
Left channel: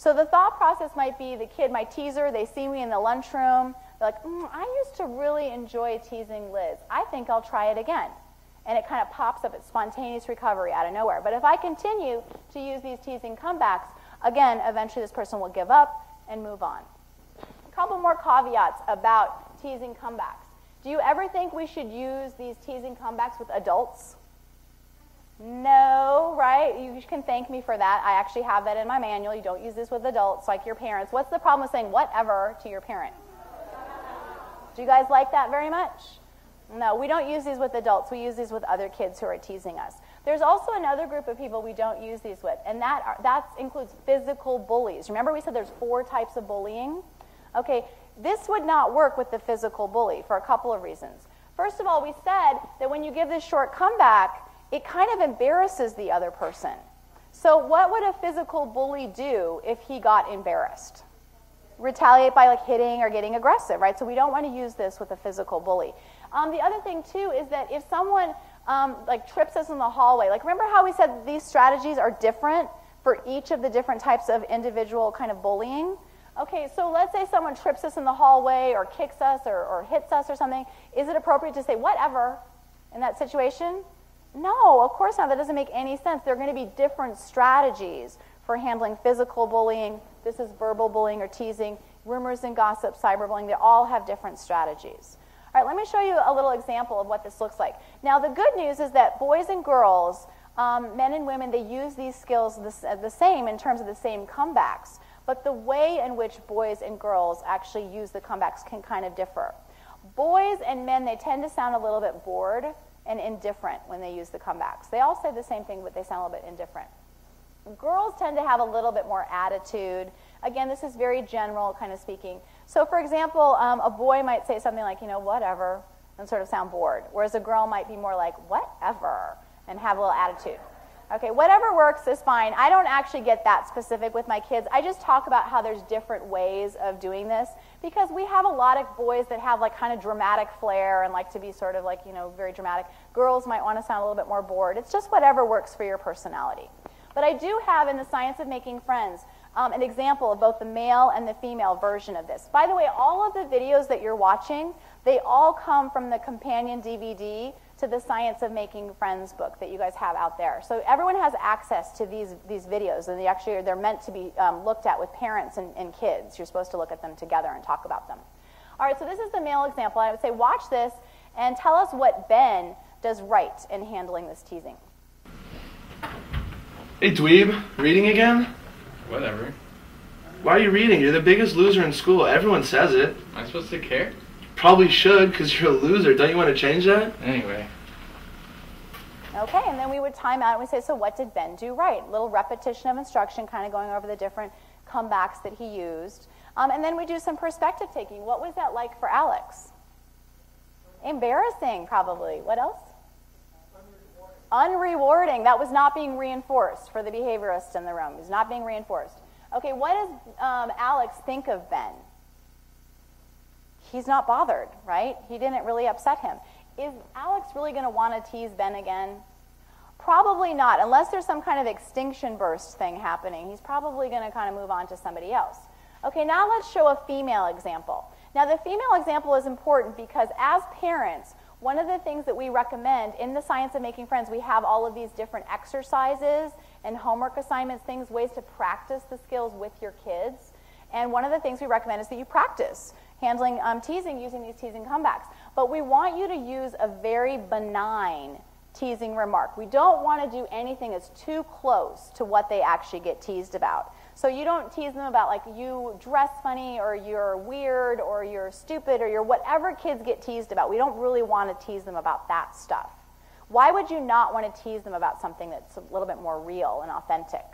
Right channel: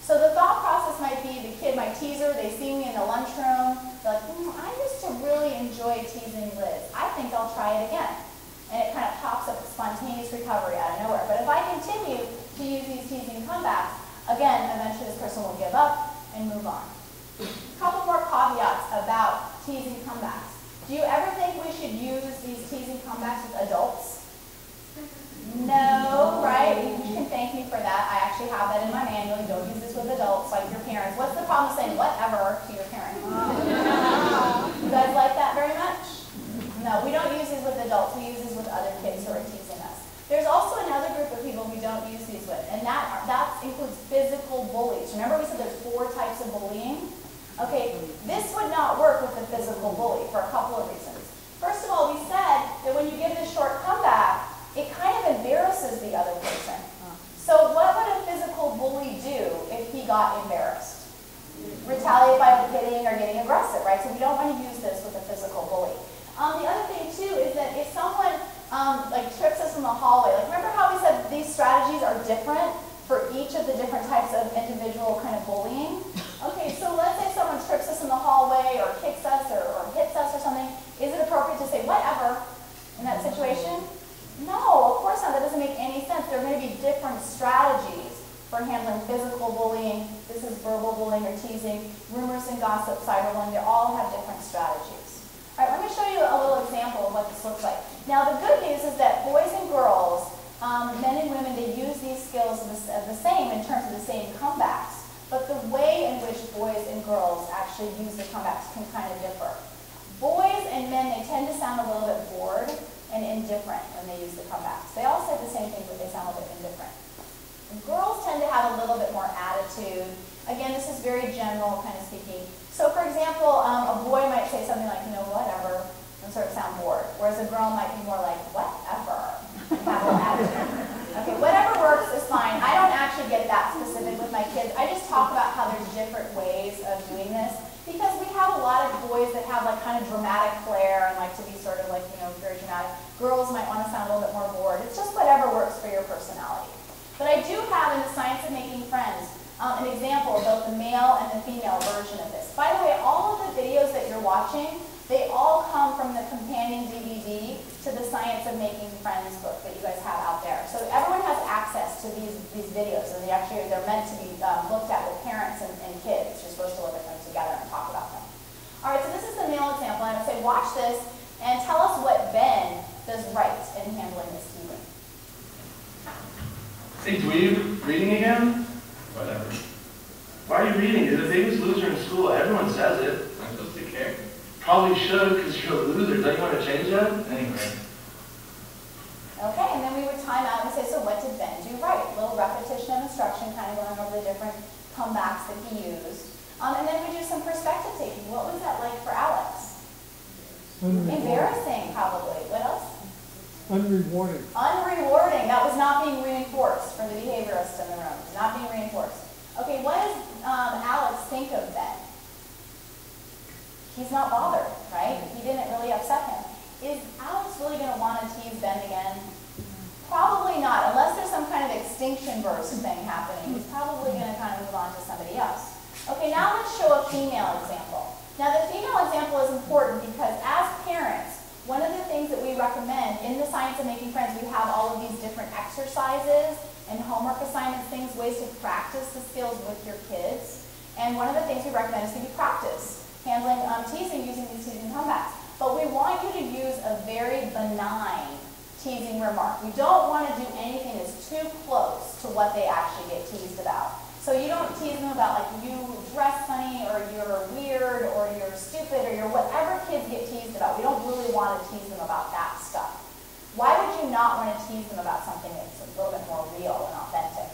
So the thought process might be the kid, my teaser, they see me in the lunchroom, they're like, I used to really enjoy teasing Liz. I think I'll try it again. And it kind of pops up spontaneous recovery out of nowhere. But if I continue to use these teasing comebacks, again, eventually this person will give up and move on. A couple more caveats about teasing comebacks. Do you ever think we should use these teasing comebacks with adults? No, right? You can thank me for that. I actually have that in my manual. You don't use this with adults like your parents. What's the problem saying whatever to your parents? You guys like that very much? No, we don't use these with adults. We use these with other kids who are teasing us. There's also another group of people we don't use these with, and that includes physical bullies. Remember we said there's 4 types of bullying? Okay, this would not work with the physical bully for a couple of reasons. First of all, we said that when you give this short comeback, it kind of embarrasses the other person. So what would a physical bully do if he got embarrassed? Retaliate by hitting or getting aggressive, right? So we don't want to use this with a physical bully. The other thing, too, is that if someone trips us in the hallway, like remember how we said these strategies are different for each of the different types of individual kind of bullying? Okay, so let's say someone trips us in the hallway or kicks us or hits us or something. Is it appropriate to say whatever in that situation? No, of course not. That doesn't make any sense. There are going to be different strategies for handling physical bullying. This is verbal bullying or teasing, rumors and gossip, cyberbullying. They all have different strategies. All right, let me show you a little example of what this looks like. Now, the good news is that boys and girls, men and women, they use these skills the same in terms of the same comebacks. But the way in which boys and girls actually use the comebacks can kind of differ. Boys and men, they tend to sound a little bit bored and indifferent when they use the comebacks. They all say the same thing, but they sound a little bit indifferent. Girls tend to have a little bit more attitude. Again, this is very general kind of speaking. So for example, a boy might say something like, whatever, and sort of sound bored. Whereas a girl might be more like, whatever, and have a little attitude. Okay, whatever works is fine. I don't actually get that specific with my kids. I just talk about how there's different ways of doing this. Because we have a lot of boys that have kind of dramatic flair and like to be sort of very dramatic. Girls might want to sound a little bit more bored. It's just whatever works for your personality. But I do have in the Science of Making Friends an example of both the male and the female version of this. By the way, all of the videos that you're watching, they all come from the companion DVD to the Science of Making Friends book that you guys have out there. So everyone has access to these videos, and they're meant to be looked at with parents and kids. You're supposed to look at them together and talk about them. All right, so this is the male example. I would say watch this and tell us what Ben does right in handling this teasing. Hey, dweeb, reading again? Whatever. Why are you reading? You're the biggest loser in school. Everyone says it. I'm supposed to care? Probably should, because you're a loser. Don't you want to change that? Anyway. Okay, and then we would time out and say, so what did Ben do right? A little repetition of instruction, kind of going over the different comebacks that he used. And then we do some perspective taking. What was that like for Alex? Embarrassing, probably. What else? Unrewarding. Unrewarding. That was not being reinforced for the behaviorists in the room. It's not being reinforced. Okay, what does Alex think of Ben? He's not bothered, right? He didn't really upset him. Is Alex really going to want to tease Ben again? Probably not, unless there's some kind of extinction burst thing happening. He's probably going to kind of move on to somebody else. Okay, now let's show a female example. Now the female example is important because as parents, one of the things that we recommend in the Science of Making Friends, we have all of these different exercises and homework assignment things, ways to practice the skills with your kids. And one of the things we recommend is that you practice handling teasing using these teasing comebacks. But we want you to use a very benign teasing remark. We don't want to do anything that's too close to what they actually get teased about. So you don't tease them about like you dress funny or you're weird or you're stupid or you're whatever kids get teased about. We don't really want to tease them about that stuff. Why would you not want to tease them about something that's a little bit more real and authentic?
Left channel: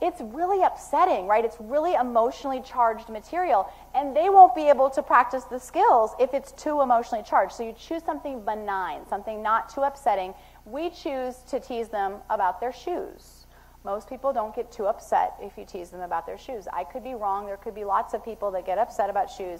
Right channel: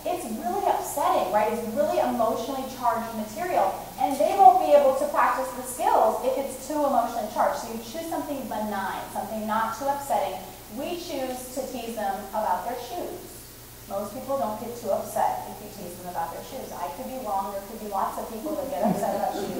It's really upsetting, right? It's really emotionally charged material, and they won't be able to practice the skills if it's too emotionally charged. So you choose something benign, something not too upsetting. We choose to tease them about their shoes. Most people don't get too upset if you tease them about their shoes. I could be wrong. There could be lots of people that get upset about shoes.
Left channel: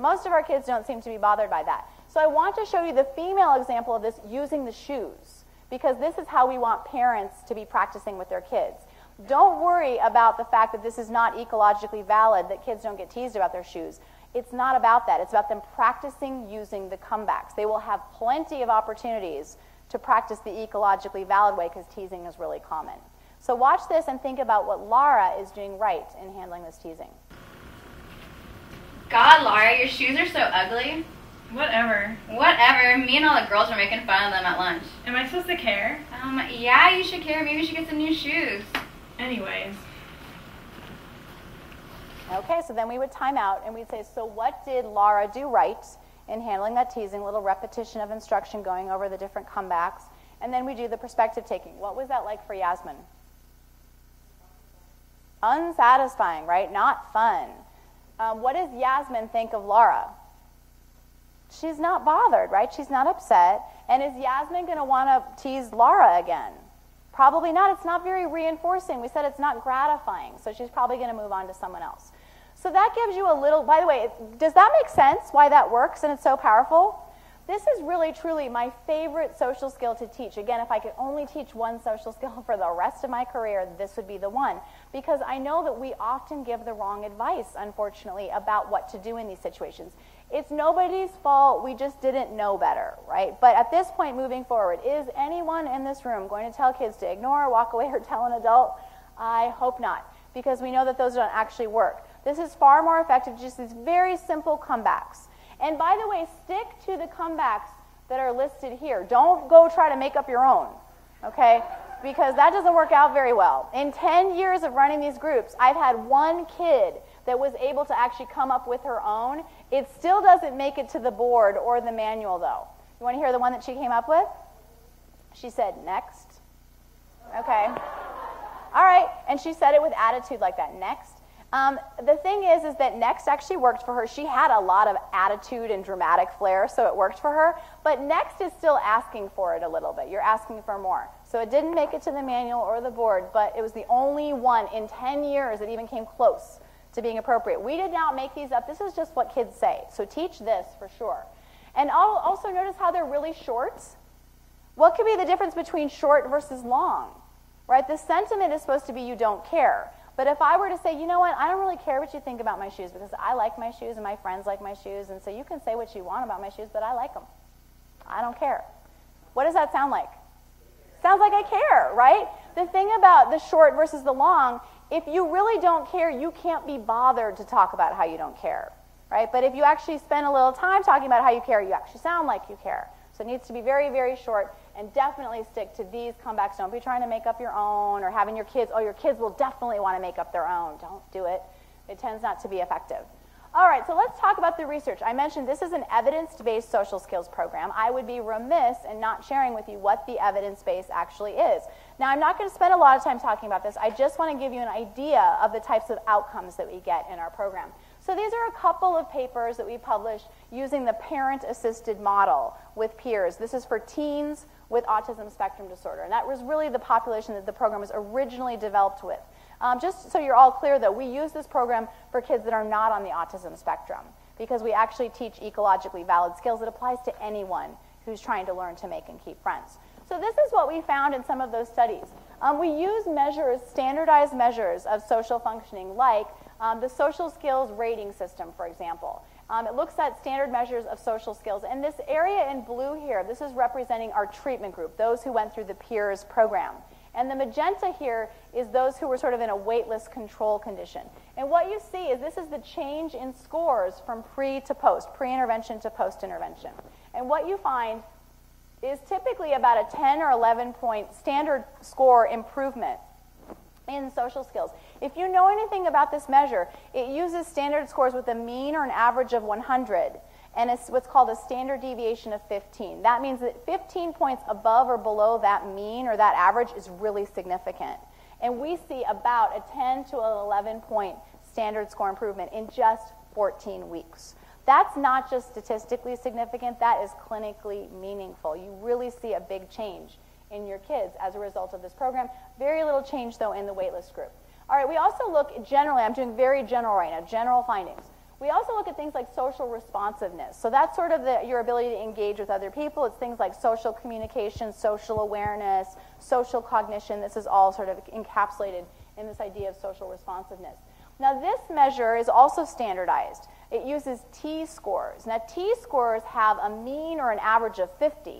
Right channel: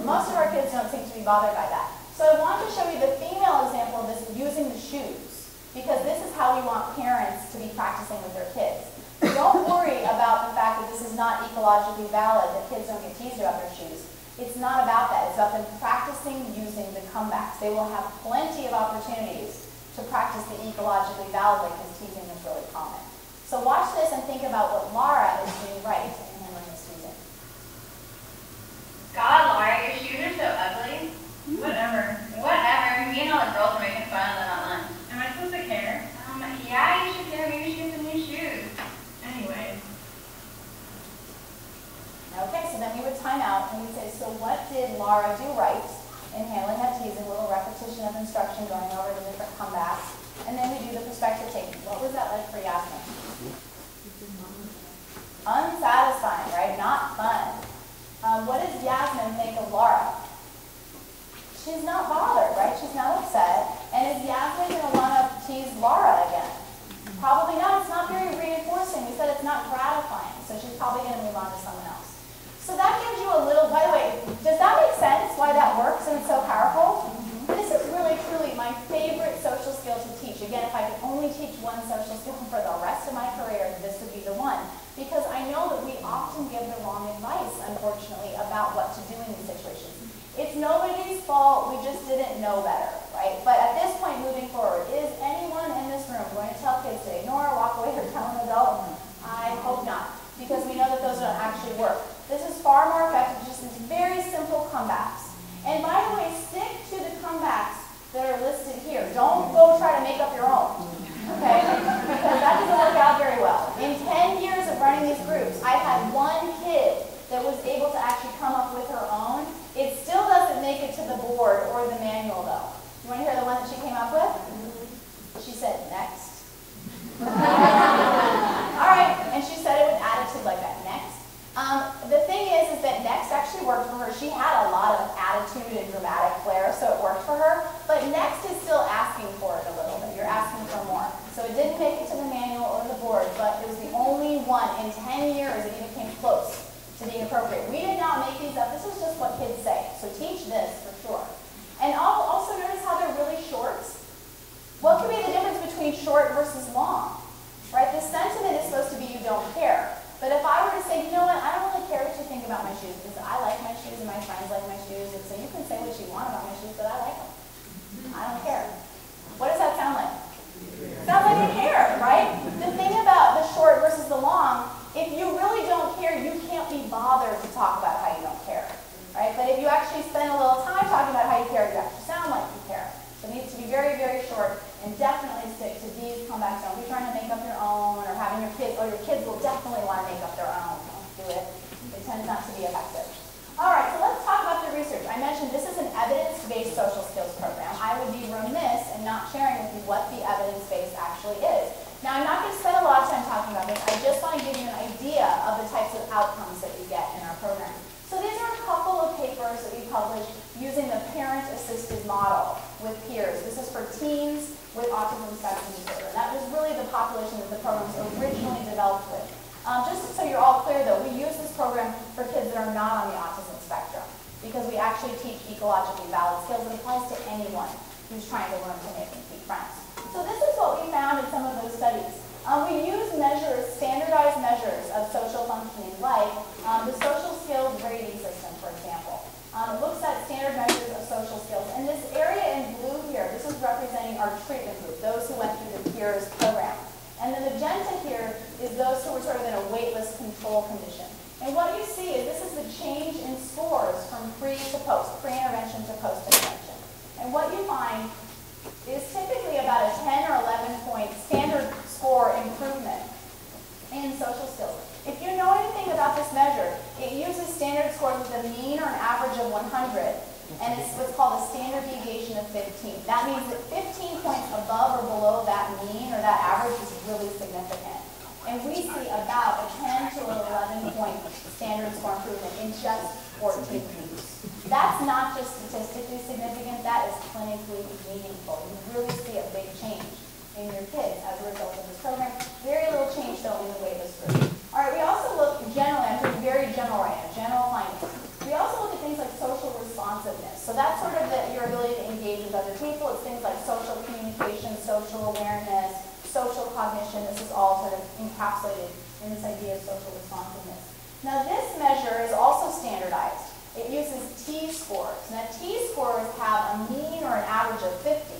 Most of our kids don't seem to be bothered by that. So I want to show you the female example of this using the shoes, because this is how we want parents to be practicing with their kids. Don't worry about the fact that this is not ecologically valid, that kids don't get teased about their shoes. It's not about that. It's about them practicing using the comebacks. They will have plenty of opportunities to practice the ecologically valid way because teasing is really common. So watch this and think about what Laura is doing right in handling his teasing. God, Laura, your shoes are so ugly. Whatever. Whatever. Me and all the girls were making fun of them at lunch. Am I supposed to care? Yeah, you should care. Maybe you should get some new shoes. Anyways. Okay, so then we would time out and we say, so what did Laura do right in handling that teasing? A little repetition of instruction going over the different comebacks. And then we do the perspective taking. What was that like for Yasmin? Unsatisfying, right? Not fun. What does Yasmin think of Laura? She's not bothered, right? She's not upset. And is Yasmin going to want to tease Laura again? Probably not. It's not very reinforcing. We said it's not gratifying. So she's probably going to move on to someone else. So that gives you a little, by the way, does that make sense why that works and it's so powerful? This is really, truly my favorite social skill to teach. Again, if I could only teach one social skill for the rest of my career, this would be the one. Because I know that we often give the wrong advice, unfortunately, about what to do in these situations. It's nobody's fault, we just didn't know better, right? But at this point moving forward, is anyone in this room going to tell kids to ignore, walk away, or tell an adult? I hope not, because we know that those don't actually work. This is far more effective, just these very simple comebacks. And by the way, stick to the comebacks that are listed here. Don't go try to make up your own, okay? Because that doesn't work out very well. In 10 years of running these groups, I've had one kid that was able to actually come up with her own. It still doesn't make it to the board or the manual, though. You want to hear the one that she came up with? She said, next. All right, and she said it with attitude like that, next. The thing is that next actually worked for her. She had a lot of attitude and dramatic flair, so it worked for her. But next is still asking for it a little bit. You're asking for more. So it didn't make it to the manual or the board, but it was the only one in 10 years that even came close to being appropriate. We did not make these up. This is just what kids say. So teach this for sure. And also notice how they're really short. What could be the difference between short versus long? Right? The sentiment is supposed to be you don't care. But if I were to say, you know what, I don't really care what you think about my shoes because I like my shoes and my friends like my shoes, and so you can say what you want about my shoes, but I like them. I don't care. What does that sound like? Sounds like you care, right? The thing about the short versus the long, if you really don't care, you can't be bothered to talk about how you don't care, right? But if you actually spend a little time talking about how you care, you actually sound like you care. So it needs to be very, very short, and definitely stick to these comebacks. Don't be trying to make up your own. not to be effective. All right, so let's talk about the research. I mentioned this is an evidence-based social skills program. I would be remiss in not sharing with you what the evidence base actually is. Now, I'm not going to spend a lot of time talking about this. I just want to give you an idea of the types of outcomes that we get in our program. So these are a couple of papers that we published using the parent-assisted model with peers. This is for teens with autism spectrum disorder. That was really the population that the program was originally developed with. Just so you're all clear, though, we use this program for kids that are not on the autism spectrum because we actually teach ecologically valid skills that applies to anyone who's trying to learn to make and keep friends. So this is what we found in some of those studies. We use measures, standardized measures of social functioning, like the social skills rating system, for example. It looks at standard measures of social skills. And this area in blue here, this is representing our treatment group, those who went through the peers program. And the magenta here is those who were sort of in a waitlist control condition. And what you see is this is the change in scores from pre to post, pre-intervention to post-intervention. And what you find is typically about a 10 or 11 point standard score improvement in social skills. If you know anything about this measure, it uses standard scores with a mean or an average of 100, and it's what's called a standard deviation of 15. That means that 15 points above or below that mean or that average is really significant. And we see about a 10 to an 11 point standard score improvement in just 14 weeks. That's not just statistically significant, that is clinically meaningful. You really see a big change in your kids as a result of this program. Very little change, though, in the waitlist group. All right, we also look generally, I'm doing very general right now, general findings. We also look at things like social responsiveness. So that's sort of your ability to engage with other people. It's things like social communication, social awareness, social cognition. This is all sort of encapsulated in this idea of social responsiveness. Now, this measure is also standardized. It uses T-scores. Now, T-scores have a mean or an average of 50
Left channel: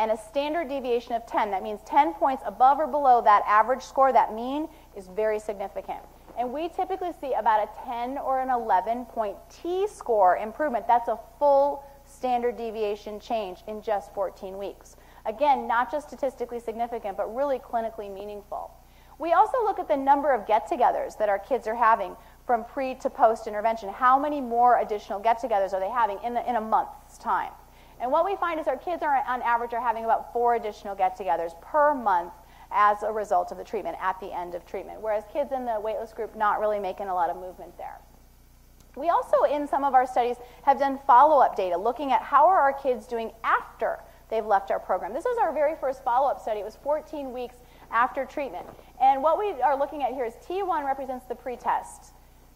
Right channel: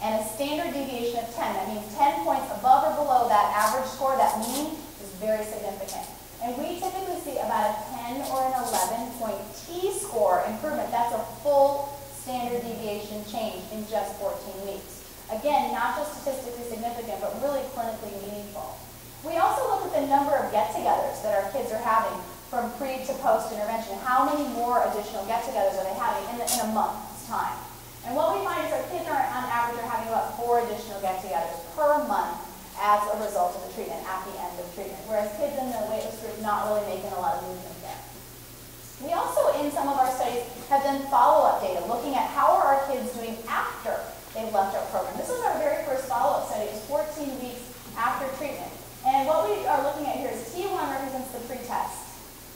and a standard deviation of 10. That means 10 points above or below that average score, that mean, is very significant. And we typically see about a 10 or an 11 point T-score improvement. That's a full standard deviation change in just 14 weeks. Again, not just statistically significant, but really clinically meaningful. We also look at the number of get-togethers that our kids are having from pre to post intervention. How many more additional get-togethers are they having in a month's time? And what we find is our kids are, on average, are having about 4 additional get-togethers per month as a result of the treatment at the end of treatment, whereas kids in the waitlist group not really making a lot of movement there. We also, in some of our studies, have done follow-up data, looking at how are our kids doing after they've left our program. This is our very first follow-up study. It's 14 weeks after treatment. And what we are looking at here is T1 represents the pre-test,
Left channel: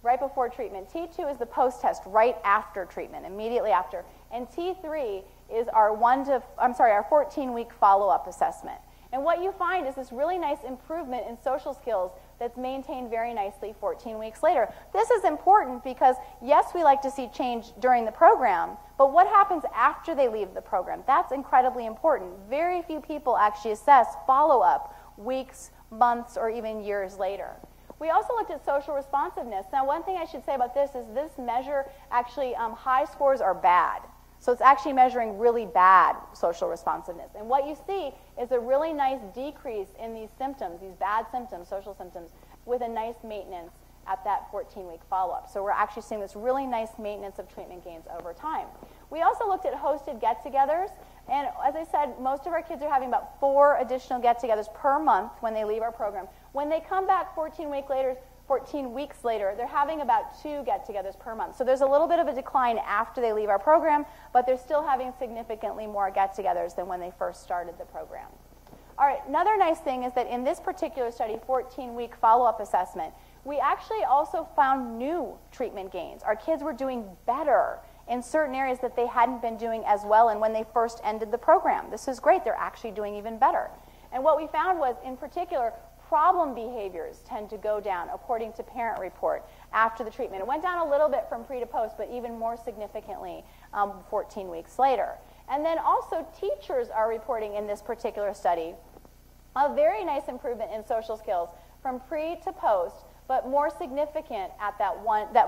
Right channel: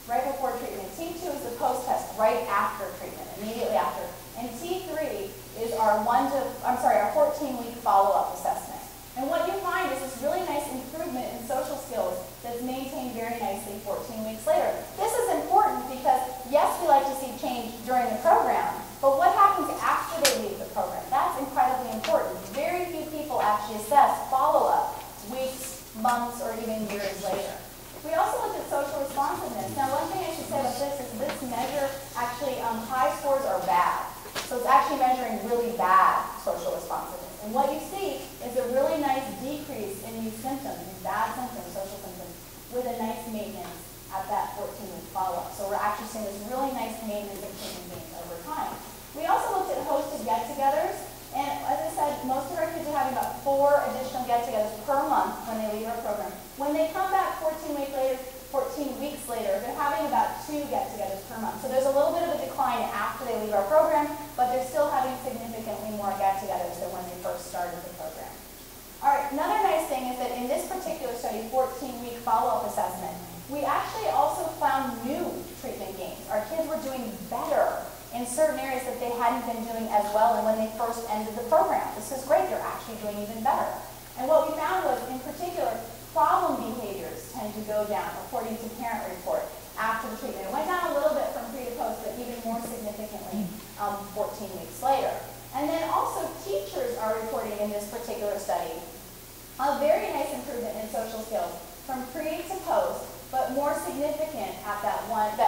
right before treatment. T2 is the post-test, right after treatment, immediately after. And T3 is our 14-week follow-up assessment. And what you find is this really nice improvement in social skills that's maintained very nicely 14 weeks later. This is important because, yes, we like to see change during the program, but what happens after they leave the program? That's incredibly important. Very few people actually assess follow-up weeks, months, or even years later. We also looked at social responsiveness. Now, one thing I should say about this is this measure, actually, high scores are bad. So it's actually measuring really bad social responsiveness. And what you see is a really nice decrease in these symptoms, these bad symptoms, social symptoms, with a nice maintenance at that 14-week follow-up. So we're actually seeing this really nice maintenance of treatment gains over time. We also looked at hosted get-togethers. And as I said, most of our kids are having about 4 additional get-togethers per month when they leave our program. When they come back 14 weeks later, they're having about 2 get-togethers per month. So there's a little bit of a decline after they leave our program, but they're still having significantly more get-togethers than when they first started the program. All right, another nice thing is that in this particular study, 14-week follow-up assessment, we actually also found new treatment gains. Our kids were doing better in certain areas that they hadn't been doing as well and when they first ended the program. This is great, they're actually doing even better. And what we found was, in particular, problem behaviors tend to go down, according to parent report, after the treatment. It went down a little bit from pre to post, but even more significantly 14 weeks later. And then also teachers are reporting in this particular study a very nice improvement in social skills from pre to post, but more significant at that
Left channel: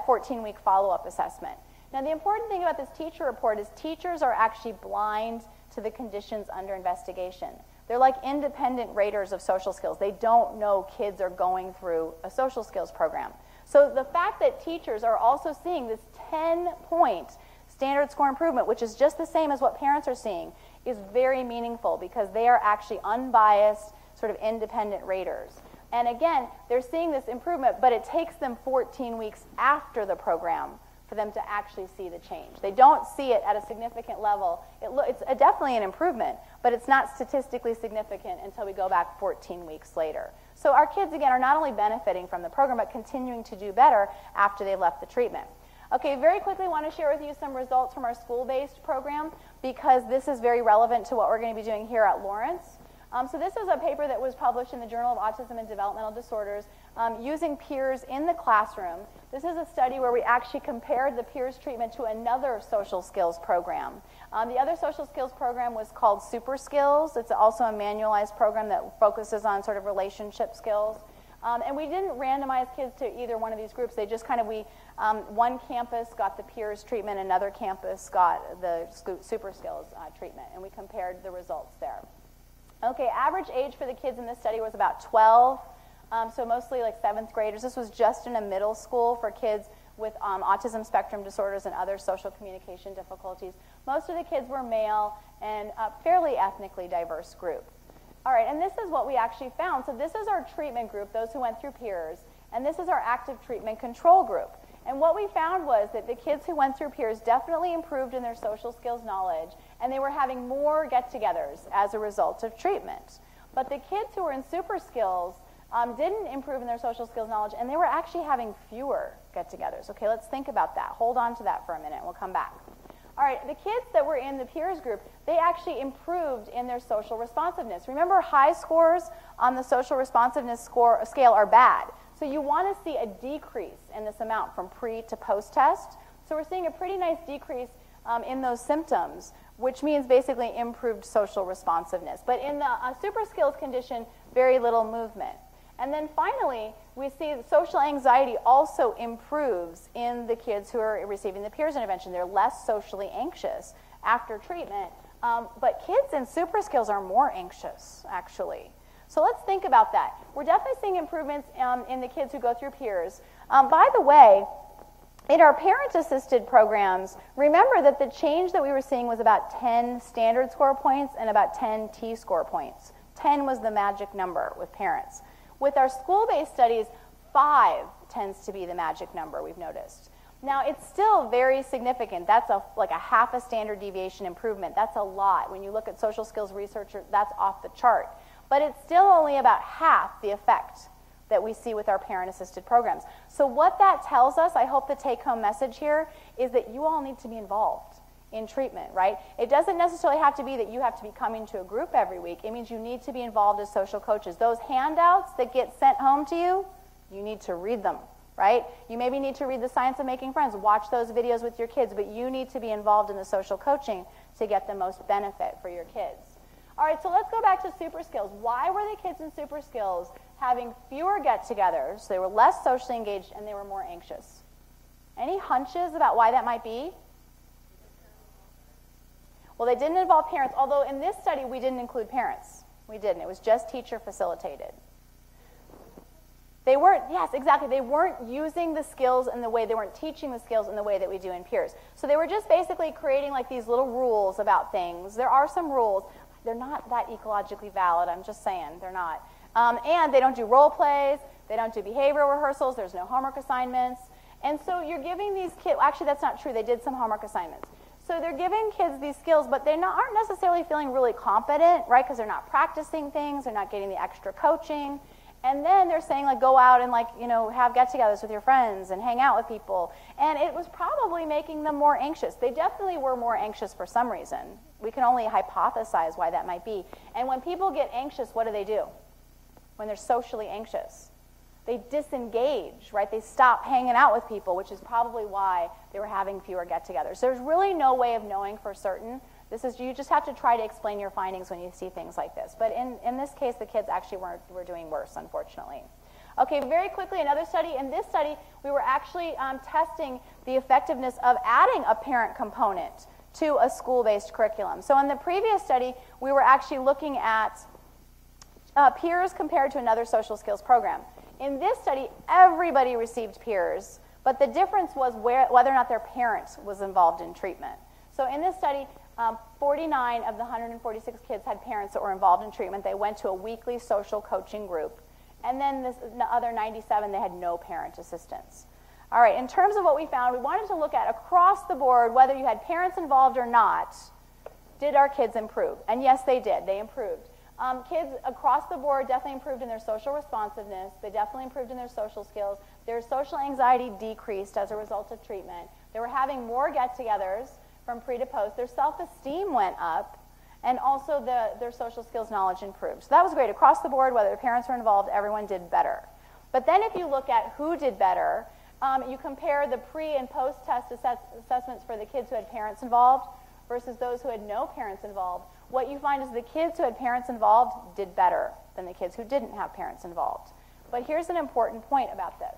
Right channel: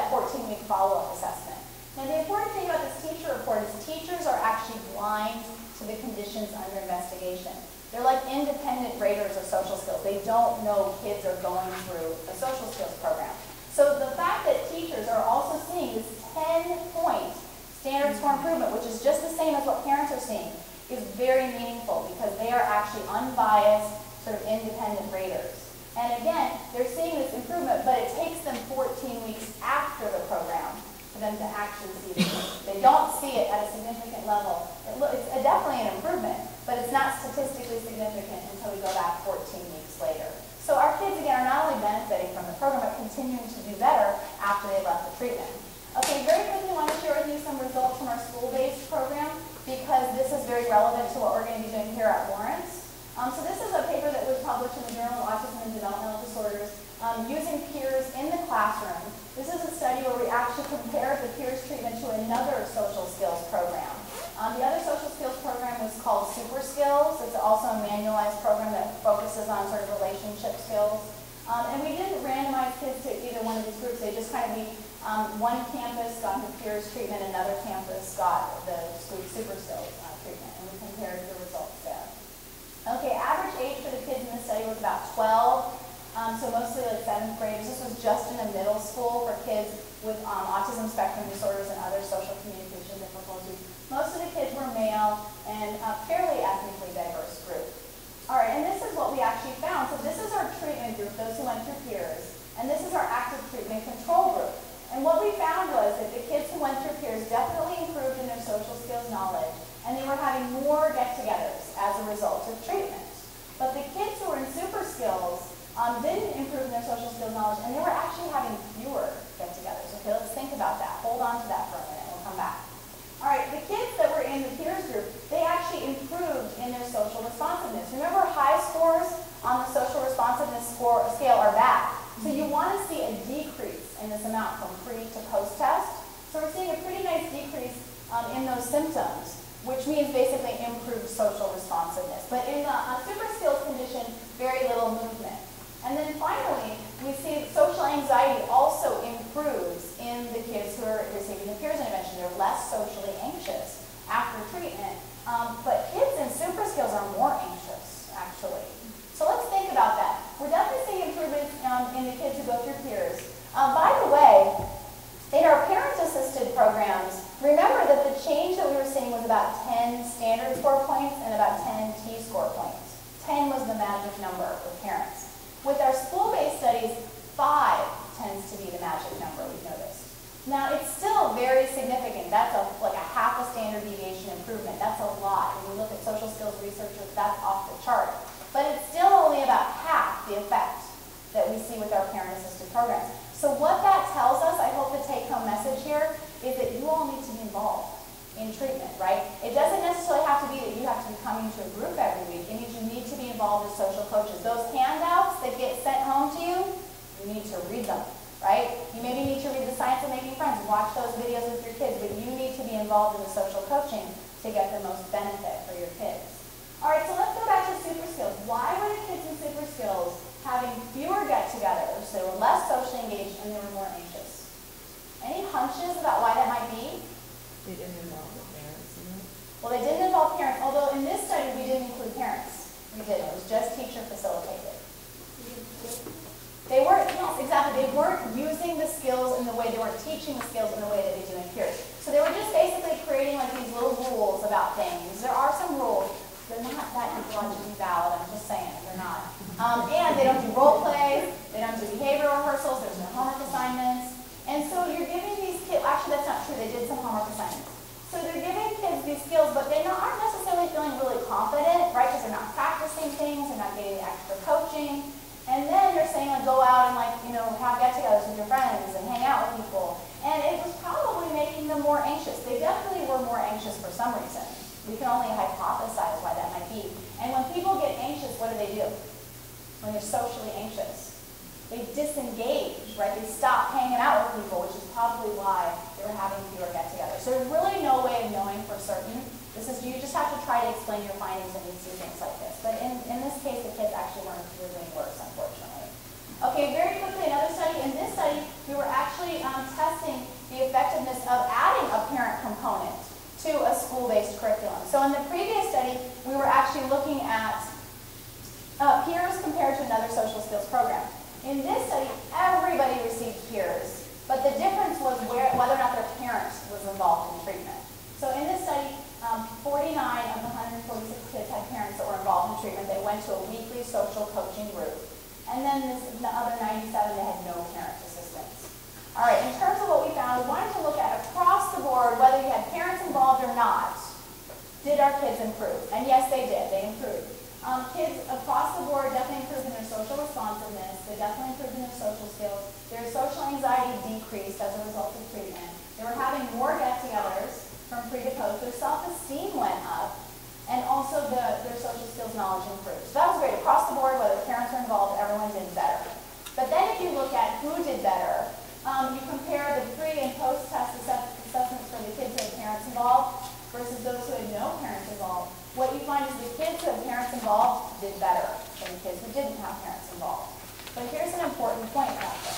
14-week follow-up assessment. Now, the important thing about this teacher report is teachers are actually blind to the conditions under investigation. They're like independent raters of social skills. They don't know kids are going through a social skills program. So the fact that teachers are also seeing this 10-point standard score improvement, which is just the same as what parents are seeing, is very meaningful because they are actually unbiased, sort of independent raters. And again, they're seeing this improvement, but it takes them 14 weeks after the program for them to actually see the change. They don't see it at a significant level. It's definitely an improvement, but it's not statistically significant until we go back 14 weeks later. So our kids, again, are not only benefiting from the program, but continuing to do better after they left the treatment. Okay, very quickly, I want to share with you some results from our school-based program because this is very relevant to what we're going to be doing here at Lawrence. So this is a paper that was published in the Journal of Autism and Developmental Disorders using peers in the classroom. This is a study where we actually compared the peers treatment to another social skills program. The other social skills program was called Super Skills. It's also a manualized program that focuses on sort of relationship skills. And we didn't randomize kids to either one of these groups. They just kind of, one campus got the peers treatment, another campus got the Super Skills treatment, and we compared the results there. Okay, average age for the kids in this study was about 12, so mostly like 7th grade. This was just in a middle school for kids with autism spectrum disorders and other social communication difficulties. Most of the kids were male and a fairly ethnically diverse group. All right, and this is what we actually found. So this is our treatment group, those who went through peers, and this is our active treatment control group. And what we found was that the kids who went through peers definitely improved in their social skills knowledge, and they were having more get-togethers as a result of treatment. But the kids who were in super skills didn't improve in their social skills knowledge, and they were actually having fewer get-togethers. Okay, let's think about that. Hold on to that for a minute. We'll come back. All right, the kids that were in the peers group, they actually improved in their social responsiveness. Remember, high scores on the social responsiveness scale are bad. So you want to see a decrease in this amount from pre to post-test. So we're seeing a pretty nice decrease in those symptoms, which means basically improved social responsiveness. But in the super skills condition, very little movement. And then finally, we see that social anxiety also improves in the kids who are receiving the peers intervention. They're less socially anxious after treatment. But kids in super skills are more anxious, actually. So let's think about that. We're definitely seeing improvements in the kids who go through peers. By the way, in our parent-assisted programs, remember that the change that we were seeing was about 10 standard score points and about 10 T-score points. 10 was the magic number with parents. With our school-based studies, 5 tends to be the magic number, we've noticed. Now, it's still very significant. That's like a half a standard deviation improvement. That's a lot. When you look at social skills researchers, that's off the chart. But it's still only about half the effect that we see with our parent-assisted programs. So what that tells us, I hope the take-home message here, is that you all need to be involved in treatment, right? It doesn't necessarily have to be that you have to be coming to a group every week. It means you need to be involved as social coaches. Those handouts that get sent home to you, you need to read them, right? You maybe need to read The Science of Making Friends, watch those videos with your kids, but you need to be involved in the social coaching to get the most benefit for your kids. All right, so let's go back to super skills. Why were the kids in super skills having fewer get-togethers? They were less socially engaged and they were more anxious. Any hunches about why that might be? They didn't involve the parents in it. Well, they didn't involve parents, although in this study we didn't include parents. We did. It was just teacher facilitated. They weren't, yes, exactly. They weren't using the skills in the way, they weren't teaching the skills in the way that we do in peers. So they were just basically creating like these little rules about things. There are some rules. They're not that ecologically valid, I'm just saying, they're not. And they don't do role play, they don't do behavior rehearsals, there's no homework assignments. And so you're giving these kids, actually that's not true, they did some homework assignments. So they're giving kids these skills, but they aren't necessarily feeling really confident, right? Because they're not practicing things, they're not getting extra coaching. And then they're saying like go out and like, you know, have get-togethers with your friends and hang out with people. And it was probably making them more anxious. They definitely were more anxious for some reason. We can only hypothesize why that might be. And when people get anxious, what do? When they're socially anxious? They disengage, right? They stop hanging out with people, which is probably why they were having fewer get-togethers. There's really no way of knowing for certain. You just have to try to explain your findings when you see things like this. But in this case, the kids actually were doing worse, unfortunately. Okay, very quickly, another study. In this study, we were actually testing the effectiveness of adding a parent component to a school-based curriculum. So in the previous study, we were actually looking at peers compared to another social skills program. In this study, everybody received peers, but the difference was whether or not their parent was involved in treatment. So in this study, 49 of the 146 kids had parents that were involved in treatment. They went to a weekly social coaching group. And then the other 97, they had no parent assistance. All right, in terms of what we found, we wanted to look at across the board, whether you had parents involved or not, did our kids improve? And yes, they did. They improved. Kids across the board definitely improved in their social responsiveness. They definitely improved in their social skills. Their social anxiety decreased as a result of treatment. They were having more get-togethers from pre to post. Their self-esteem went up. And also their social skills knowledge improved. So that was great. Across the board, whether parents were involved, everyone did better. But then if you look at who did better, you compare the pre and post-test assessments for the kids who had parents involved versus those who had no parents involved. What you find is the kids who had parents involved did better than the kids who didn't have parents involved. But here's an important point about this.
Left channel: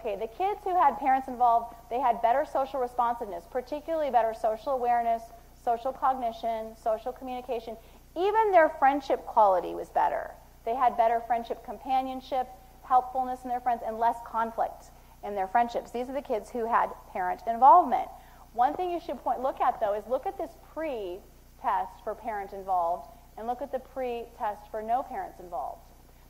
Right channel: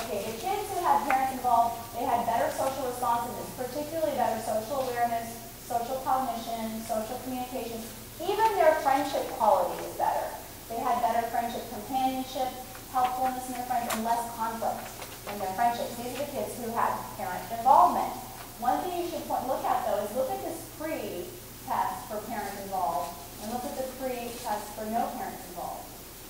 Okay, the kids who had parents involved, they had better social responsiveness, particularly better social awareness, social cognition, social communication. Even their friendship quality was better. They had better friendship companionship, helpfulness in their friends, and less conflict in their friendships. These are the kids who had parent involvement. One thing you should look at, though, is look at this pre-test for parents involved and look at the pre-test for no parents involved.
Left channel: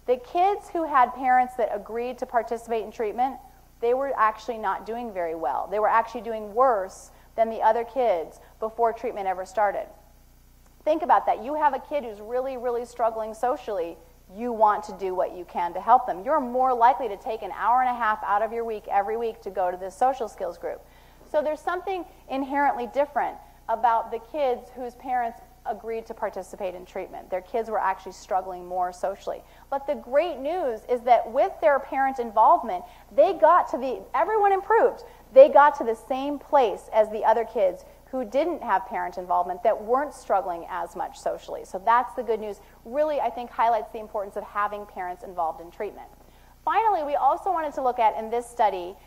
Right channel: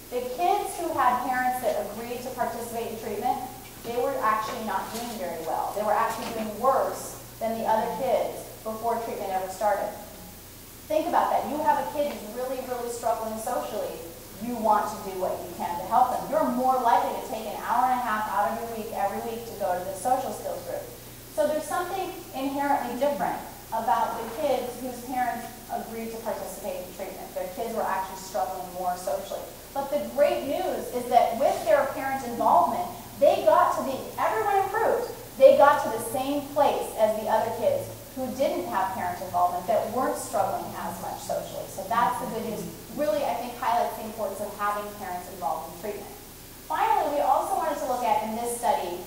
The kids who had parents that agreed to participate in treatment, they were actually not doing very well. They were actually doing worse than the other kids before treatment ever started. Think about that. You have a kid who's really, really struggling socially. You want to do what you can to help them. You're more likely to take an hour and a half out of your week every week to go to the social skills group. So there's something inherently different about the kids whose parents agreed to participate in treatment. Their kids were actually struggling more socially. But the great news is that with their parent involvement, everyone improved. They got to the same place as the other kids who didn't have parent involvement, that weren't struggling as much socially. So that's the good news. Really, I think, highlights the importance of having parents involved in treatment. Finally, we also wanted to look at, in this study,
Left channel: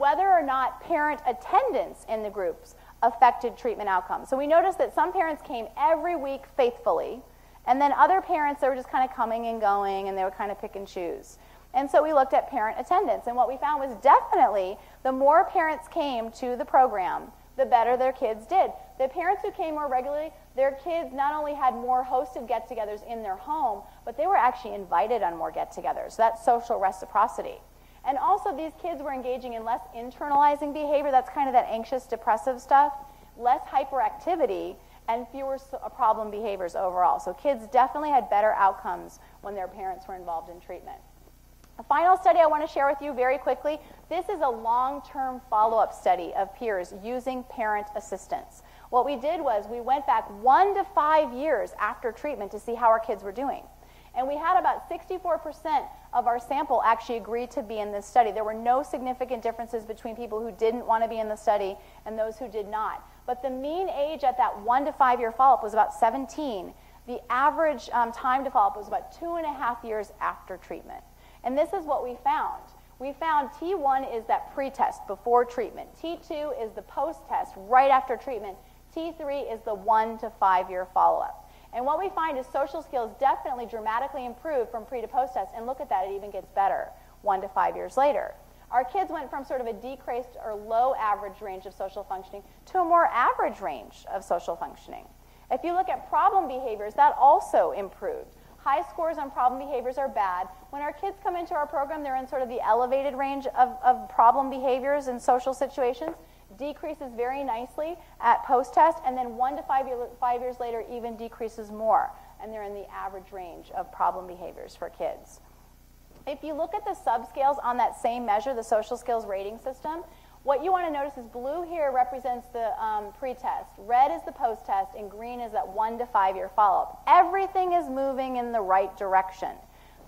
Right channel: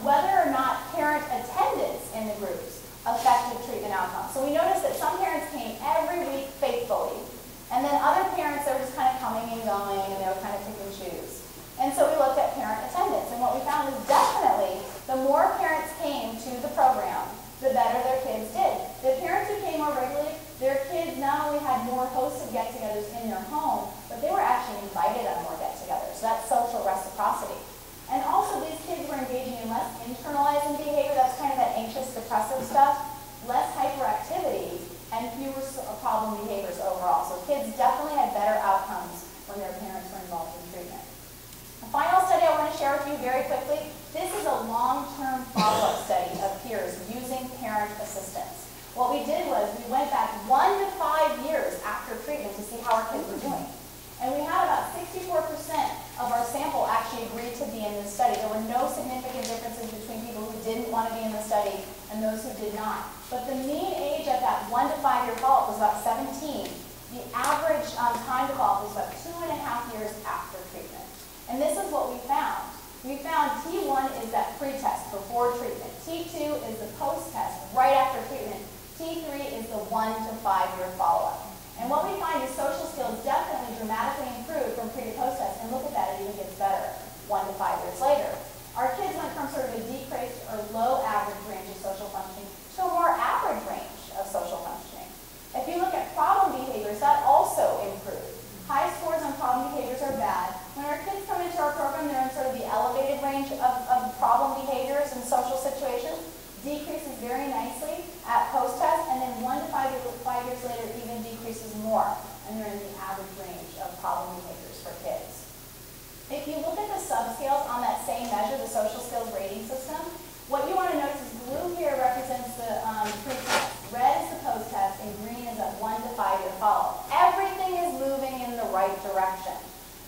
whether or not parent attendance in the groups affected treatment outcomes. So we noticed that some parents came every week faithfully, and then other parents, they were just kind of coming and going, and they were kind of picking shoes. And so we looked at parent attendance, and what we found is definitely the more parents came to the program, the better their kids did. The parents who came more regularly, their kids not only had more hosted get-togethers in their home, but they were actually invited on more get-togethers. So that's social reciprocity. And also these kids were engaging in less internalizing behavior, that's kind of that anxious, depressive stuff, less hyperactivity, and fewer problem behaviors overall. So kids definitely had better outcomes when their parents were involved in treatment. A final study I want to share with you very quickly. This is a long-term follow-up study of peers using parent assistance. What we did was we went back 1 to 5 years after treatment to see how our kids were doing. And we had about 64% of our sample actually agreed to be in this study. There were no significant differences between people who didn't want to be in the study and those who did not. But the mean age at that 1 to 5 year follow-up was about 17. The average time to follow-up was about 2.5 years after treatment. And this is what we found. We found T1 is that pre-test before treatment. T2 is the post-test right after treatment. T3 is the 1 to 5 year follow-up. And what we find is social skills definitely dramatically improve from pre to post-test, and look at that, it even gets better 1 to 5 years later. Our kids went from sort of a decreased or low average range of social functioning to a more average range of social functioning. If you look at problem behaviors, that also improved. High scores on problem behaviors are bad. When our kids come into our program, they're in sort of the elevated range of problem behaviors in social situations. Decreases very nicely at post-test, and then 1 to 5 years later, it even decreases more, and they're in the average range of problem behaviors for kids. If you look at the subscales on that same measure, the social skills rating system, what you want to notice is blue here represents the pre-test, red is the post-test, and green is that 1 to 5 year follow-up. Everything is moving in the right direction.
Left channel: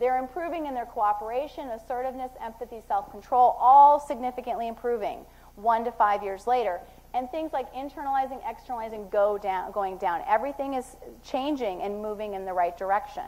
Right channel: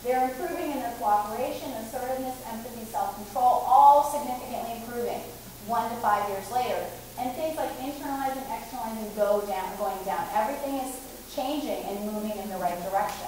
They're improving in their cooperation, assertiveness, empathy, self-control, all significantly improving 1 to 5 years later. And things like internalizing, externalizing going down. Everything is changing and moving in the right direction.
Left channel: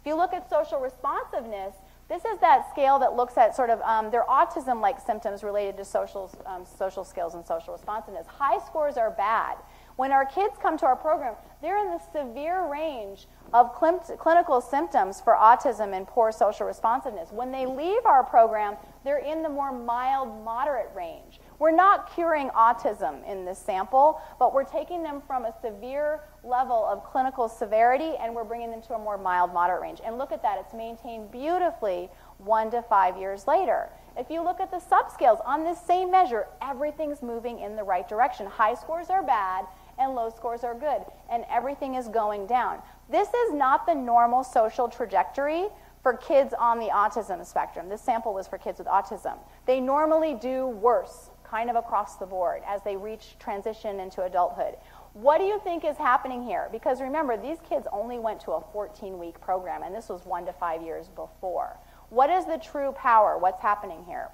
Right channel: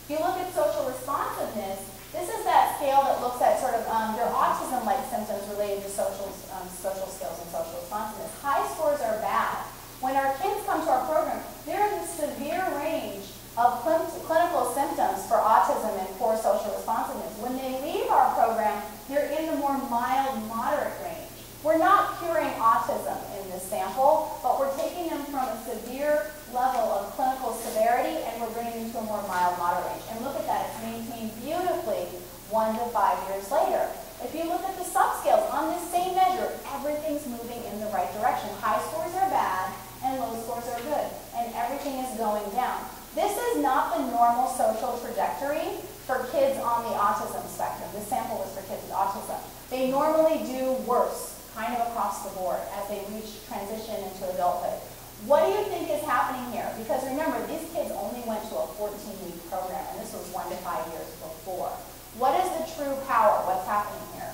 If you look at social responsiveness, this is that scale that looks at sort of their autism-like symptoms related to social skills and social responsiveness. High scores are bad. When our kids come to our program, there is a severe range of clinical symptoms for autism and poor social responsiveness. When they leave our program, they're in the more mild, moderate range. We're not curing autism in this sample, but we're taking them from a severe level of clinical severity and we're bringing them to a more mild, moderate range. And look at that, it's maintained beautifully 1 to 5 years later. If you look at the subscales on this same measure, everything's moving in the right direction. High scores are bad and low scores are good, and everything is going down. This is not the normal social trajectory for kids on the autism spectrum. This sample was for kids with autism. They normally do worse, kind of across the board, as they reach transition into adulthood. What do you think is happening here? Because remember, these kids only went to a 14-week program, and this was 1 to 5 years before. What is the true power? What's happening here?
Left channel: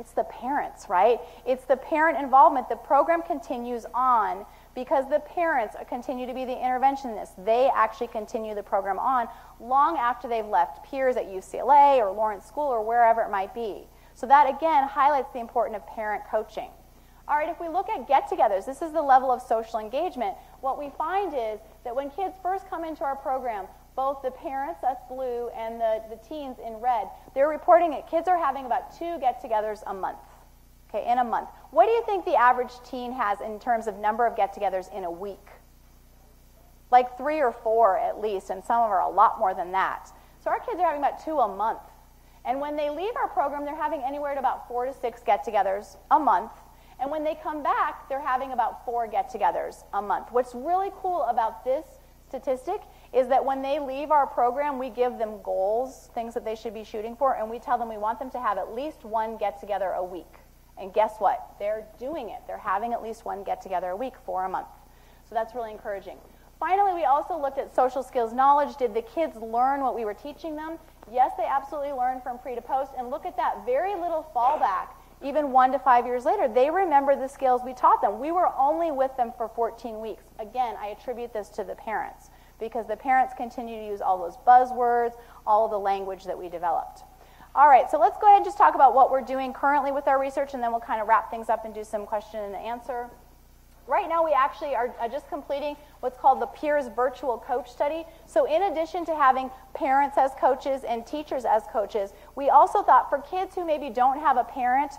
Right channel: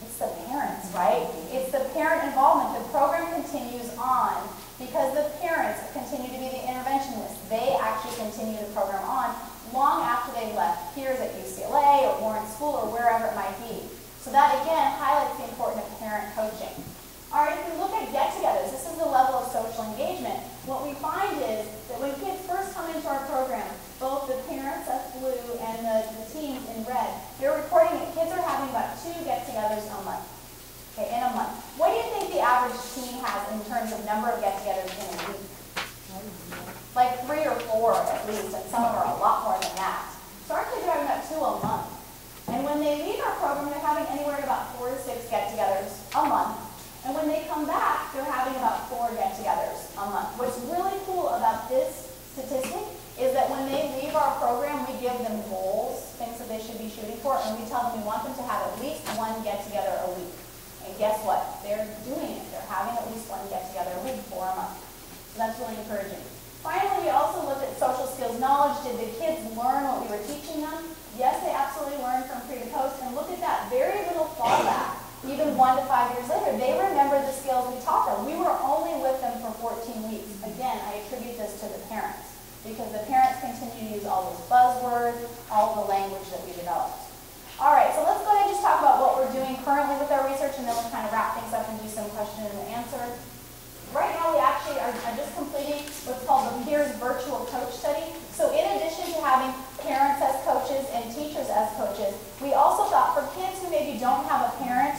It's the parents, right? It's the parent involvement. The program continues on because the parents continue to be the interventionists. They actually continue the program on long after they've left peers at UCLA or Lawrence School or wherever it might be. So that, again, highlights the importance of parent coaching. All right, if we look at get-togethers, this is the level of social engagement. What we find is that when kids first come into our program, both the parents, that's blue, and the teens in red, they're reporting that kids are having about 2 get-togethers a month, okay, in a month. What do you think the average teen has in terms of number of get-togethers in a week? Like 3 or 4 at least, and some of them are a lot more than that. So our kids are having about 2 a month. And when they leave our program, they're having anywhere to about 4 to 6 get-togethers a month. And when they come back, they're having about 4 get-togethers a month. What's really cool about this statistic is that when they leave our program, we give them goals, things that they should be shooting for, and we tell them we want them to have at least 1 get-together a week. And guess what? They're doing it. They're having at least 1 get-together a week for a month. So that's really encouraging. Finally, we also looked at social skills knowledge. Did the kids learn what we were teaching them? Yes, they absolutely learned from pre to post. And look at that, very little fallback. Even 1 to 5 years later, they remember the skills we taught them. We were only with them for 14 weeks. Again, I attribute this to the parents, because the parents continue to use all those buzzwords, all the language that we developed. All right, so let's go ahead and just talk about what we're doing currently with our research, and then we'll kind of wrap things up and do some question and answer. Right now, we actually are just completing what's called the Peers Virtual Coach Study. So in addition to having parents as coaches and teachers as coaches, we also thought for kids who maybe don't have a parent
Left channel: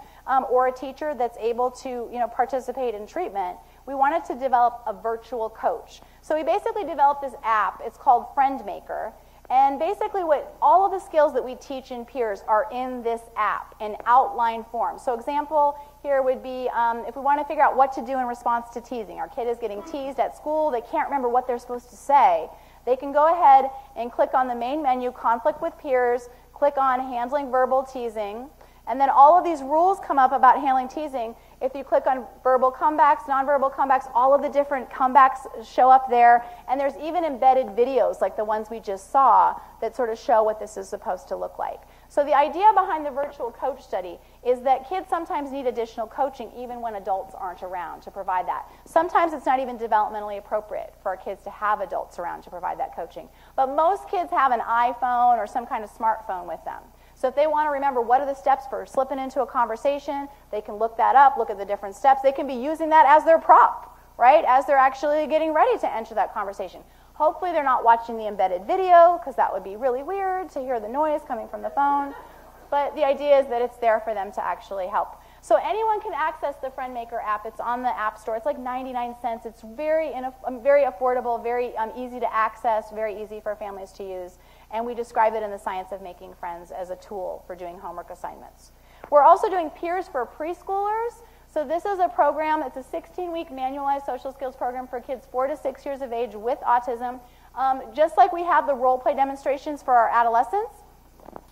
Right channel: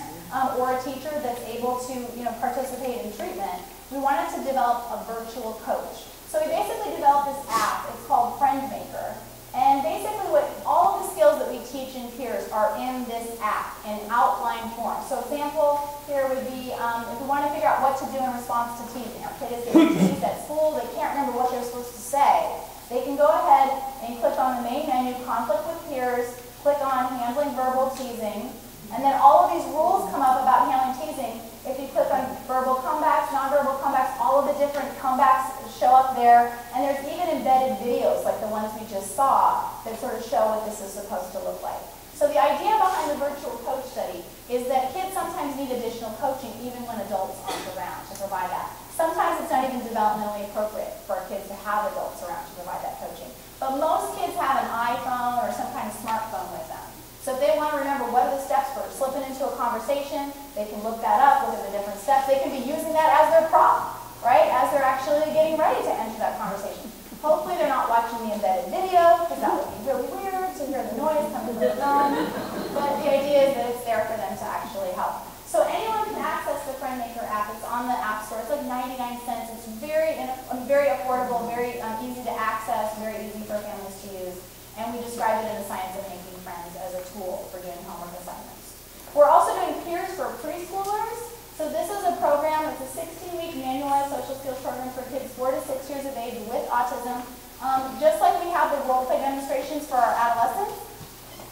or a teacher that's able to participate in treatment, we wanted to develop a virtual coach. So we basically developed this app. It's called Friend Maker. And basically all of the skills that we teach in Peers are in this app in outline form. So example here would be if we want to figure out what to do in response to teasing. Our kid is getting teased at school. They can't remember what they're supposed to say. They can go ahead and click on the main menu, Conflict with Peers, click on Handling Verbal Teasing, and then all of these rules come up about handling teasing. If you click on verbal comebacks, nonverbal comebacks, all of the different comebacks show up there. And there's even embedded videos like the ones we just saw that sort of show what this is supposed to look like. So the idea behind the virtual coach study is that kids sometimes need additional coaching even when adults aren't around to provide that. Sometimes it's not even developmentally appropriate for our kids to have adults around to provide that coaching. But most kids have an iPhone or some kind of smartphone with them. So if they want to remember what are the steps for slipping into a conversation, they can look that up, look at the different steps. They can be using that as their prop, right, as they're actually getting ready to enter that conversation. Hopefully they're not watching the embedded video, because that would be really weird to hear the noise coming from the phone. But the idea is that it's there for them to actually help. So anyone can access the Friend Maker app. It's on the App Store. It's like 99 cents. It's very affordable, very easy to access, very easy for families to use. And we described it in the Science of Making Friends as a tool for doing homework assignments. We're also doing Peers for preschoolers. So this is a program, it's a 16-week manualized social skills program for kids 4 to 6 years of age with autism. Just like we have the role play demonstrations for our adolescents,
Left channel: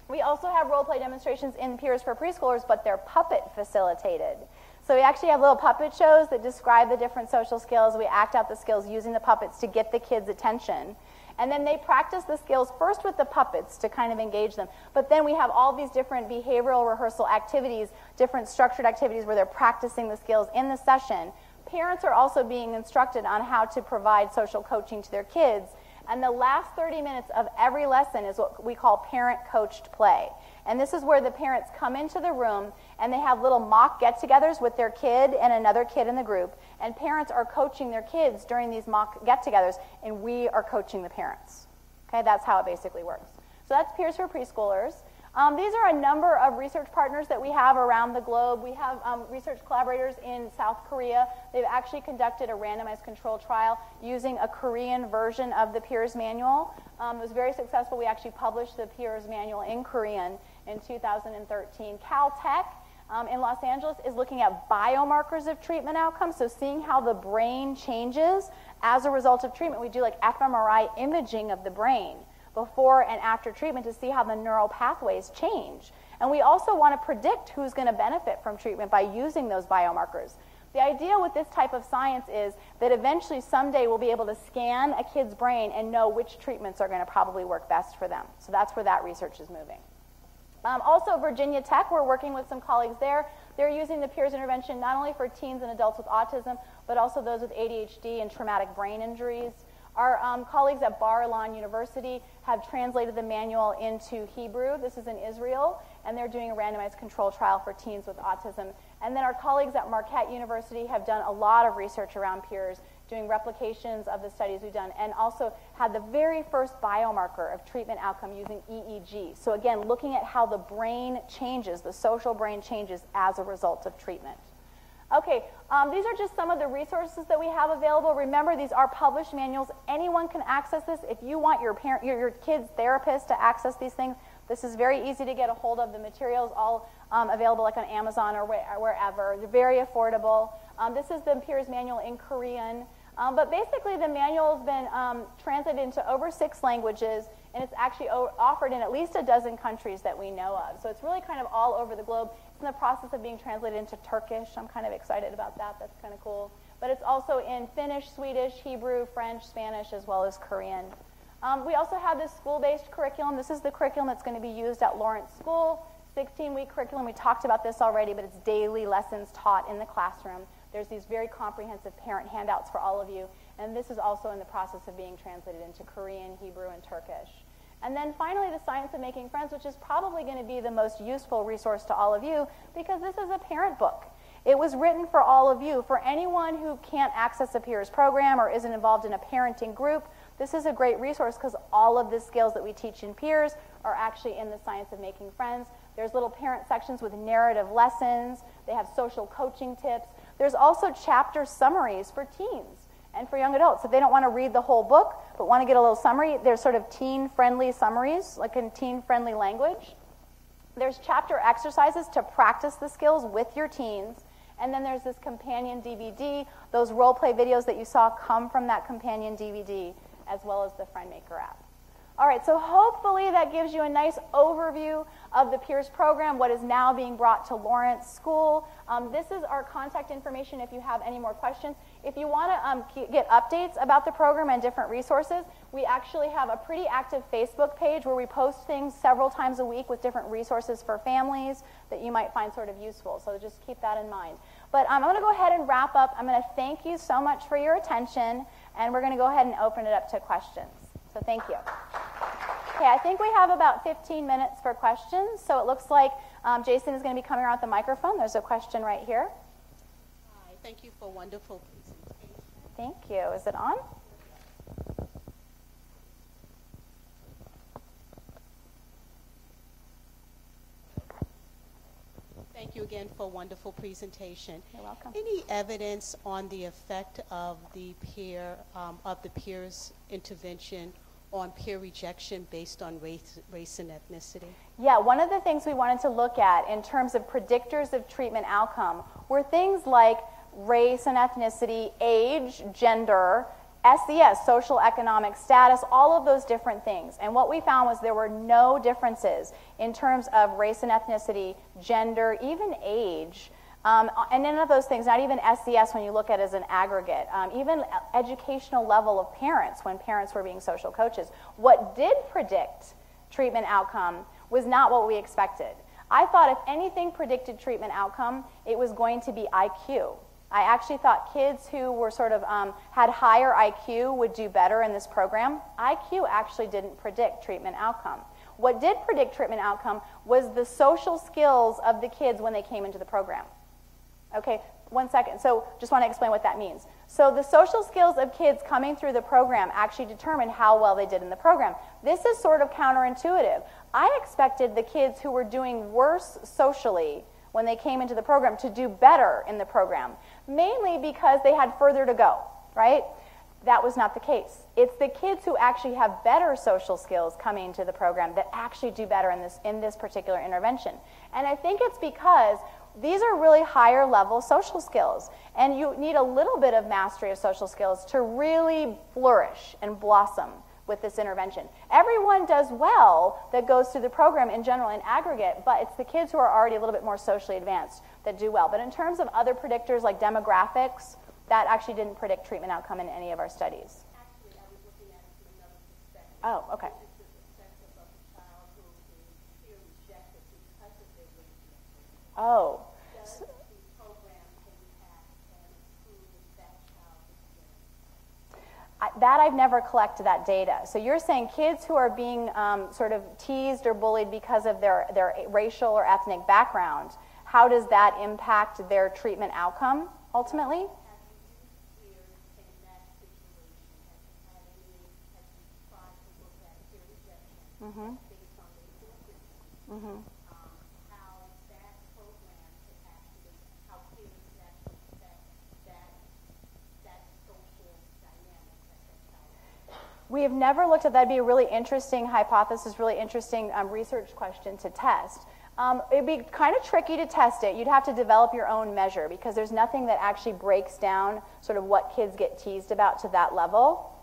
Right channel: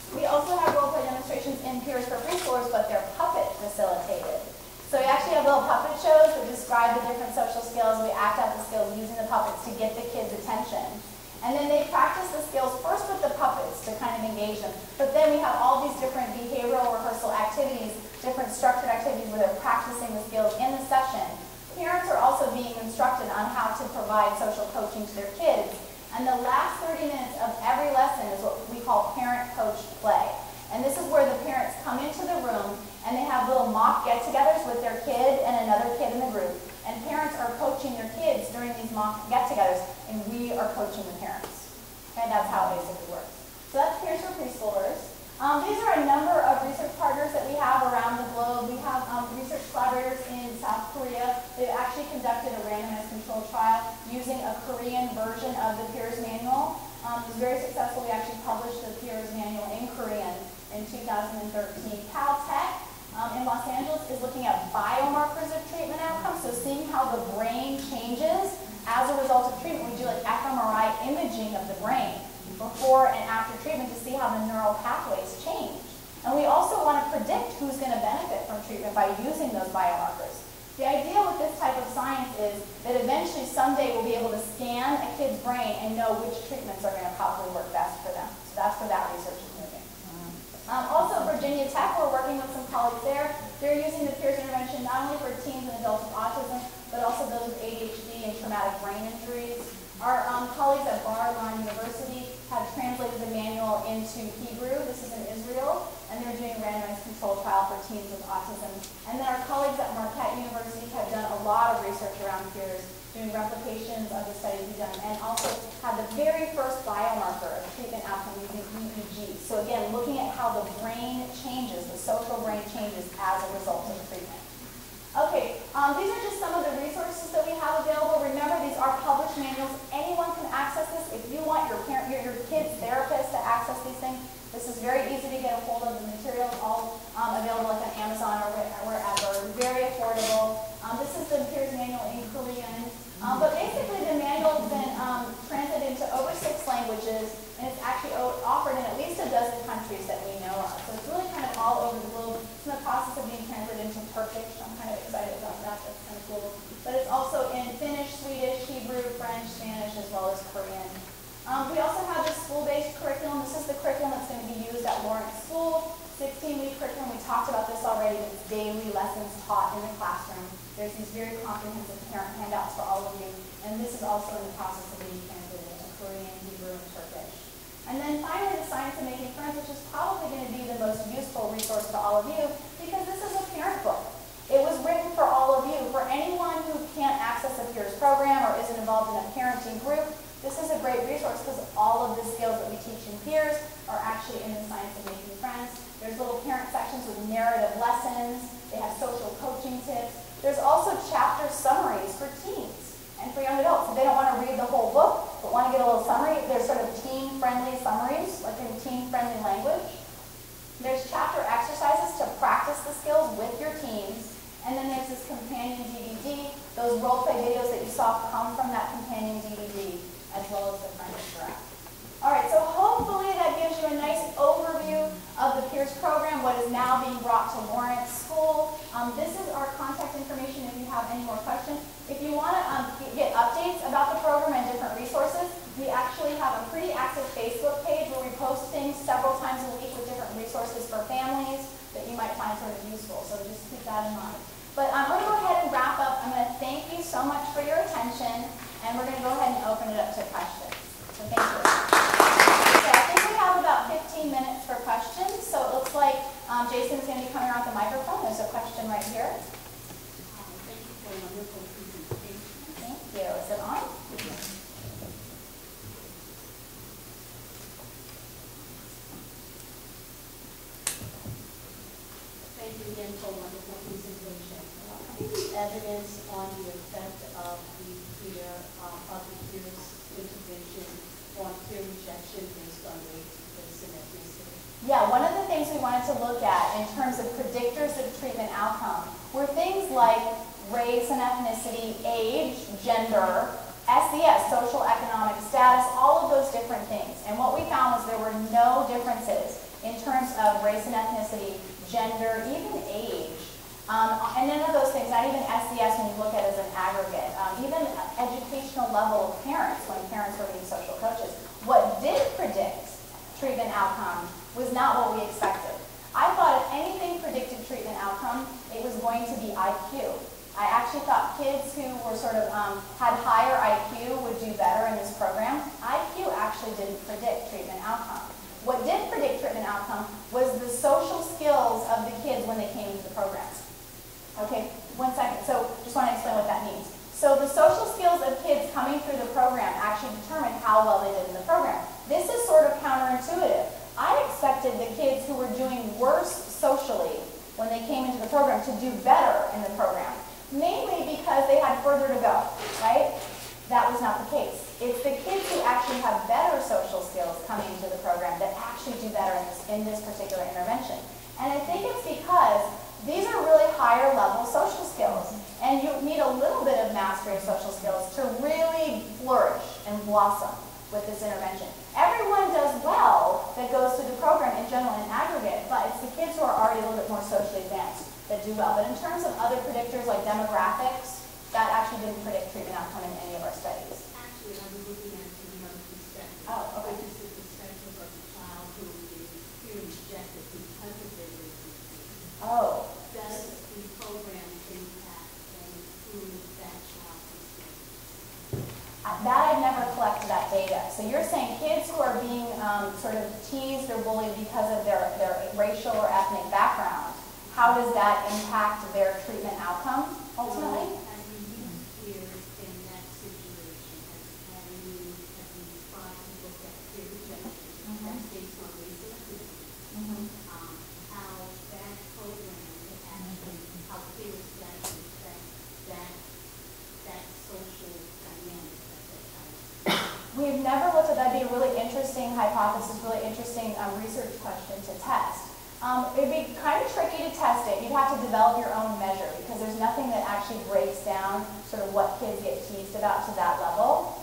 we also have role play demonstrations in Peers for preschoolers, but they're puppet facilitated. So we actually have little puppet shows that describe the different social skills. We act out the skills using the puppets to get the kids' attention. And then they practice the skills first with the puppets to kind of engage them. But then we have all these different behavioral rehearsal activities, different structured activities where they're practicing the skills in the session. Parents are also being instructed on how to provide social coaching to their kids. And the last 30 minutes of every lesson is what we call parent-coached play. And this is where the parents come into the room and they have little mock get-togethers with their kid and another kid in the group. and parents are coaching their kids during these mock get-togethers, and we are coaching the parents. Okay, that's how it basically works. So that's Peers for Preschoolers. These are a number of research partners that we have around the globe. We have research collaborators in South Korea. They've actually conducted a randomized controlled trial using a Korean version of the Peers Manual. It was very successful. We actually published the Peers Manual in Korean in 2013. Caltech in Los Angeles is looking at biomarkers of treatment outcomes, so seeing how the brain changes as a result of treatment. We do like fMRI imaging of the brain before and after treatment to see how the neural pathways change. And we also want to predict who's going to benefit from treatment by using those biomarkers. The idea with this type of science is that eventually someday we'll be able to scan a kid's brain and know which treatments are going to probably work best for them. So that's where that research is moving. Also, Virginia Tech, we're working with some colleagues there. They're using the peers intervention not only for teens and adults with autism, but also those with ADHD and traumatic brain injuries. Our colleagues at Bar-Ilan University have translated the manual into Hebrew. This is in Israel, and they're doing a randomized controlled trial for teens with autism. And then our colleagues at Marquette University have done a lot of research around peers, doing replications of the studies we've done, and also had the very first biomarker of treatment outcome using EEG. So again, looking at how the brain changes, the social brain changes as a result of treatment. Okay, these are just some of the resources that we have available. Remember, these are published manuals. Anyone can access this. If you want your kid's therapist to access these things, this is very easy to get a hold of. The materials all available like on Amazon or wherever. Very affordable. This is the Peers Manual in Korean. But basically, the manual has been translated into over 6 languages, and it's actually offered in at least a dozen countries that we know of. So it's really kind of all over the globe. It's in the process of being translated into Turkish. I'm kind of excited about that. That's kind of cool. But it's also in Finnish, Swedish, Hebrew, French, Spanish, as well as Korean. We also have this school-based curriculum. This is the curriculum that's going to be used at Lawrence School. 16-week curriculum. We talked about this already, but it's daily lessons taught in the classroom. There's these very comprehensive parent handouts for all of you. And this is also in the process of being translated into Korean, Hebrew, and Turkish. And then finally, the Science of Making Friends, which is probably going to be the most useful resource to all of you, because this is a parent book. It was written for all of you. For anyone who can't access the Peers program or isn't involved in a parenting group, this is a great resource because all of the skills that we teach in Peers are actually in the Science of Making Friends. There's little parent sections with narrative lessons. They have social coaching tips. There's also chapter summaries for teens and for young adults. If they don't want to read the whole book but want to get a little summary, there's sort of teen-friendly summaries, like in teen-friendly language. There's chapter exercises to practice the skills with your teens. And then there's this companion DVD. Those role-play videos that you saw come from that companion DVD, as well as the Friendship Graph. All right, so hopefully that gives you a nice overview of the Peers program, what is now being brought to Lawrence School. This is our contact information if you have any more questions. If you want to get updates about the program and different resources, we actually have a pretty active Facebook page where we post things several times a week with different resources for families that you might find sort of useful. So just keep that in mind. But I'm going to go ahead and wrap up. I'm going to thank you so much for your attention, and we're going to go ahead and open it up to questions. So thank you. Okay, I think we have about 15 minutes for questions. So it looks like Jason is going to be coming around the microphone. There's a question right here. Thank you for a wonderful presentation. Thank you. Is it on? Thank you again for a wonderful presentation. Any evidence on the effect of the peers intervention on peer rejection based on race and ethnicity? Yeah, one of the things we wanted to look at in terms of predictors of treatment outcome were things like race and ethnicity, age, gender, SES, social economic status, all of those different things. And what we found was there were no differences in terms of race and ethnicity, gender, even age. And none of those things, not even SES when you look at it as an aggregate, even educational level of parents when parents were being social coaches. What did predict treatment outcome was not what we expected. I thought if anything predicted treatment outcome, it was going to be IQ. I actually thought kids who were sort of had higher IQ would do better in this program. IQ actually didn't predict treatment outcome. What did predict treatment outcome was the social skills of the kids when they came into the programs. Okay, 1 second. So just want to explain what that means. So the social skills of kids coming through the program actually determine how well they did in the program. This is sort of counterintuitive. I expected the kids who were doing worse socially when they came into the program to do better in the program, mainly because they had further to go, right? That was not the case. It's the kids who actually have better social skills coming into the program that actually do better in this particular intervention. And I think it's because these are really higher level social skills. And you need a little bit of mastery of social skills to really flourish and blossom with this intervention. Everyone does well that goes through the program in general in aggregate, but it's the kids who are already a little bit more socially advanced that do well. But in terms of other predictors like demographics, that actually didn't predict treatment outcome in any of our studies. Actually, I was looking at it from another perspective. Oh, okay. Which is the perspective of the child who is fear rejected because of their race. Oh. Does the program impact and improve that child's experience? That I've never collected that data. So you're saying kids who are being sort of teased or bullied because of their racial or ethnic background, how does that impact their treatment outcome ultimately? Have you used peers in that situation? Have you tried to look at peer rejection that's based on race and ethnicity? How that program could actually, how peers could actually affect that social dynamic that child has? We have never looked at that. That'd be a really interesting hypothesis, really interesting research question to test. It'd be kind of tricky to test it. You'd have to develop your own measure because there's nothing that actually breaks down sort of what kids get teased about to that level.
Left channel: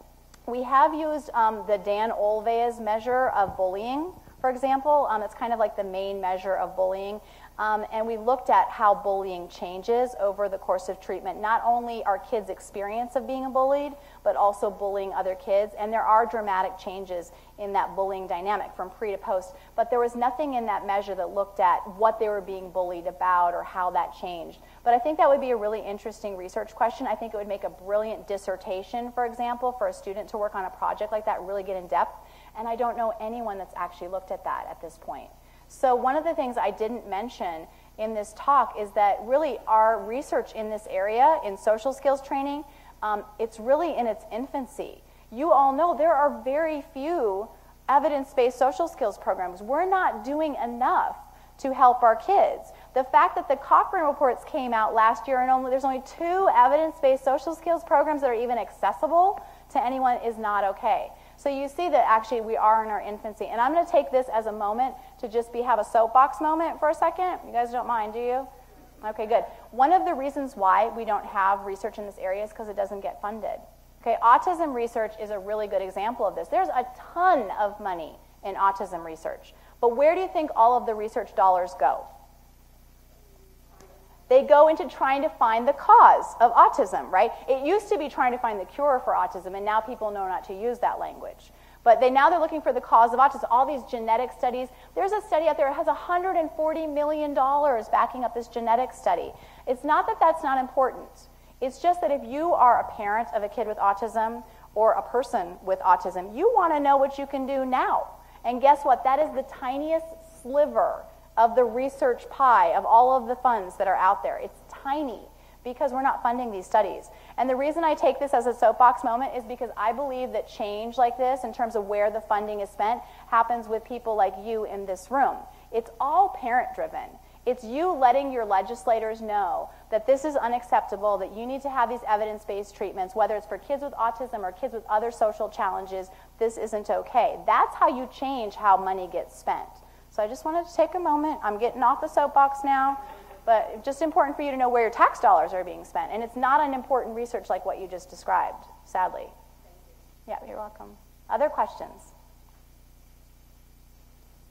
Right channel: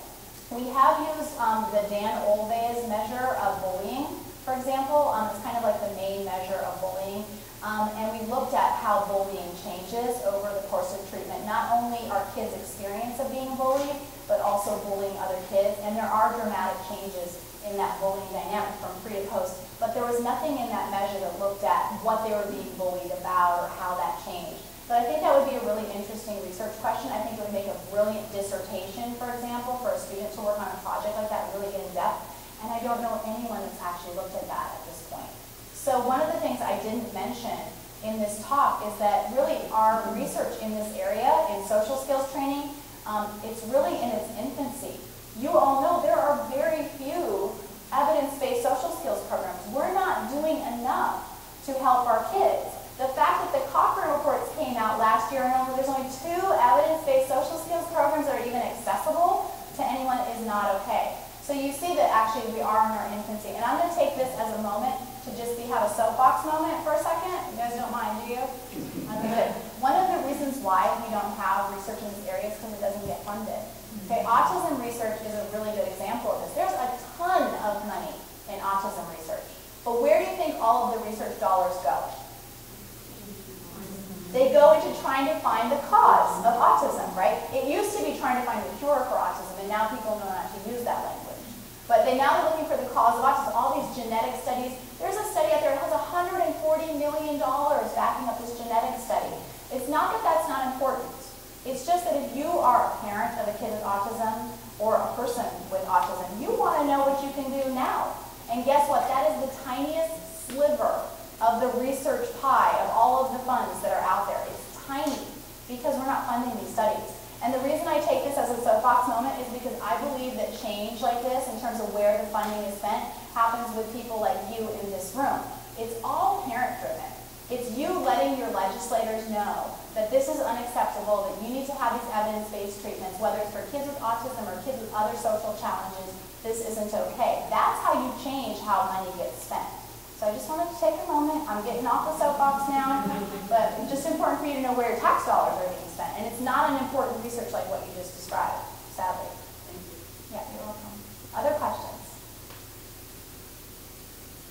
We have used the Dan Olvez measure of bullying, for example. It's kind of like the main measure of bullying. And we looked at how bullying changes over the course of treatment. Not only our kids' experience of being bullied, but also bullying other kids. And there are dramatic changes in that bullying dynamic from pre to post. But there was nothing in that measure that looked at what they were being bullied about or how that changed. But I think that would be a really interesting research question. I think it would make a brilliant dissertation, for example, for a student to work on a project like that and really get in depth. And I don't know anyone that's actually looked at that at this point. So one of the things I didn't mention in this talk is that really our research in this area, in social skills training, it's really in its infancy. You all know there are very few evidence-based social skills programs. We're not doing enough to help our kids. The fact that the Cochrane reports came out last year and there's only 2 evidence-based social skills programs that are even accessible to anyone is not okay. So you see that actually we are in our infancy. And I'm going to take this as a moment to just have a soapbox moment for a second. You guys don't mind, do you? Okay, good. One of the reasons why we don't have research in this area is because it doesn't get funded. Okay, autism research is a really good example of this. There's a ton of money in autism research. But where do you think all of the research dollars go? They go into trying to find the cause of autism, right? It used to be trying to find the cure for autism, and now people know not to use that language. But now they're looking for the cause of autism. All these genetic studies. There's a study out there that has $140 million backing up this genetic study. It's not that that's not important. It's just that if you are a parent of a kid with autism or a person with autism, you want to know what you can do now. And guess what? That is the tiniest sliver of the research pie of all of the funds that are out there. It's tiny because we're not funding these studies. And the reason I take this as a soapbox moment is because I believe that change like this, in terms of where the funding is spent, happens with people like you in this room. It's all parent-driven. It's you letting your legislators know that this is unacceptable, that you need to have these evidence-based treatments, whether it's for kids with autism or kids with other social challenges. This isn't okay. That's how you change how money gets spent. So I just wanted to take a moment. I'm getting off the soapbox now, but it's just important for you to know where your tax dollars are being spent. And it's not an important research like what you just described, sadly. Thank you. Yeah, you're welcome. Other questions?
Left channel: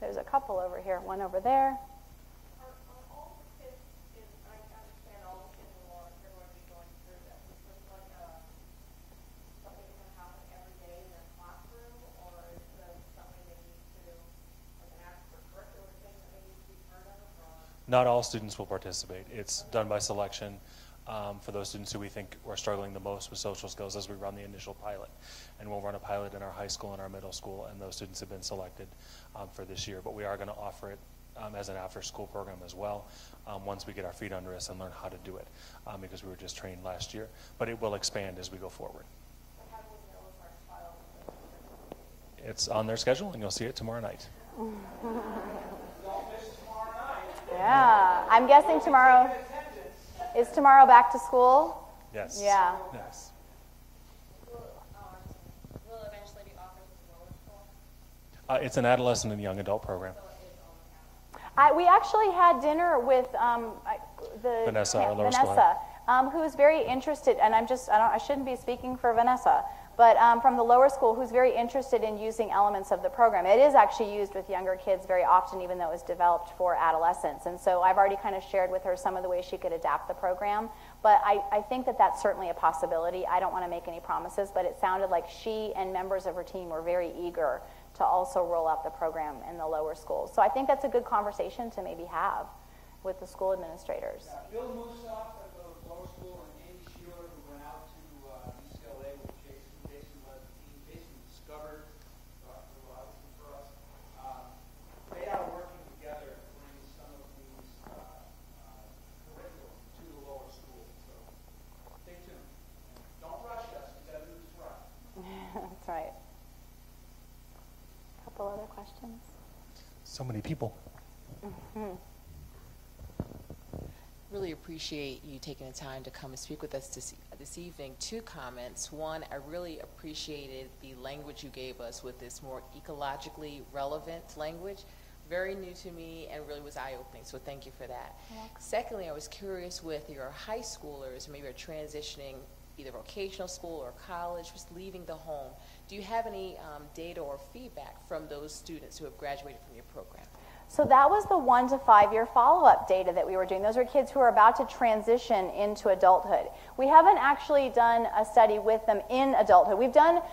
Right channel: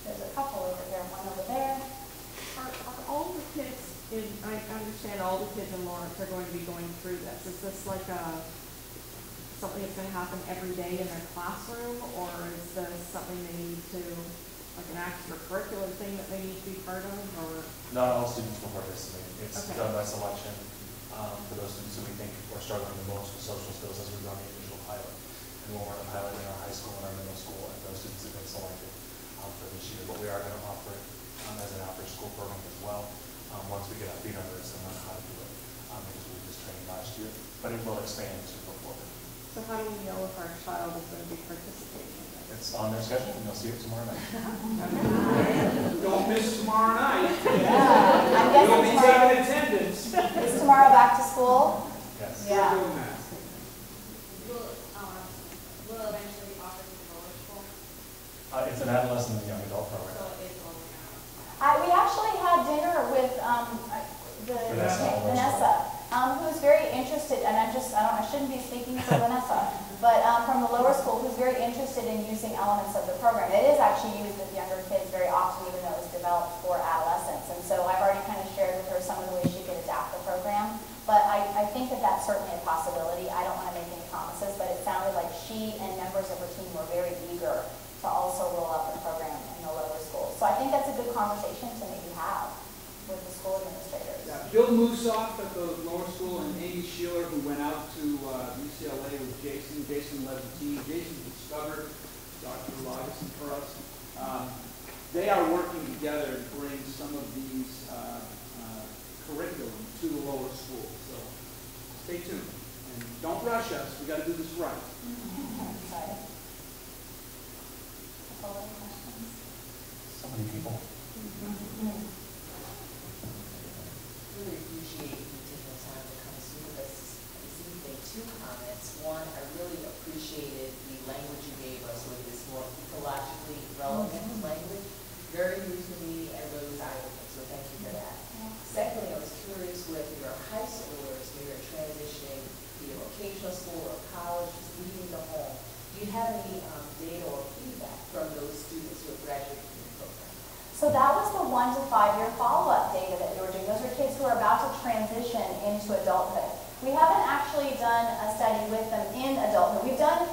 There's a couple over here and one over there. Are all the kids, I understand all the kids in Lawrence are going to be going through this. Is this like something that's going to happen every day in their classroom, or is this something they need to, like an extracurricular thing that they need to be part of, or? Not all students will participate. It's Okay. done by selection for those students who we think are struggling the most with social skills as we run the initial pilot. And we'll run a pilot in our high school and our middle school, and those students have been selected for this year. But we are going to offer it as an after-school program as well once we get our feet under us and learn how to do it. because we were just training last year, but it will expand as we go forward. So how do we know if our child is going to be participating? It's on their schedule, and you'll see it tomorrow night. Don't miss tomorrow night. Yeah, I'm guessing You'll be tomorrow. taking attendance. Is tomorrow back to school? Yes. Yeah. We're doing that. Will eventually be offered to the lower school? It's an adolescent and young adult program. So it is only now. We actually had dinner with Vanessa, who was very interested, and I shouldn't be speaking for Vanessa, but from the lower school, who's very interested in using elements of the program. It is actually used with younger kids very often, even though it was developed for adolescents. And so I've already kind of shared with her some of the ways she could adapt the program. But I think that that's certainly a possibility. I don't want to make any promises, but it sounded like she and members of her team were very eager to also roll out the program in the lower school. So I think that's a good conversation to maybe have with the school administrators. Yeah, Bill Musoff at the lower school and Amy Sheeler, who went out to UCLA with Jason. Jason led the team. Jason discovered Dr. Laugeson for us. They are working together to bring some of these curriculum to the lower school. So stay tuned. And don't rush us. We got to do this right. Right. Couple other questions? So many people. Really appreciate you taking the time to come and speak with us this evening. Two comments. One, I really appreciated the language you gave us with this more ecologically relevant language. Very new to me and really was eye-opening, so thank you for that. Secondly, I was curious with your high schoolers, maybe you're transitioning either vocational school or college, just leaving the home. Do you have any data or feedback from those students who have graduated from your program? So that was the 1 to 5 year follow-up data that we were doing. Those are kids who are about to transition into adulthood. We haven't actually done a study with them in adulthood. We've done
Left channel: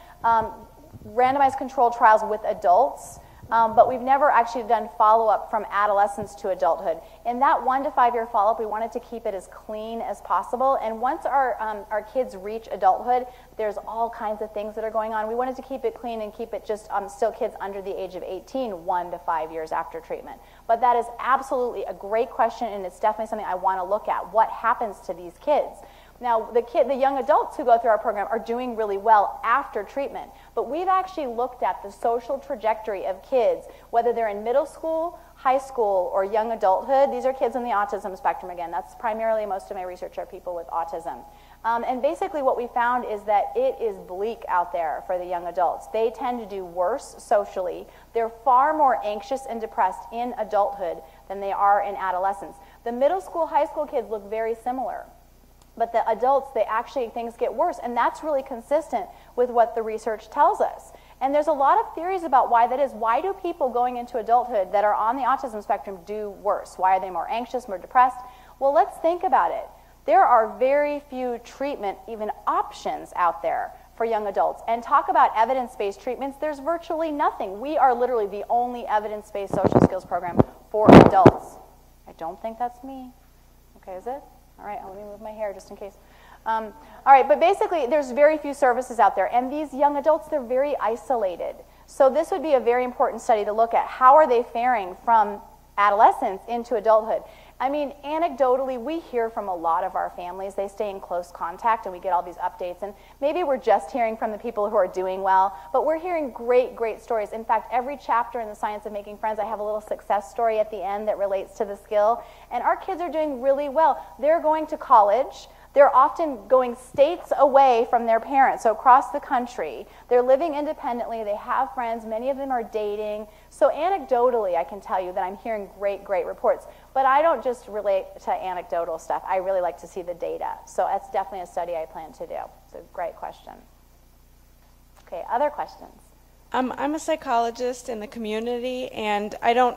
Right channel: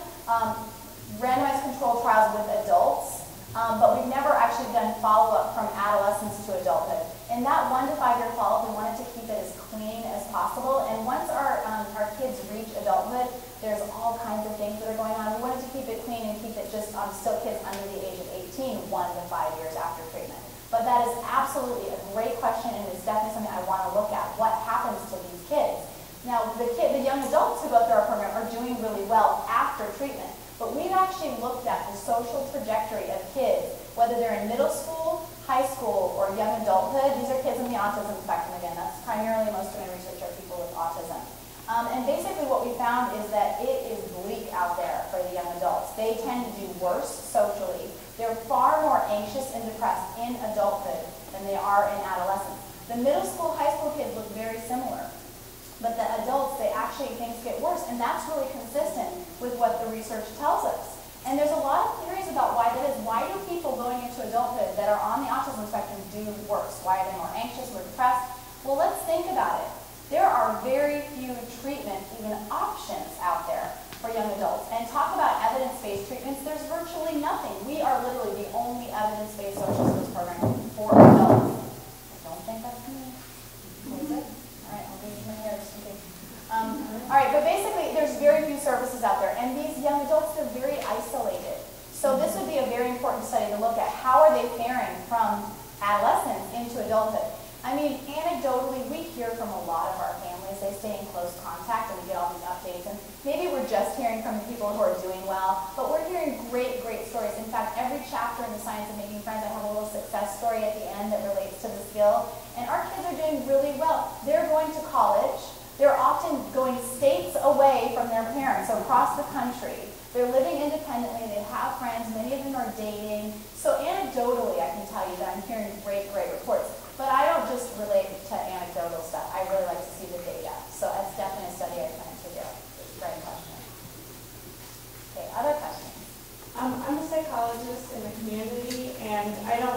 randomized controlled trials with adults, but we've never actually done follow-up from adolescence to adulthood. In that 1 to 5 year follow-up, we wanted to keep it as clean as possible. And once our kids reach adulthood, there's all kinds of things that are going on. We wanted to keep it clean and keep it just still kids under the age of 18, 1 to 5 years after treatment. But that is absolutely a great question, and it's definitely something I want to look at. What happens to these kids? Now, the young adults who go through our program are doing really well after treatment. But we've actually looked at the social trajectory of kids, whether they're in middle school, high school, or young adulthood. These are kids on the autism spectrum again. That's primarily most of my research are people with autism. And basically what we found is that it is bleak out there for the young adults. They tend to do worse socially. They're far more anxious and depressed in adulthood than they are in adolescence. The middle school, high school kids look very similar. But the adults, things get worse. And that's really consistent with what the research tells us. And there's a lot of theories about why that is. Why do people going into adulthood that are on the autism spectrum do worse? Why are they more anxious, more depressed? Well, let's think about it. There are very few treatment, even options out there for young adults. And talk about evidence-based treatments, there's virtually nothing. We are literally the only evidence-based social skills program for adults. I don't think that's me. Okay, is it? All right, I'll move my hair just in case. All right, but basically, there's very few services out there. And these young adults, they're very isolated. So this would be a very important study to look at. How are they faring from adolescence into adulthood? I mean, anecdotally, we hear from a lot of our families. They stay in close contact, and we get all these updates. And maybe we're just hearing from the people who are doing well, but we're hearing great, great stories. In fact, every chapter in the Science of Making Friends, I have a little success story at the end that relates to the skill. And our kids are doing really well. They're going to college. They're often going states away from their parents, so across the country. They're living independently. They have friends. Many of them are dating. So anecdotally, I can tell you that I'm hearing great, great reports. But I don't just relate to anecdotal stuff. I really like to see the data. So that's definitely a study I plan to do. That's a great question. Okay, other questions? I'm a psychologist in the community, and I don't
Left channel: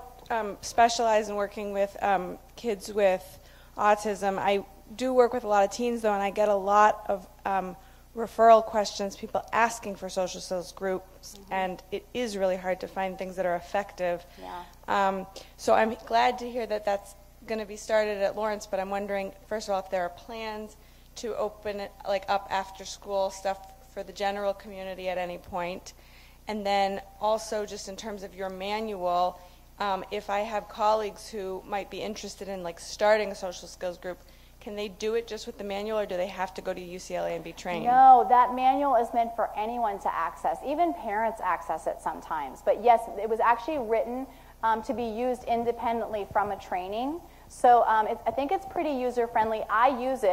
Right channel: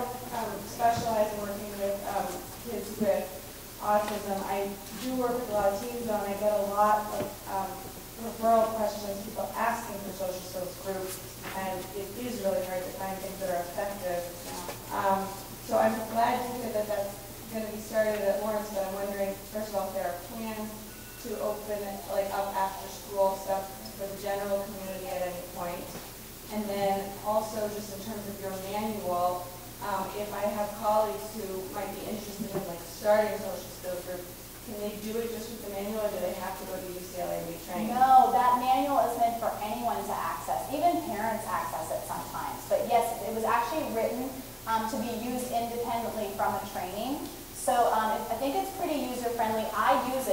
specialize in working with kids with autism. I do work with a lot of teens, though, and I get a lot of referral questions, people asking for social skills groups, and it is really hard to find things that are effective. Yeah. So I'm glad to hear that that's going to be started at Lawrence, but I'm wondering, first of all, if there are plans to open it up after school stuff for the general community at any point. And then also just in terms of your manual, if I have colleagues who might be interested in starting a social skills group, can they do it just with the manual, or do they have to go to UCLA and be trained? No, that manual is meant for anyone to access. Even parents access it sometimes. But yes, it was actually written to be used independently from a training. So I think it's pretty user-friendly. I use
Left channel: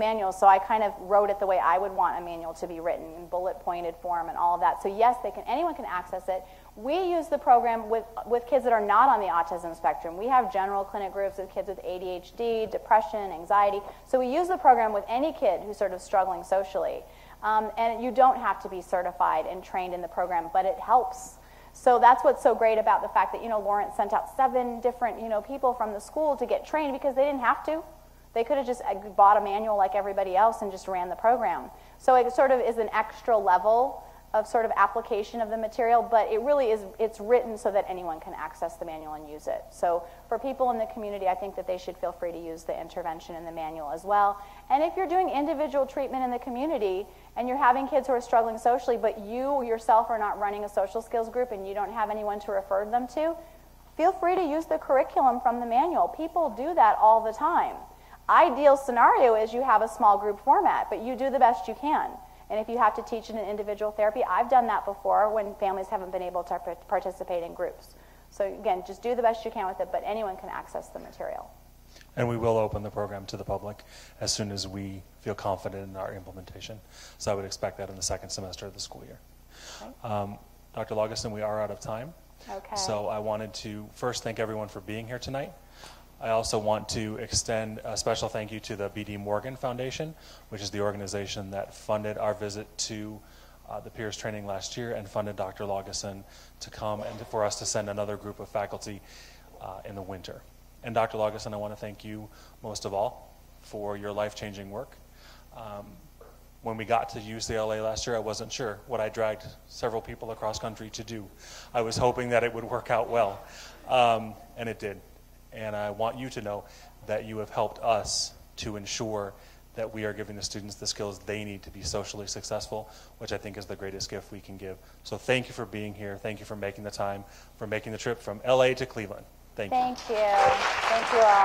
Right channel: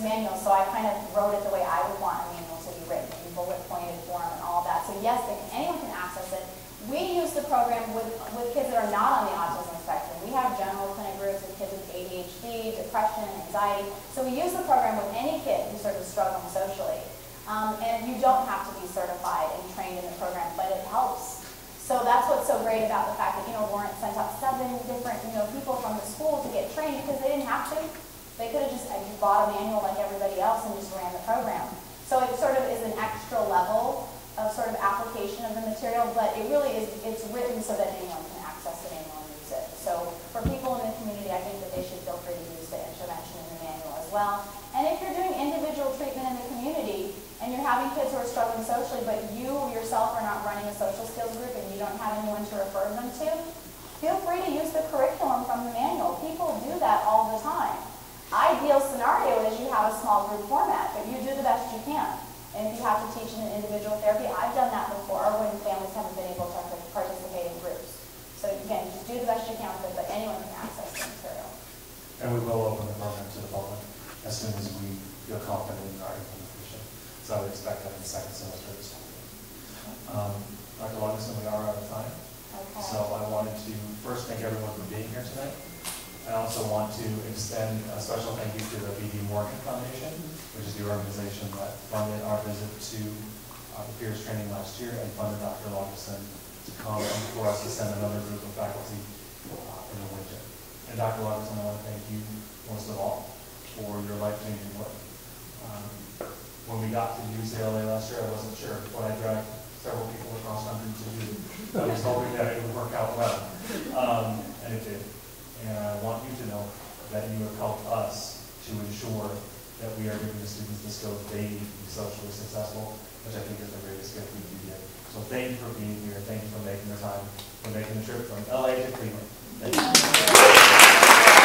manuals, so I kind of wrote it the way I would want a manual to be written, in bullet-pointed form and all of that. So yes, anyone can access it. We use the program with kids that are not on the autism spectrum. We have general clinic groups with kids with ADHD, depression, anxiety. So we use the program with any kid who's sort of struggling socially. And you don't have to be certified and trained in the program, but it helps. So that's what's so great about the fact that, Warren sent out 7 different, people from the school to get trained because they didn't have to. They could have just bought a manual like everybody else and just ran the program. So it sort of is an extra level of sort of application of the material, but it really is, it's written so that anyone can access the manual and use it. So for people in the community, I think that they should feel free to use the intervention in the manual as well. And if you're doing individual treatment in the community and you're having kids who are struggling socially, but you yourself are not running a social skills group and you don't have anyone to refer them to, feel free to use the curriculum from the manual. People do that all the time. Ideal scenario is you have a small group format, but you do the best you can. And if you have to teach in an individual therapy, I've done that before when families haven't been able to participate in groups. So again, just do the best you can with it, but anyone can access the material. And we will open the program to the public as soon as we feel confident in our implementation. So I would expect that in the second semester of the school year. Dr. Laugeson, we are out of time. Okay. So I wanted to first thank everyone for being here tonight. I also want to extend a special thank you to the B.D. Morgan Foundation, which is the organization that funded our visit to the peers training last year and funded Dr. Laugeson to come and for us to send another group of faculty in the winter. And Dr. Laugeson, I want to thank you most of all for your life-changing work. When we got to UCLA last year, I wasn't sure what I dragged several people across country to do. I was hoping that it would work out well, and it did. And I want you to know that you have helped us to ensure that we are giving the students the skills they need to be socially successful, which I think is the greatest gift we can give. So thank you for being here. Thank you for making the time, for making the trip from LA to Cleveland. Thank you.